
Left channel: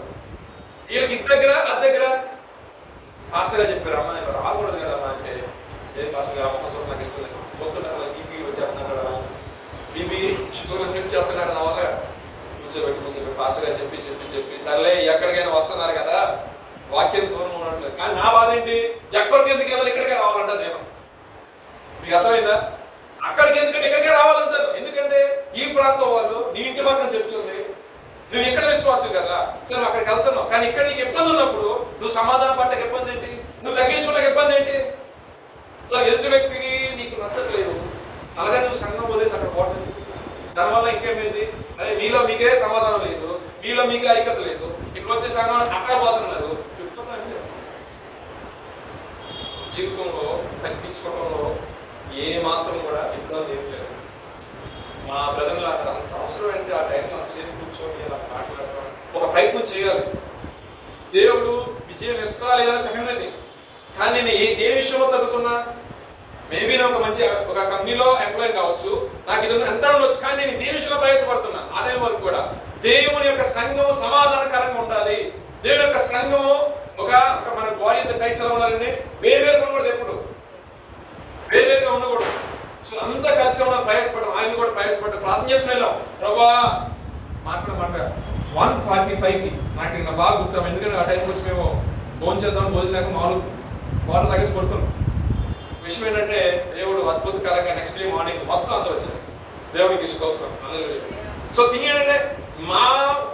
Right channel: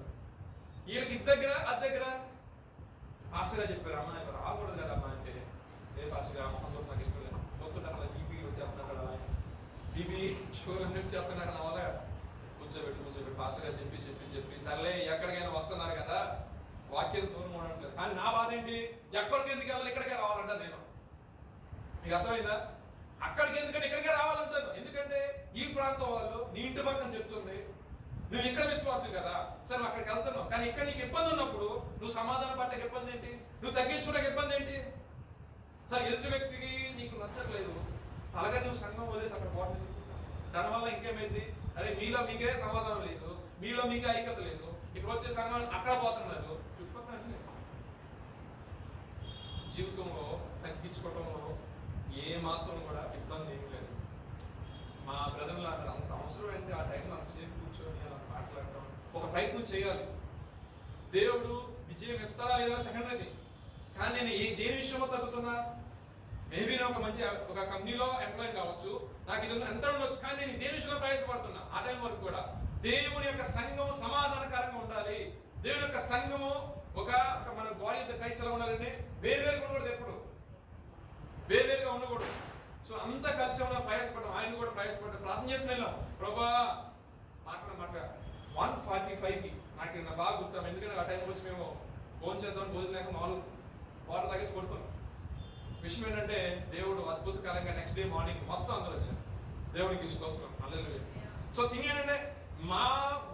వీళ్ళకి ఇది దగ్గర అది దగ్గర. పాస్టర్ గారు చెప్పారు, అమ్మ నేను రాకూడదు కదా అమ్మా అంటే, ఏ పాస్టర్ గారు అమ్మ నాకు ఇష్టం లేదు, చూస్తుంటే అసలు బీపీ వచ్చేస్తున్నాడు కదా, బీపీ షుగర్ అని చెప్తున్నాడు. నా వల్ల కూర్చోబెట్టి పాస్టర్ గారు చెప్పి సర్లే ఎక్కడికైనా వస్తున్నారు కదా, వాక్యం దూరం ఉండట్లేదు. కానీ నా బాధ ఏంటి, ఎక్కడికి ఎందుకు వెళ్ళాలి, ఇక్కడికే రావాలంటాను నేను. మీకు అర్థమైందా? అక్కడికి ఎందుకంటే ఇక్కడికే రావాలంటాను. ఎందుకంటే ఈ ప్రాంతం వాళ్ళు నీ ఇంటి పక్కన చెప్తుంది, నువ్వు ఇక్కడ విశ్వాసం కదా, సరే నువ్వు అక్కడికి వెళ్తున్నావు. కానీ ఇక్కడ నీకు ఇబ్బంది ఉన్నప్పుడు నువ్వు సమాధానం పట్టక ఇబ్బంది ఏంటి, నువ్వు తగ్గించుకోవడానికి ఇబ్బంది ఏంటి? సరే ఎదుటి వ్యక్తికి నీకు నచ్చట్లేదు, అలాగే నువ్వు సంఘం వదిలేసి అక్కడ పోవట్లేదు. దానివల్ల ఇంకేమైంది? అదే మీలో మీకే సమాధానం లేదు, మీలో మీకే ఐక్యత లేదు, ఇక్కడ వచ్చే సంఘం అక్కడ పోతున్నారు. చుట్టుపక్కల జీవితంలో తగ్గించుకోవడంలో ఏ మాత్రం కూడా ఇబ్బంది ఏం లేదు. మా బ్రదర్లు అంత అవసరం ఏంటి ఆ టైంలో సేపు కూర్చొని అలా మాట్లాడటం, ఒక ప్రయత్నం చేయాలి. దేవుడు విజయం ఇస్తారా లేదా సెకండరీ. కానీ నేను దేని విషయంలో తగ్గుతున్నా? మేబీ నేను ఒక మంచి ఒక కంపెనీలో ఎంప్లాయీ కావచ్చు, నాకు ఇది ఎంత ఉండొచ్చు, కానీ నేను దేని విషయంలో ప్రయాసపడుతున్నా. ఆ టైం వరకు కూడా దేవుని యొక్క సంఘము సమాధానకరంగా ఉండాలి. దేవుని యొక్క సంఘము ఒక మన బాడీ అంత క్రైస్ట్ ఎలా ఉండాలండి, వేరువేరుగా ఉండకూడదు, ఎప్పుడు వేరువేరుగా ఉండకూడదు. సో అంతా కలిసి ఉండాలి, ప్రయాసపడడం. ఆయన కూడా ప్రయాసపడ్డాం, ప్రార్థన చేసుకుని వెళ్ళాం. ప్రభా మాట్లాడ 1:45కి నాకు ఇంకా బాగా గుర్తాం. ఎందుకంటే ఆ టైంకి వచ్చి మేము భోజనం చేద్దాం, భోజనం లేక మామూలు వాటర్ తాగేసి పడుకున్నాం. విషయం ఏంటంటే దేవుడు అద్భుతకరంగా నెక్స్ట్ డే మార్నింగ్ మొత్తం అందరూ వచ్చారు. దేవునికి స్తోత్రం. సో థింగ్ ఏంటంటే మా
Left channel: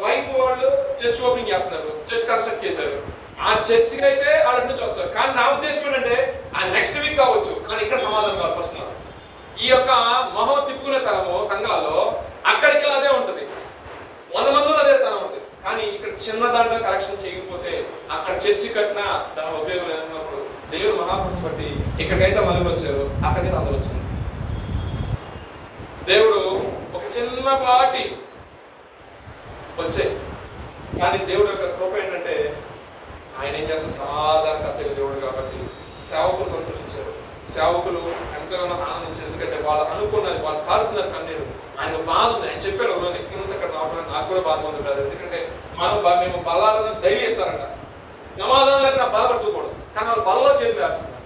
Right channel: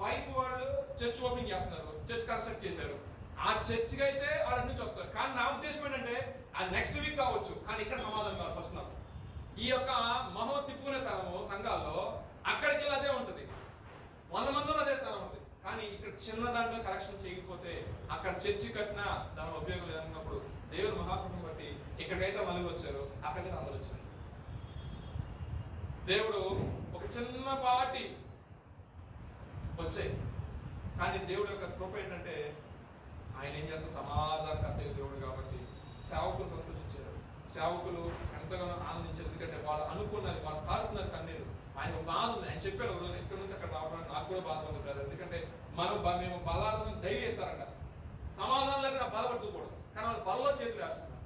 వైఫ్ వాళ్ళు చర్చ్ ఓపెనింగ్ చేస్తున్నారు, చర్చ్ కన్స్ట్రక్ట్ చేశారు. ఆ చర్చ్కి అయితే వాళ్ళ నుంచి వస్తారు. కానీ నా ఉద్దేశం ఏంటంటే ఆ నెక్స్ట్ వీక్ కావచ్చు, కానీ ఇక్కడ సమాధానం కావాలి ఫస్ట్. ఈ యొక్క మొహం తిప్పుకునే తనము సంఘాల్లో అక్కడికి అదే ఉంటుంది, 100 మంది అదే తనం ఉంటుంది. కానీ ఇక్కడ చిన్న దాంట్లో కరెక్షన్ చేయకపోతే అక్కడ చర్చి కట్టినా దాని ఉపయోగం లేదన్నప్పుడు దేవుడు మహాపురుషుని బట్టి ఇక్కడికైతే మనుగురు వచ్చారు, అక్కడికైతే అందరూ వచ్చారు. దేవుడు ఒక చిన్నపాటి వచ్చాయి. కానీ దేవుడు యొక్క కృప ఏంటంటే ఆయన ఏం చేస్తే సమాధానకర్తగా దేవుడు కాబట్టి సేవకులు సంతోషించారు. సేవకులు ఎంతగానో ఆనందించారు. ఎందుకంటే వాళ్ళు అనుకున్నారు, వాళ్ళు కాల్చున్నారు కన్నీరు. ఆయనకు బాధ ఉంది. ఆయన చెప్పారు ఎక్కడి నుంచి అక్కడ రావడానికి నాకు కూడా బాధ ఉంది బ్రదర్. ఎందుకంటే మేము బల్లాలను డైలీ ఇస్తారంట. సమాధానం లేక బల పట్టుకోకూడదు, కానీ వాళ్ళు బలలో చేతులు వేస్తున్నారు.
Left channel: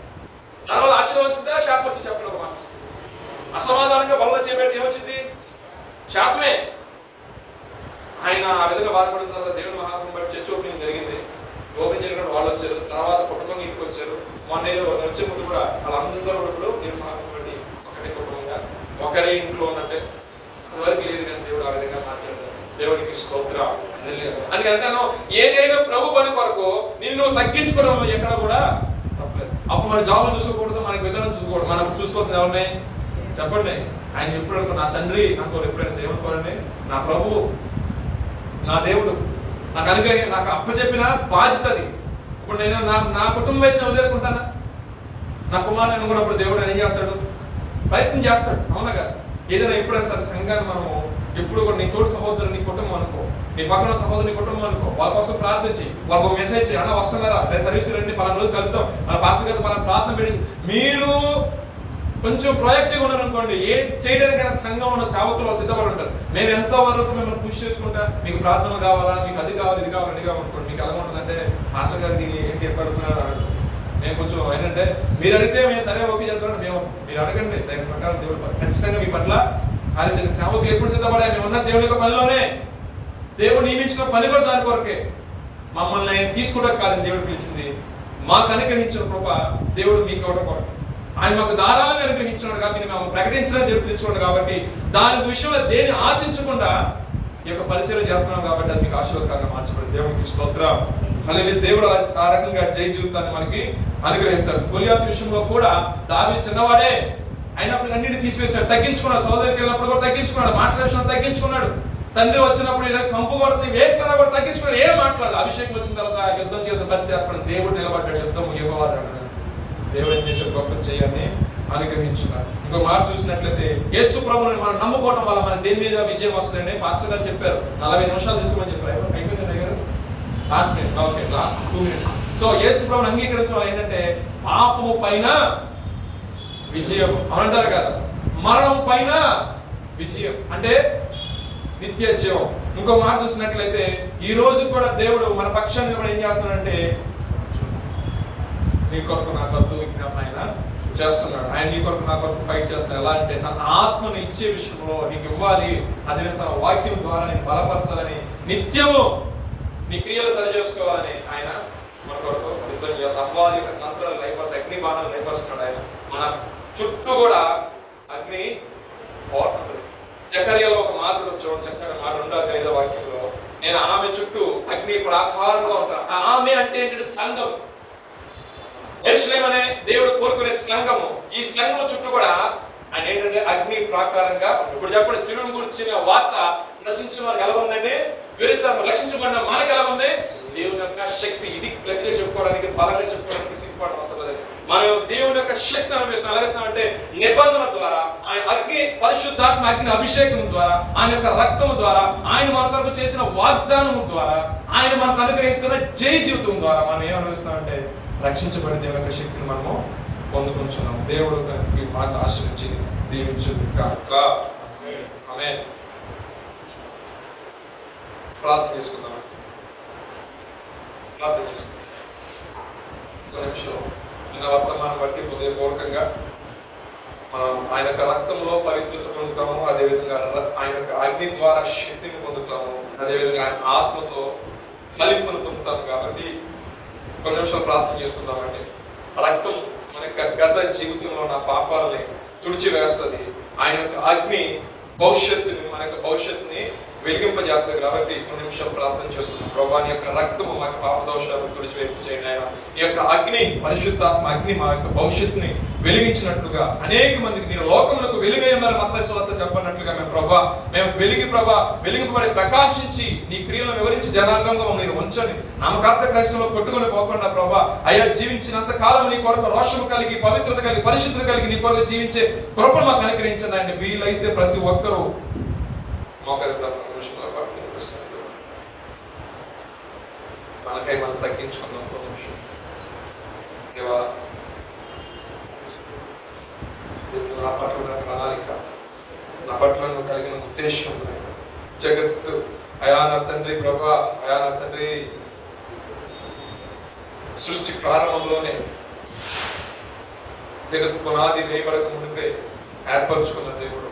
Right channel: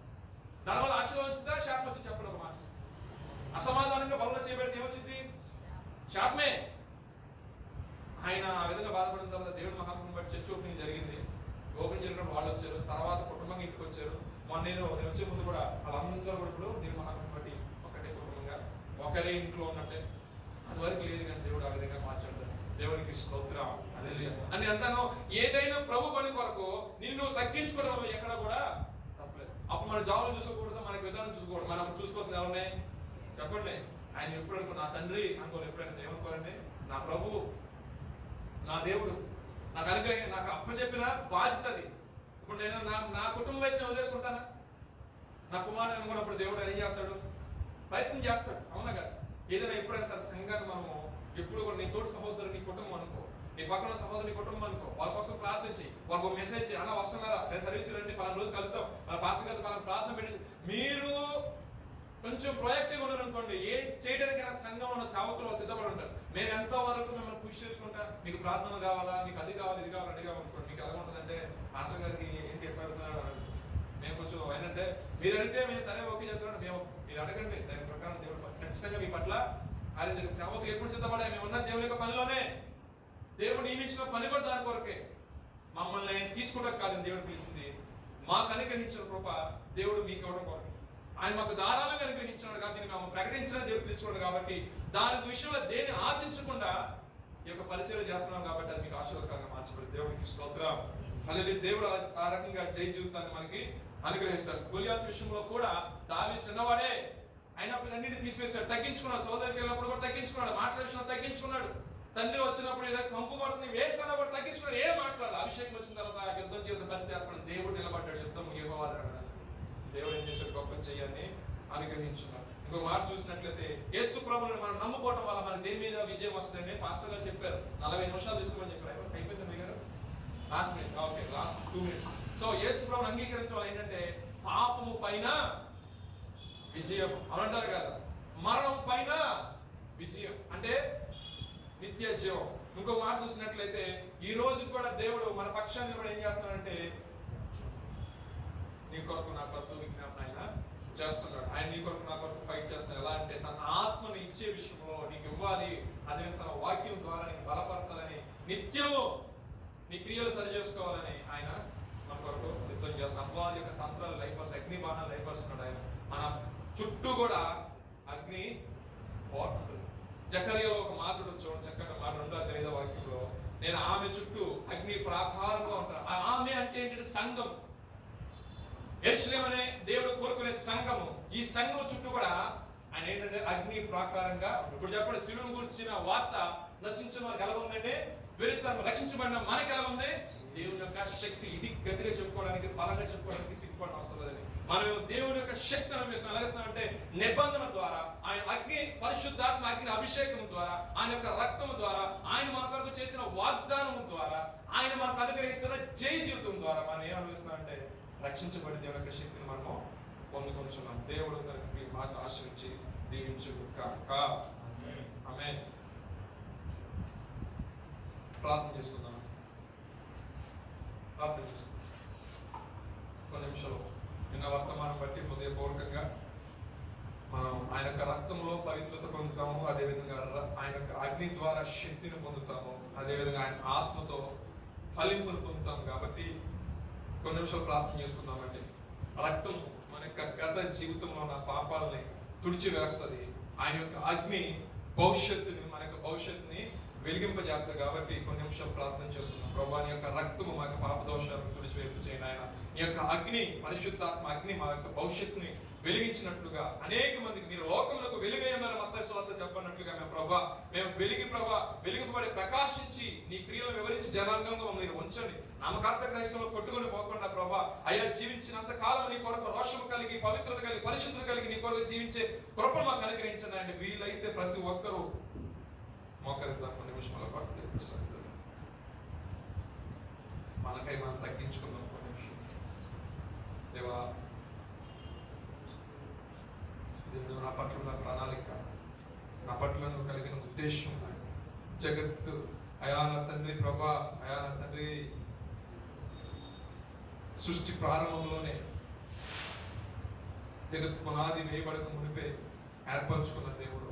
దానివల్ల ఆశీర్వాదం వచ్చిందా శాపం వచ్చి చెప్పండి ఒక మాట. అసమాధానంగా బలలో చేయబెడితే ఏమొచ్చింది? శాపమే. ఆయన ఆ విధంగా బాధపడిన తర్వాత దేవుని మహాత్మ బట్టి చర్చ్ ఓపెనింగ్ జరిగింది. ఓపెనింగ్ జరిగినప్పుడు వాళ్ళు వచ్చారు, తర్వాత కుటుంబం ఇంటికి వచ్చారు. మొన్న ఏదో వచ్చే ముందు కూడా వాళ్ళందరూ ఇప్పుడు దేవుని మహాత్మ బట్టి ఒకటే కుటుంబంగా ఒకరే ఇంట్లో ఉన్నట్టే. అంతవరకు లేదు, కానీ దేవుడు ఆ విధంగా మార్చాడు. దేవునికి స్తోత్రం. అని అంటాను, ఏదైనా ప్రభు పని కొరకు నిన్ను తగ్గించుకోవడం ఎక్కడ కూడా తప్పలేదు. అప్పుడు మన జాబ్ చూసుకోకూడదు, మనకి విధానం చూసుకోకూడదు. మనం చూసుకోవాల్సింది ఎవరిని చెప్పండి? ఆయన ఎప్పుడు అనుకో నా తండ్రి అనుకోరు, ఎప్పుడైనా ఏమనుకోరండి? నా ప్రభు, నా దేవుడు నాకు అనుగ్రహం, నాకు అప్పచెప్పిన బాధ్యత అది. ఇప్పుడు నేను నా కుటుంబం అయితే నేను వదిలేసుకుంటానా? నా కుమారుని అనుకున్నప్పుడు దేవుడు ఏం చేస్తాడు? ప్రయత్నం చేస్తాడు. అవునగా? ఏదైనా ఎప్పుడైనా సరే సంఘాన్ని మనము ఎప్పుడు కూడా నీ తోటి సహోదరు నీ కుటుంబం అనుకో, నీ పక్కన సహోదరు నీ కుటుంబం అనుకో, వాళ్ళ కోసం ప్రార్థించి వాళ్ళకు ఒక మెసేజ్ చేయి, అన్న వస్తున్నారా సర్వీస్ రండి, పలానా రోజు కలుద్దాం, మన పాస్టర్ గారు పలానా ప్రార్థన పెట్టి మీరు కొంచెం ప్రాజెక్టివ్గా ఉన్నారనుకోండి, ఏ చేయడానికైనా సంఘం ఉన్న సేవకులు వాళ్ళు సిద్ధపడి ఉంటారు. మేము ఎంతవరకు మిమ్మల్ని పుష్ చేసుకుంటా, మీకు ప్రార్థనలు కావాలా, మీకు అది కావాలి, ఇది కావాలి, ఇది కావాలనుకోండి. మీకు ఎలా ఉంటుందంటే మాస్టర్ గారికి ఏంటి ఎప్పుడుతున్నారు అడగదు. మేము కొంచెం ఏంటంటే మీరు అడిగితే మేము సరే ఓకే చెప్తాం, మేము మీరు అడగండి, దాని ప్రకారం దేవుడు ఖచ్చితంగా మీ పట్ల ఆయన సేవకులు ఎప్పుడు సిద్ధపడా, మేము ఉన్న దేవుని యొక్క పనిలోనే. దేవుడు నియమించిన పని కూడా దాని కొరకే. మమ్మల్ని తీసుకోవడం కాదని దేవుడు పిలిచింది, మాకు అనుగ్రహించిన కృప దేవుడు మీకు ఇవ్వడం కొరకు. ఆయన మాకు ధారాళంగా అనుగ్రహించినాడు కాబట్టి మేము ప్రకటించడానికి దేవుడు పిలుచుకోండి. కాబట్టి దాని విషయంలో దేని ఆశించకుండా ఈ యొక్క పరిచయం చేస్తున్నాం కాబట్టి అది మీకు ఆశీర్వాదకరంగా మార్చబడింది. దేవునికి స్తోత్రం. హల్లెలూయా. దేవుడు ఆ రకంగా జయ జీవితాన్ని మనకి అనుగ్రహిస్తాడు. గొలియాతు విషయంలో కూడా దావీదు చిన్నవాడే అయినప్పుడు అన్నిటిని తీసివేశాడు, తగ్గించుకున్నాడు. సోదరికి వెళ్ళినప్పుడు కూడా తగ్గించుకున్నాడు, మాట్లాడే విషయంలో తగ్గించుకున్నాడు. తండ్రి వచ్చినప్పుడు ఏదో కంపు కొడుతుంది వేస్తున్నా కూడా తగ్గించుకున్నాడు, ఏం మాట్లాడాలి. అభిషేకం వచ్చిన తర్వాత యుద్ధం చేసే పరిస్థితి అక్కడ దేవుడు నిలబడ్డాడు. యుద్ధం యెహోవాది అన్నాడు. దేవుడు ఏం చేసే గొప్ప చేయాలని అనుగ్రహించున్నారు. ఇంకో మాట చూసినట్లయితే యేసు ప్రభువుని మనం నమ్ముకోవడం వల్ల మన దేని మీద విజయం వస్తుందండి. పాస్టర్ గారు చెప్పారు 40 నిమిషాలు తీసుకోమని చెప్పారు. అయిపోయింది గారు last minute, okay last 2 minutes. So Yesu ప్రభువుని అంగీకరించడం వల్ల ఏంటంటే పాపము పైన విజయం అనంటారు కదా, మరణం పైన విజయం అంటే నిత్య జీవం. ఇంకో మాట చూసినట్లయితే ఈ రోజు కూడా దేవుడు మన పక్షాన్ని కూడా ఏం చేస్తున్నాడంటే నీ కొరకు నా కొరకు విజ్ఞాపన ఆయన చేస్తున్నాడు. ఆయన నీ కొరకు నా కొరకు ఫైట్ చేస్తున్నాడు. ఎలా అంటే తన ఆత్మను ఇచ్చే విషయంలో నీకు ఇవ్వాలి, అది నేను తన వాక్యం ద్వారా నేను బలపరచాలని, నిత్యము నీ క్రియలు సరి చేసుకోవాలని ఆయన మన కొరకు యుద్ధం చేస్తాడు. అపవాది యొక్క తంత్రాలు లైపర్స్, అగ్ని బాణాలు లైపరుస్తున్నాడు. ఆయన మన చుట్టూ కూడా అగ్ని పోతుంది. జకర్యాలో ఒక మాట చూడండి, చక్కని మాట 2:5 వాక్యంలో, నేను ఆమె చుట్టూ అగ్ని ప్రాకారంగా ఉంటాను. ఆమె అంటే ఏంటంటే సంఘం, యెరూషలేము అనే దేవుడు కోరుకునే సంఘము. ఈ సంఘం చుట్టూ కూడా ఆయన ఏంటంటే అగ్ని ప్రాకారంగా. ఇప్పుడు చెప్పండి, శిలువను గురించిన వార్త నశించిన వారికి ఎలా ఉందండి? వెరితనం రక్షించబడిన మనకు ఎలా ఉంది? దేవుని యొక్క శక్తి. ఇది గట్టిగా చెప్పుకోవడానికి, బలంగా చెప్పుకోవడానికి సిగ్గుపడడం అవసరం లేదు. మనం దేవుని యొక్క శక్తిని అనుభవిస్తున్నాం. ఎలాగేస్తున్నామంటే నిబంధన ద్వారా, ఆయన అగ్ని, పరిశుద్ధాత్మ అగ్ని అభిషేకం ద్వారా, ఆయన యొక్క రక్తము ద్వారా, ఆయన మన కొరకు చేసిన వాగ్దానం ద్వారా, ఆయన మనకు అనుగ్రహిస్తున్న జయ జీవితం ద్వారా మనం ఏం అనుభవిస్తున్నామంటే రక్షించబడి దేవుని యొక్క శక్తిని మనము పొందుకుంటున్నాం. దేవుడు ఈ మాట ఆశ్రయించి దీవించుగాక. ఆమేన్. ప్రార్థన చేసుకుందాం. ప్రార్థన చేసుకుందాం. ఒక నిమిషం నిన్న వర్తమానం బట్టి హృదయపూర్వకంగా మనం ఆయన యొక్క రక్తంలో పరిశుద్ధత పొందుతాము, అదేవిధంగా ఆయన యొక్క అగ్ని ద్వారా శక్తిని పొందుతాము, అదేవిధంగా ఆయన ఆత్మతో ఫలింపును పొందుతాము. కాబట్టి కొన్ని నిమిషాలు ప్రార్థన చేసుకుందామండి. రక్తం మన యొక్క గత జీవితంలో ఉన్న పాపాలని తుడిచివేస్తుంది. ఆయన యొక్క అగ్ని భవిష్యత్తుని, మన యొక్క భవిష్యత్తుని వెలిగింపజేస్తుంది. కాబట్టి కొన్ని నిమిషాలు ప్రార్థన చేస్తున్నాం. ప్రభువా, నీ యొక్క రక్తము మా పాప దోషాలను తుడిచివేపు చేయండి. ఆయన నీ యొక్క అగ్ని, పరిశుద్ధాత్మ అగ్ని మా యొక్క భవిష్యత్తుని వెలిగించినట్లుగా అనేక మందికి మీరు లోకములకు వెలుగై ఉన్నారు మత్తయి సువార్త చెప్పన్నట్లుగా మేము వెలిగింపబడి ప్రకాశించి నీ క్రియలను వివరించి జనాంగంగా మీరు ఉంచండి. నామకార్థ క్రైస్తవంలో కొట్టుకొని పోకుండా ప్రభా, అయ్యా జీవించినంత కాలం నీ కొరకు రోషము కలిగి, పవిత్రత కలిగి, పరిశుద్ధత కలిగి నీ కొరకు జీవించే కృప మాకు అనుగ్రహించండి. ఆయన వీలైతే ప్రతి ఒక్కరూ మనకై మనం తగ్గించుకున్నాం. ఒక నిమిషం. దేవా, నా పట్ల ఉన్న ప్రణాళిక, నా పట్ల నువ్వు కలిగిన ఉద్దేశం, జగత్తు అయా నా తండ్రి ప్రభా, అయా నా తండ్రి సృష్టి ప్రారంభంలోనే జగత్ పునాది వేయబడక ముందే ఏర్పరచుకున్న దేవుడు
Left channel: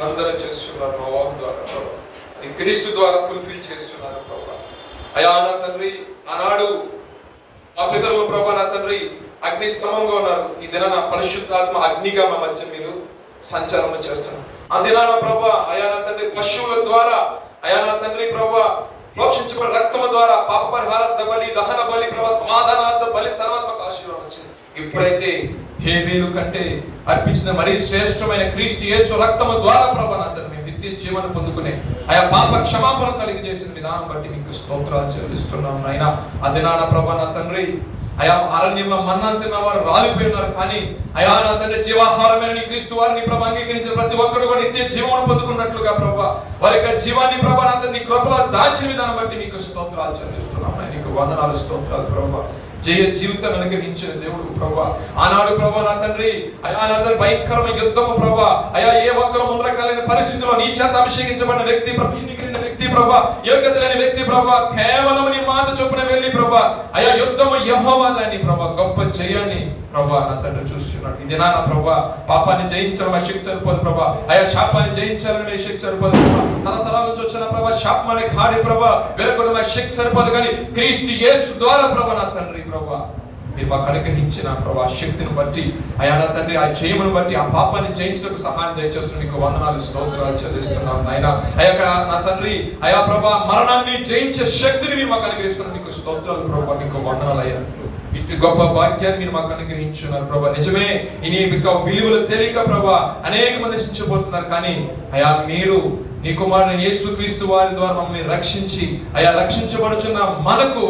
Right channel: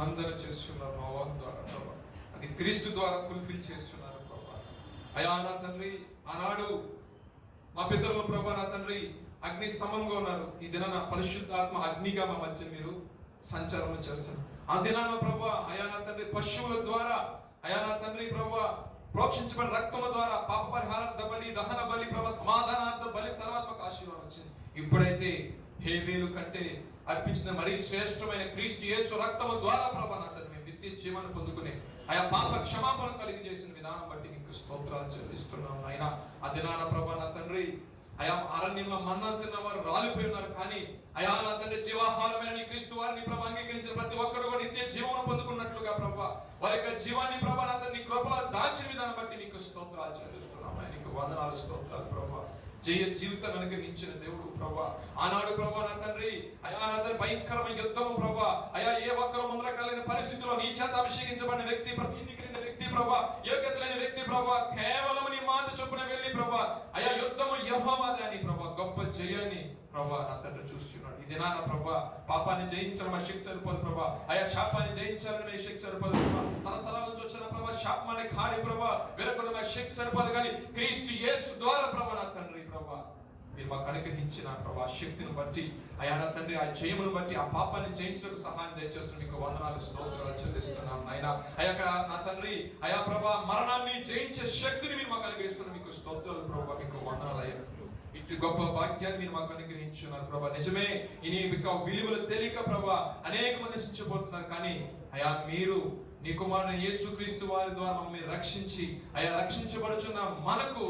వందన చేస్తున్నారు మా వాహు ద్వారా ప్రభా. అది క్రీస్తు ద్వారా ఫుల్ఫిల్ చేస్తున్నారు ప్రభా. అయా నా తండ్రి, ఆనాడు మా పితరులు ప్రభా నా తండ్రి అగ్ని స్తంభంగా ఉన్నారు. ఈ దినాన పరిశుద్ధాత్మ అగ్నిగా మా మధ్య మీరు సంచారం చేస్తున్నారు. ఆ దినాన ప్రభా అయా నా తండ్రి పశువుల ద్వారా, అయా నా తండ్రి ప్రభా ప్రోక్షించబడిన రక్తము ద్వారా పాప పరిహారార్థ బలి, దహన బలి ప్రభా, సమాధానార్థ బలి తర్వాత మాకు ఆశీర్వాదం వచ్చింది. ఇప్పుడైతే హేబేలు కంటే అర్పించిన మరీ శ్రేష్టమైన క్రీస్తు యేసు రక్తము ద్వారా ప్రభా నా తండ్రి మేము నిత్య జీవనం పొందుకునే ఆయా పాప క్షమాపణ కలిగి చేసిన విధానం బట్టి మీకు స్తోత్రాలు చెల్లిస్తున్నాం నాయన. ఆ దినాన ప్రభా నా తండ్రి అయా అరణ్యంలో మన్నా తిన్న వారు రాలిపోయినారు, కానీ అయా నా తండ్రి జీవాహారమైన నీ క్రీస్తు వారిని ప్రభా అంగీకరించిన ప్రతి ఒక్కరు కూడా నిత్య జీవనం పొందుకున్నట్లుగా ప్రభా వారి యొక్క జీవాన్ని ప్రభా నా తండ్రి కృపలో దాచిన విధానం బట్టి మీకు స్తోత్రాలు చెల్లిస్తున్నాం. నీకు వందనాలు, స్తోత్రాలు ప్రభా. జయ జీవితాన్ని అనుగ్రహించిన దేవుడు ప్రభా. ఆనాడు ప్రభా నా తండ్రి అయా నా తండ్రి భయంకరమైన యుద్ధము ప్రభా, అయా ఏ ఒక్కరు ముందరకాలైన పరిస్థితిలో నీ చేత అభిషేకించబడిన వ్యక్తి ప్రభా, ఎన్నికైన వ్యక్తి ప్రభా, యోగ్యత లేని వ్యక్తి ప్రభా, కేవలం నీ మాట చొప్పున వెళ్ళి ప్రభా అయా యుద్ధము యెహోవా దాని ప్రభా గొప్ప జయాన్ని ప్రభా నా తండ్రి చూస్తున్నాడు. ఇది నా ప్రభా పాపాన్ని జయించడం ఆ శక్తి సరిపోదు ప్రభా, అయా శాపాన్ని జయించాలని మీ శక్తి సరిపోదు ప్రభా, తరతరాల నుంచి వచ్చిన ప్రభా శాపం అనే కాడి ప్రభా వేరొకటి మా శక్తి సరిపోదు, కానీ క్రీస్తు యేసు ద్వారా ప్రభా నా తండ్రి ప్రభా మీరు మాకు అనుగ్రహించిన ప్రభా శక్తిని బట్టి అయా నా తండ్రి ఆ జయమును బట్టి ఆ పాపాన్ని జయించడానికి సహాయం దయచేస్తున్న మీకు వందనాలు, స్తోత్రాలు చెల్లిస్తున్నాం నాయన. అయా నా తండ్రి అయా ప్రభా మరణాన్ని జయించే శక్తిని మీరు మాకు అనుగ్రహిస్తున్నారు, మీకు స్తోత్రాలు ప్రభా, మీకు వందనాలు అయ్యా. ఇటు గొప్ప భాగ్యాన్ని మీరు మాకు అనుగ్రహించున్నారు ప్రభా. నిజమే ఇని విలువలు తెలియక ప్రభా అనేక మంది నశించబోతున్నారు, కానీ అయా మీరు నీ కుమారుని యేసుక్రీస్తు వారి ద్వారా మమ్మల్ని రక్షించి అయా రక్షించబడుచున్న మనకు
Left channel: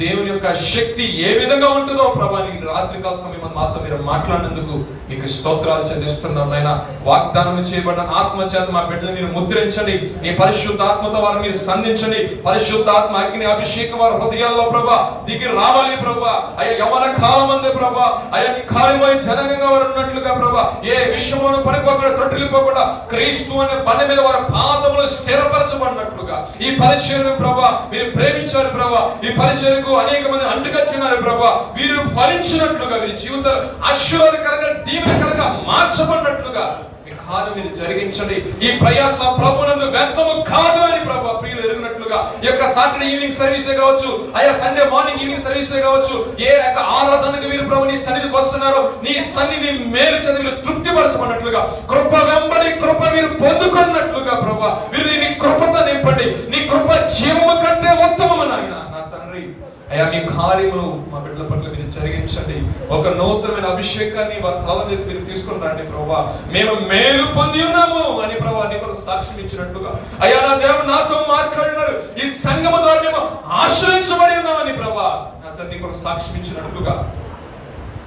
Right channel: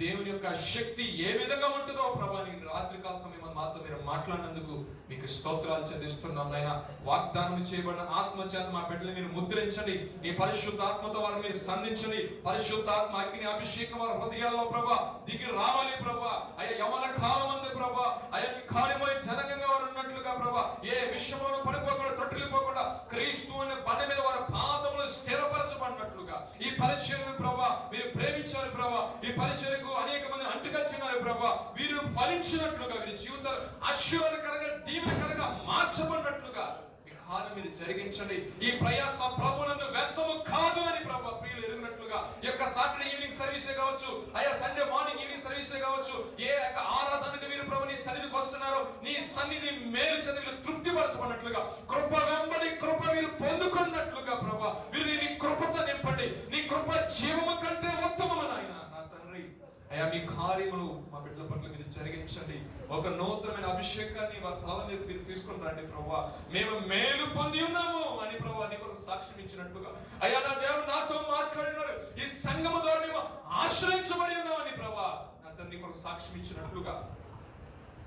దేవుని యొక్క శక్తి ఏ విధంగా ఉంటుందో ప్రభా నీ రాత్రికాల సమయం మాతో మీరు మాట్లాడినందుకు మీకు స్తోత్రాలు చెల్లిస్తున్నాం నాయన. వాగ్దానం చేయబడిన ఆత్మ చేత మా బిడ్డలు మీరు ముద్రించండి, నీ పరిశుద్ధ ఆత్మతో వారు మీరు సంధించండి. పరిశుద్ధాత్మ అగ్ని అభిషేకం వారి హృదయాల్లో ప్రభా దిగి రావాలి ప్రభా. అయ్యా యవన కాలం అందే ప్రభా అయ్యా నీ కార్యమై జనంగా వారు ఉన్నట్లుగా ప్రభా ఏ విషయంలోనూ పడిపోకుండా తొట్టిల్లిపోకుండా క్రీస్తు అనే బండ మీద వారి పాదములు స్థిరపరచబడినట్లుగా ఈ పరిచయను ప్రభా మీరు ప్రేమించారు ప్రభా. ఈ పరిచయకు అనేక మంది అంటుకొచ్చినారు ప్రభా, వీరు ఫలించినట్లుగా వీరి జీవితాలు ఆశీర్వాదకరంగా దీవెనకరంగా మార్చబడినట్లుగా మీ కార్యం మీరు జరిగించండి. ఈ ప్రయాస ప్రభునందు వ్యర్థము కాదు అని ప్రభా ప్రియులు ఎరిగినట్లుగా ఈ యొక్క సాటర్డే ఈవినింగ్ సర్వీసే కావచ్చు, అయ్యా సండే మార్నింగ్ ఈవినింగ్ సర్వీసే కావచ్చు, ఏ యొక్క ఆరాధనకు వీరు ప్రభు నీ సన్నిధికి వస్తున్నారో నీ సన్నిధి మేలు చదివి వీరు తృప్తిపరచబడినట్లుగా కృప వెంబడి కృప మీరు పొందుకున్నట్లుగా ప్రభా వీరు నీ కృపతో నింపండి. నీ కృప జీవము కంటే ఉత్తమము నాయన. నా తండ్రి అయ్యా మీ కార్యములు మా బిడ్డల పట్ల మీరు జరిగించండి. ఒక నూతనమైన అభిషేకాన్ని వారి తల మీద మీరు తీసుకొని రండి ప్రభువా. మేము మేలు పొంది ఉన్నాము అని ప్రభువా నీ కొరకు సాక్ష్యం ఇచ్చినట్టుగా అయ్యా నా దేవుడు నాతో మాట్లాడినారు. ఈ సంఘము ద్వారా మేము ఆశ్రయించబడి ఉన్నామని ప్రభువా నా తండ్రి కొరకు సాక్ష్యం ఇచ్చినట్టుగా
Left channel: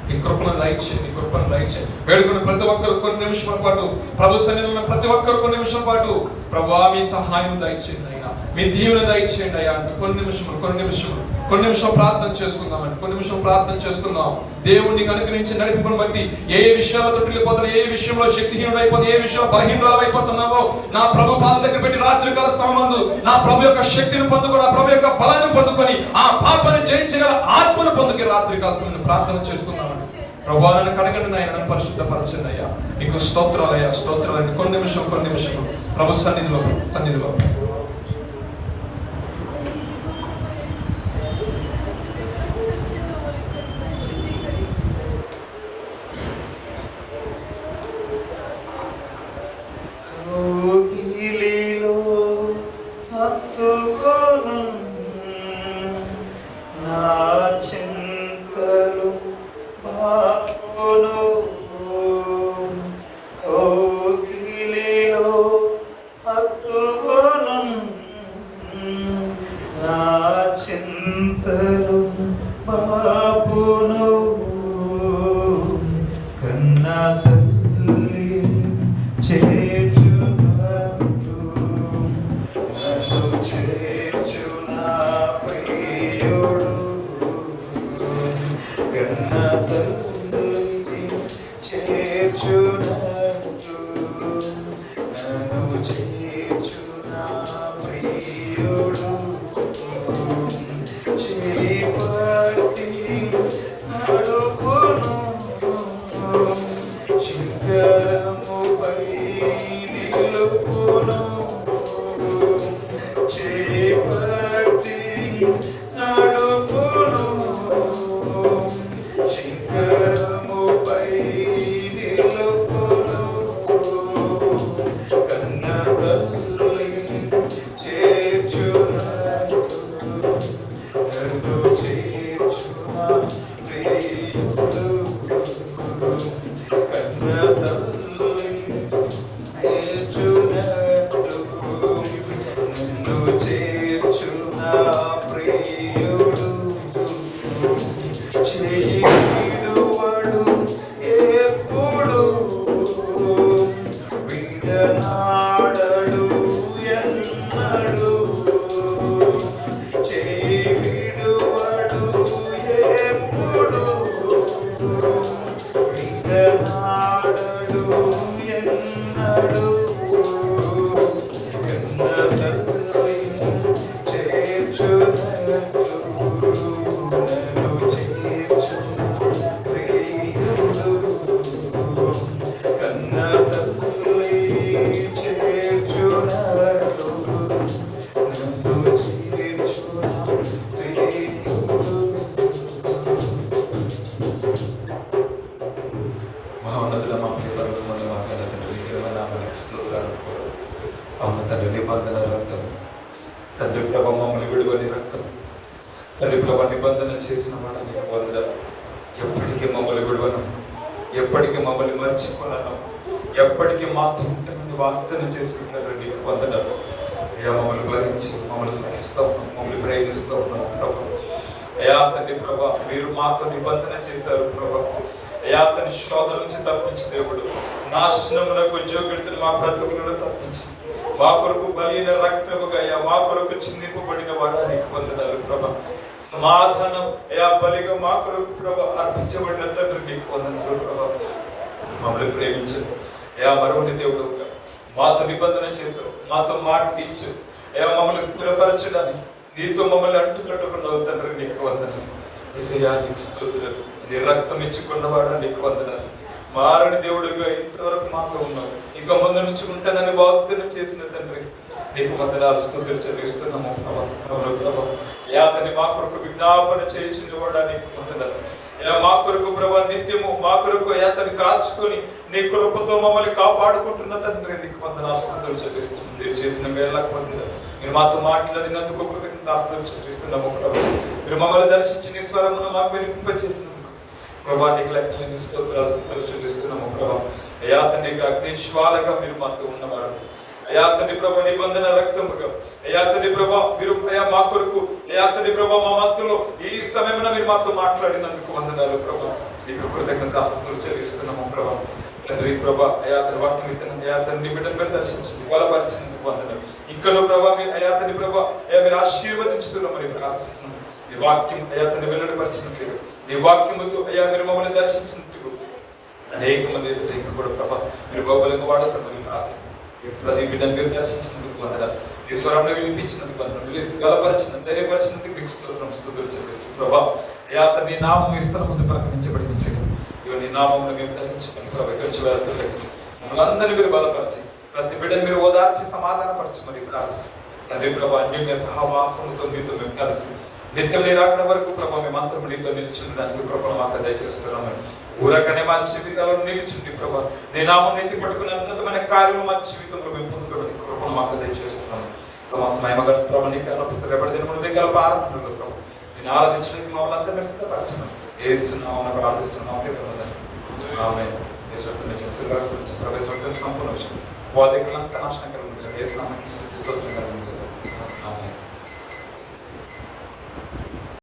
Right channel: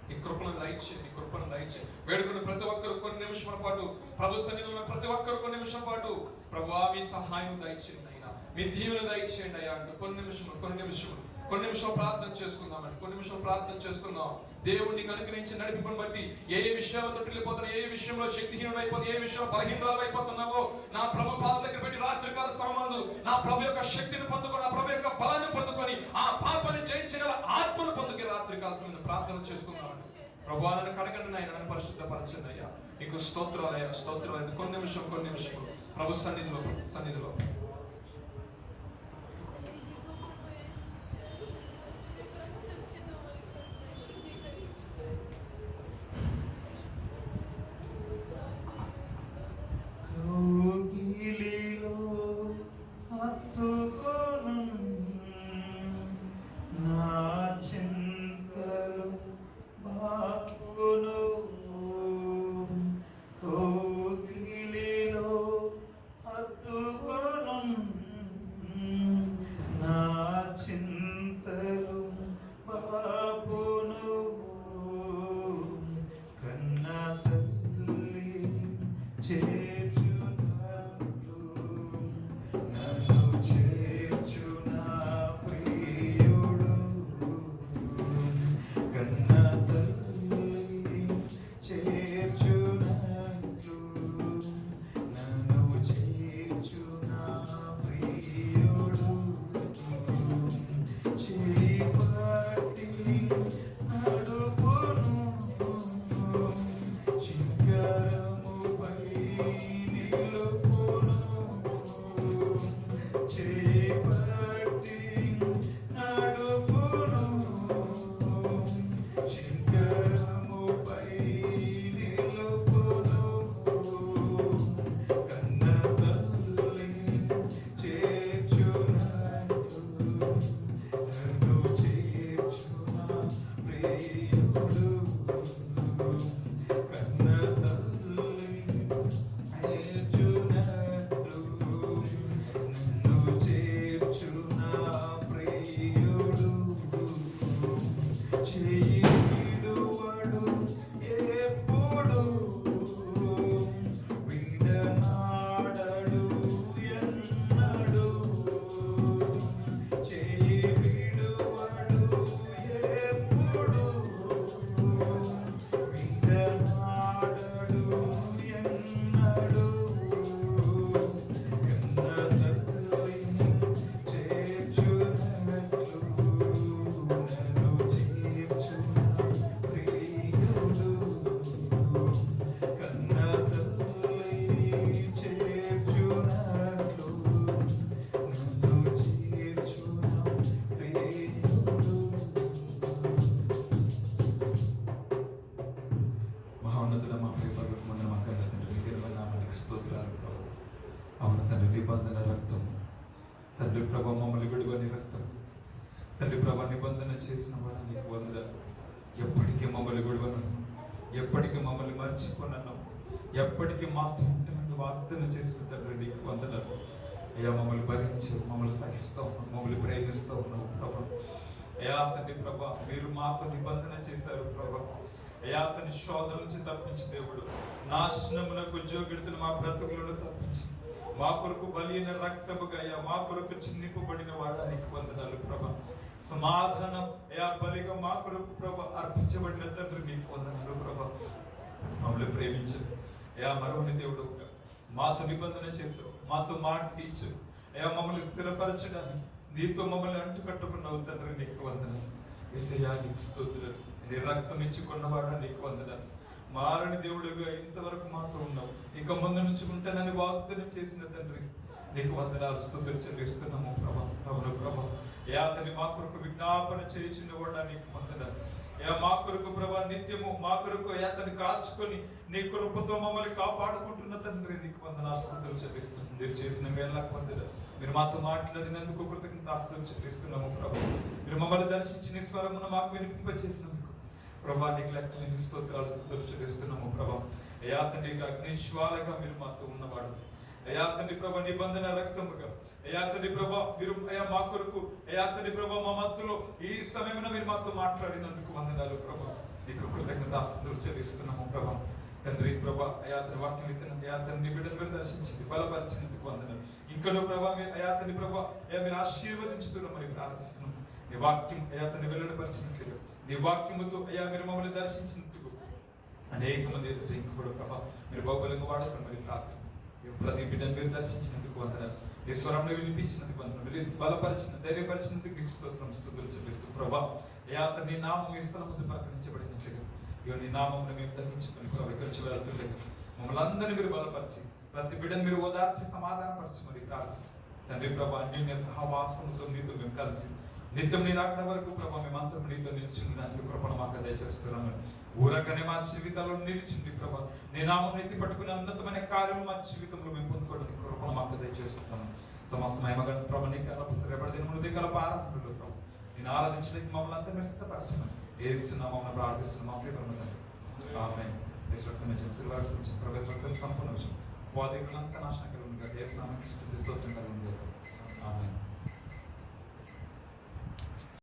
నీ కృపను దయచేయండి, నీ కృపను దయచేయండి. వేడుకున్న ప్రతి ఒక్కరు కొన్ని నిమిషాల పాటు ప్రభు సన్నిధిలో ఉన్న ప్రతి ఒక్కరు కొన్ని నిమిషాల పాటు ప్రభువా మీ సహాయం దయచేయండి అయినా, మీ దీవెన దయచేయండి అయ్యా. కొన్ని నిమిషం ప్రార్థన చేసుకుందామండి. కొన్ని నిమిషం ప్రార్థన చేసుకుందాం. దేవుడిని అనుగ్రహించి నడిపింపును బట్టి ఏ విషయాల్లో తొట్టిల్లిపోతున్నా, ఏ విషయంలో శక్తిహీనుడు అయిపోతుంది, ఏ విషయంలో బలహీనుడు అయిపోతున్నావో నా ప్రభు పాద దగ్గర పెట్టి రాత్రికాల సమయంలో నా ప్రభు యొక్క శక్తిని పొందుకొని, ఆ ప్రభు యొక్క బలాన్ని పొందుకొని, ఆ పాపని జయించగల ఆత్మను పొందుకొని రాత్రికాల సమయంలో ప్రార్థన చేసుకుందామండి. ప్రభువా నన్ను కడగండి నాయన, నన్ను పరిశుద్ధపరచండి అయ్యా. నీకు స్తోత్రాలయ్యా, స్తోత్రాలండి. కొన్ని నిమిషం ప్రభు సన్నిధిలో అవును తండ్రి, నిబంధన రక్తం తండ్రి ప్రభ మమ్మల్ని విడువని రక్తం తండ్రి ప్రభ నిబంధన చేసిన వాడ నీకు వందనాలు. ఎప్పటికీ మమ్మల్ని విడువను, ఎప్పటికీ మమ్మల్ని మర్చిపోను, ఎప్పటికీ మాతో ఉంటుందని వాగ్దానం చేసిన తండ్రి నీకు వందనాలు. అయ్యా మమ్మల్ని భరించి మమ్మల్ని సహిస్తూ ఉన్నాం, మమ్మల్ని ప్రేమిస్తూ ఉన్నాం ప్రభా. అయ్యా తండ్రి ప్రభా మీరు మాతో నిబంధన చేశారు ప్రభా. అయ్యా తన శోధన నుంచి తప్పించి దేవుడు నాశనమునకు ఉద్యోగులను మా బ్రతుకులను తప్పించి మా కొరకు బలిన రక్తముగా అయ్యా మా కొరకు చిందింపబడిన వాడా నీకు వందనాలు ప్రభా. సమాధానం అయ్యా బలిగా మా కొరకు ప్రభా అర్పించబడిన తండ్రి నీకు వందనాలు ప్రభా. మమ్మల్ని ప్రేమించు అయ్యా, మరొకటి దేవుడు మాతో నిబంధన చేశావు, మాతో మాట ఇచ్చు అయ్యా, మమ్మల్ని స్థిరపరచడానికి నీతో మమ్మల్ని అంటుకట్టుకున్నావు తండ్రి నీకు వందనాలు. యేసయ్యా నీకు స్తోత్రాలు. నీ రక్తం ఇచ్చుకున్నవాడా నీకు వందనాలు. మారని దేవుడుగా ఇంతవరకు మాతో ఉన్నావు, ఇక ముందు నుంచి ఉంటానని వాగ్దానం చేసిన తండ్రి నీకు వందనాలు, స్తుతులు చెల్లిస్తున్నాము ప్రభా. యాతని మా కొరకు విజ్ఞాపన చేయించిన వాడా నీకు వందనాలు. మా కొరకు ప్రభా నిత్యము మా కొరకు అతన్ని కాచుకొని నీ కృపతో మమ్మల్ని కాపాడుకుంటున్న తండ్రి నీకు వందనాలు స్తుతులు చెల్లిస్తున్నాం. మీరు చేసిన మేళ్ళకు వందనాలు. మీరు మాతో మాట్లాడినందుకు కృతజ్ఞతాస్తుతులు చెల్లిస్తున్నాము ప్రభా. మీరు మమ్మల్ని దర్శించి నీ స్వరమును మాకు వినిపింపచేసినందుకు ప్రభా నీకు లెక్కలేని స్తోత్రాలు స్తుతులు చెల్లిస్తున్నాము ప్రభా. అయ్యా తండ్రి అగ్నిజ్వాలగా మీరు మాతో ఉన్నవాడు. అయ్యా తండ్రి ప్రభా నిబంధన రక్తముగా అయ్యా తండ్రి ప్రభా మీరు అయ్యా మా కొరకు అయ్యా తండ్రి ప్రభా మా మధ్యలో ఈ సమయంలో మీరు మాతో మాట్లాడినందుకు వందనాలు ప్రభా. నీకు కృతజ్ఞతాస్తుతులు చెల్లిస్తున్నాము ప్రభా. తండ్రి ప్రభా అయ్యా తండ్రి వాక్యం ఇతను అయ్యా తండ్రి బిడ్డను మీరు దర్శించండి, బలపరిచినందుకు వందనాలు. ఇంకనూ ప్రభా మీరు అయ్యా తండ్రి ప్రభా అయ్యా మీరు ఆశీర్వదించుతున్నామని ప్రార్థిస్తున్నాం. నీ వాక్యం అయ్యా తండ్రి వెల్లడిపరిచినట్లుగా నీ వాక్యముతో అయ్యా మీరు మమ్మల్ని దర్శించినట్టు అనేక మంది ఎదుట ఇంకా కూడా ప్రభా మీరు గొప్పలకు వాడుతున్నామని ప్రార్థిస్తున్నాం. ప్రతి బిడ్డను మీరు దర్శించినందుకు వందనాలు. నీ స్వరంలో వినిపించినందుకు వందనాలు. మీరు బలపరిచిన ధైర్యపరిచినందుకు మీకు స్తోత్రం స్తుతులు చెల్లిస్తూ ప్రభా అయ్యా నీ నామం ఈ స్థలం ముందు ప్రకటించబడి ఇవి నీ నామమును మేము ధరించుకొని ప్రభా ఇక్కడి వెళ్తుండగా మమ్మల్ని అందరినీ మీరు బలపరిచి ప్రతి బిడ్డను మీరు ఓదార్చి సమాధానపరచి మరి ప్రార్థిస్తాం తండ్రి ప్రభా. అన్యోన్య సహవాసంతో మీతో మేము కలిసి నిత్యం నీ రాకడ వరకు ప్రభా మేమంతరం నీతో నిలిచిండడానికి కృపను మాకు దయచేస్తున్నామని ఊరకనే మా జీవితాల్లో నిలిచింది ప్రభా. నీ నామం నెత్తి పట్టుకుని అనంతమైన కార్యము మా జీవితంలో మేము పొందుకోవడానికి కృపను మాకు దయచేస్తున్నాము. సమస్త మహిమగల ప్రభా నీకు అర్పిస్తబడిన మన దగ్గర ఆరాధనలో ప్రభా నేను ఆరాధించడానికి మమ్మల్ని అంతా మీరు సిద్ధపరచను ఏస్తున్నామని ప్రార్థిస్తున్నాం. ఆమేన్. ప్రవేశం సంపూర్ణ విషయం వాదికులంతా నాశనకరంగా వేసిన స్తోత్రం కలుగుతుంది.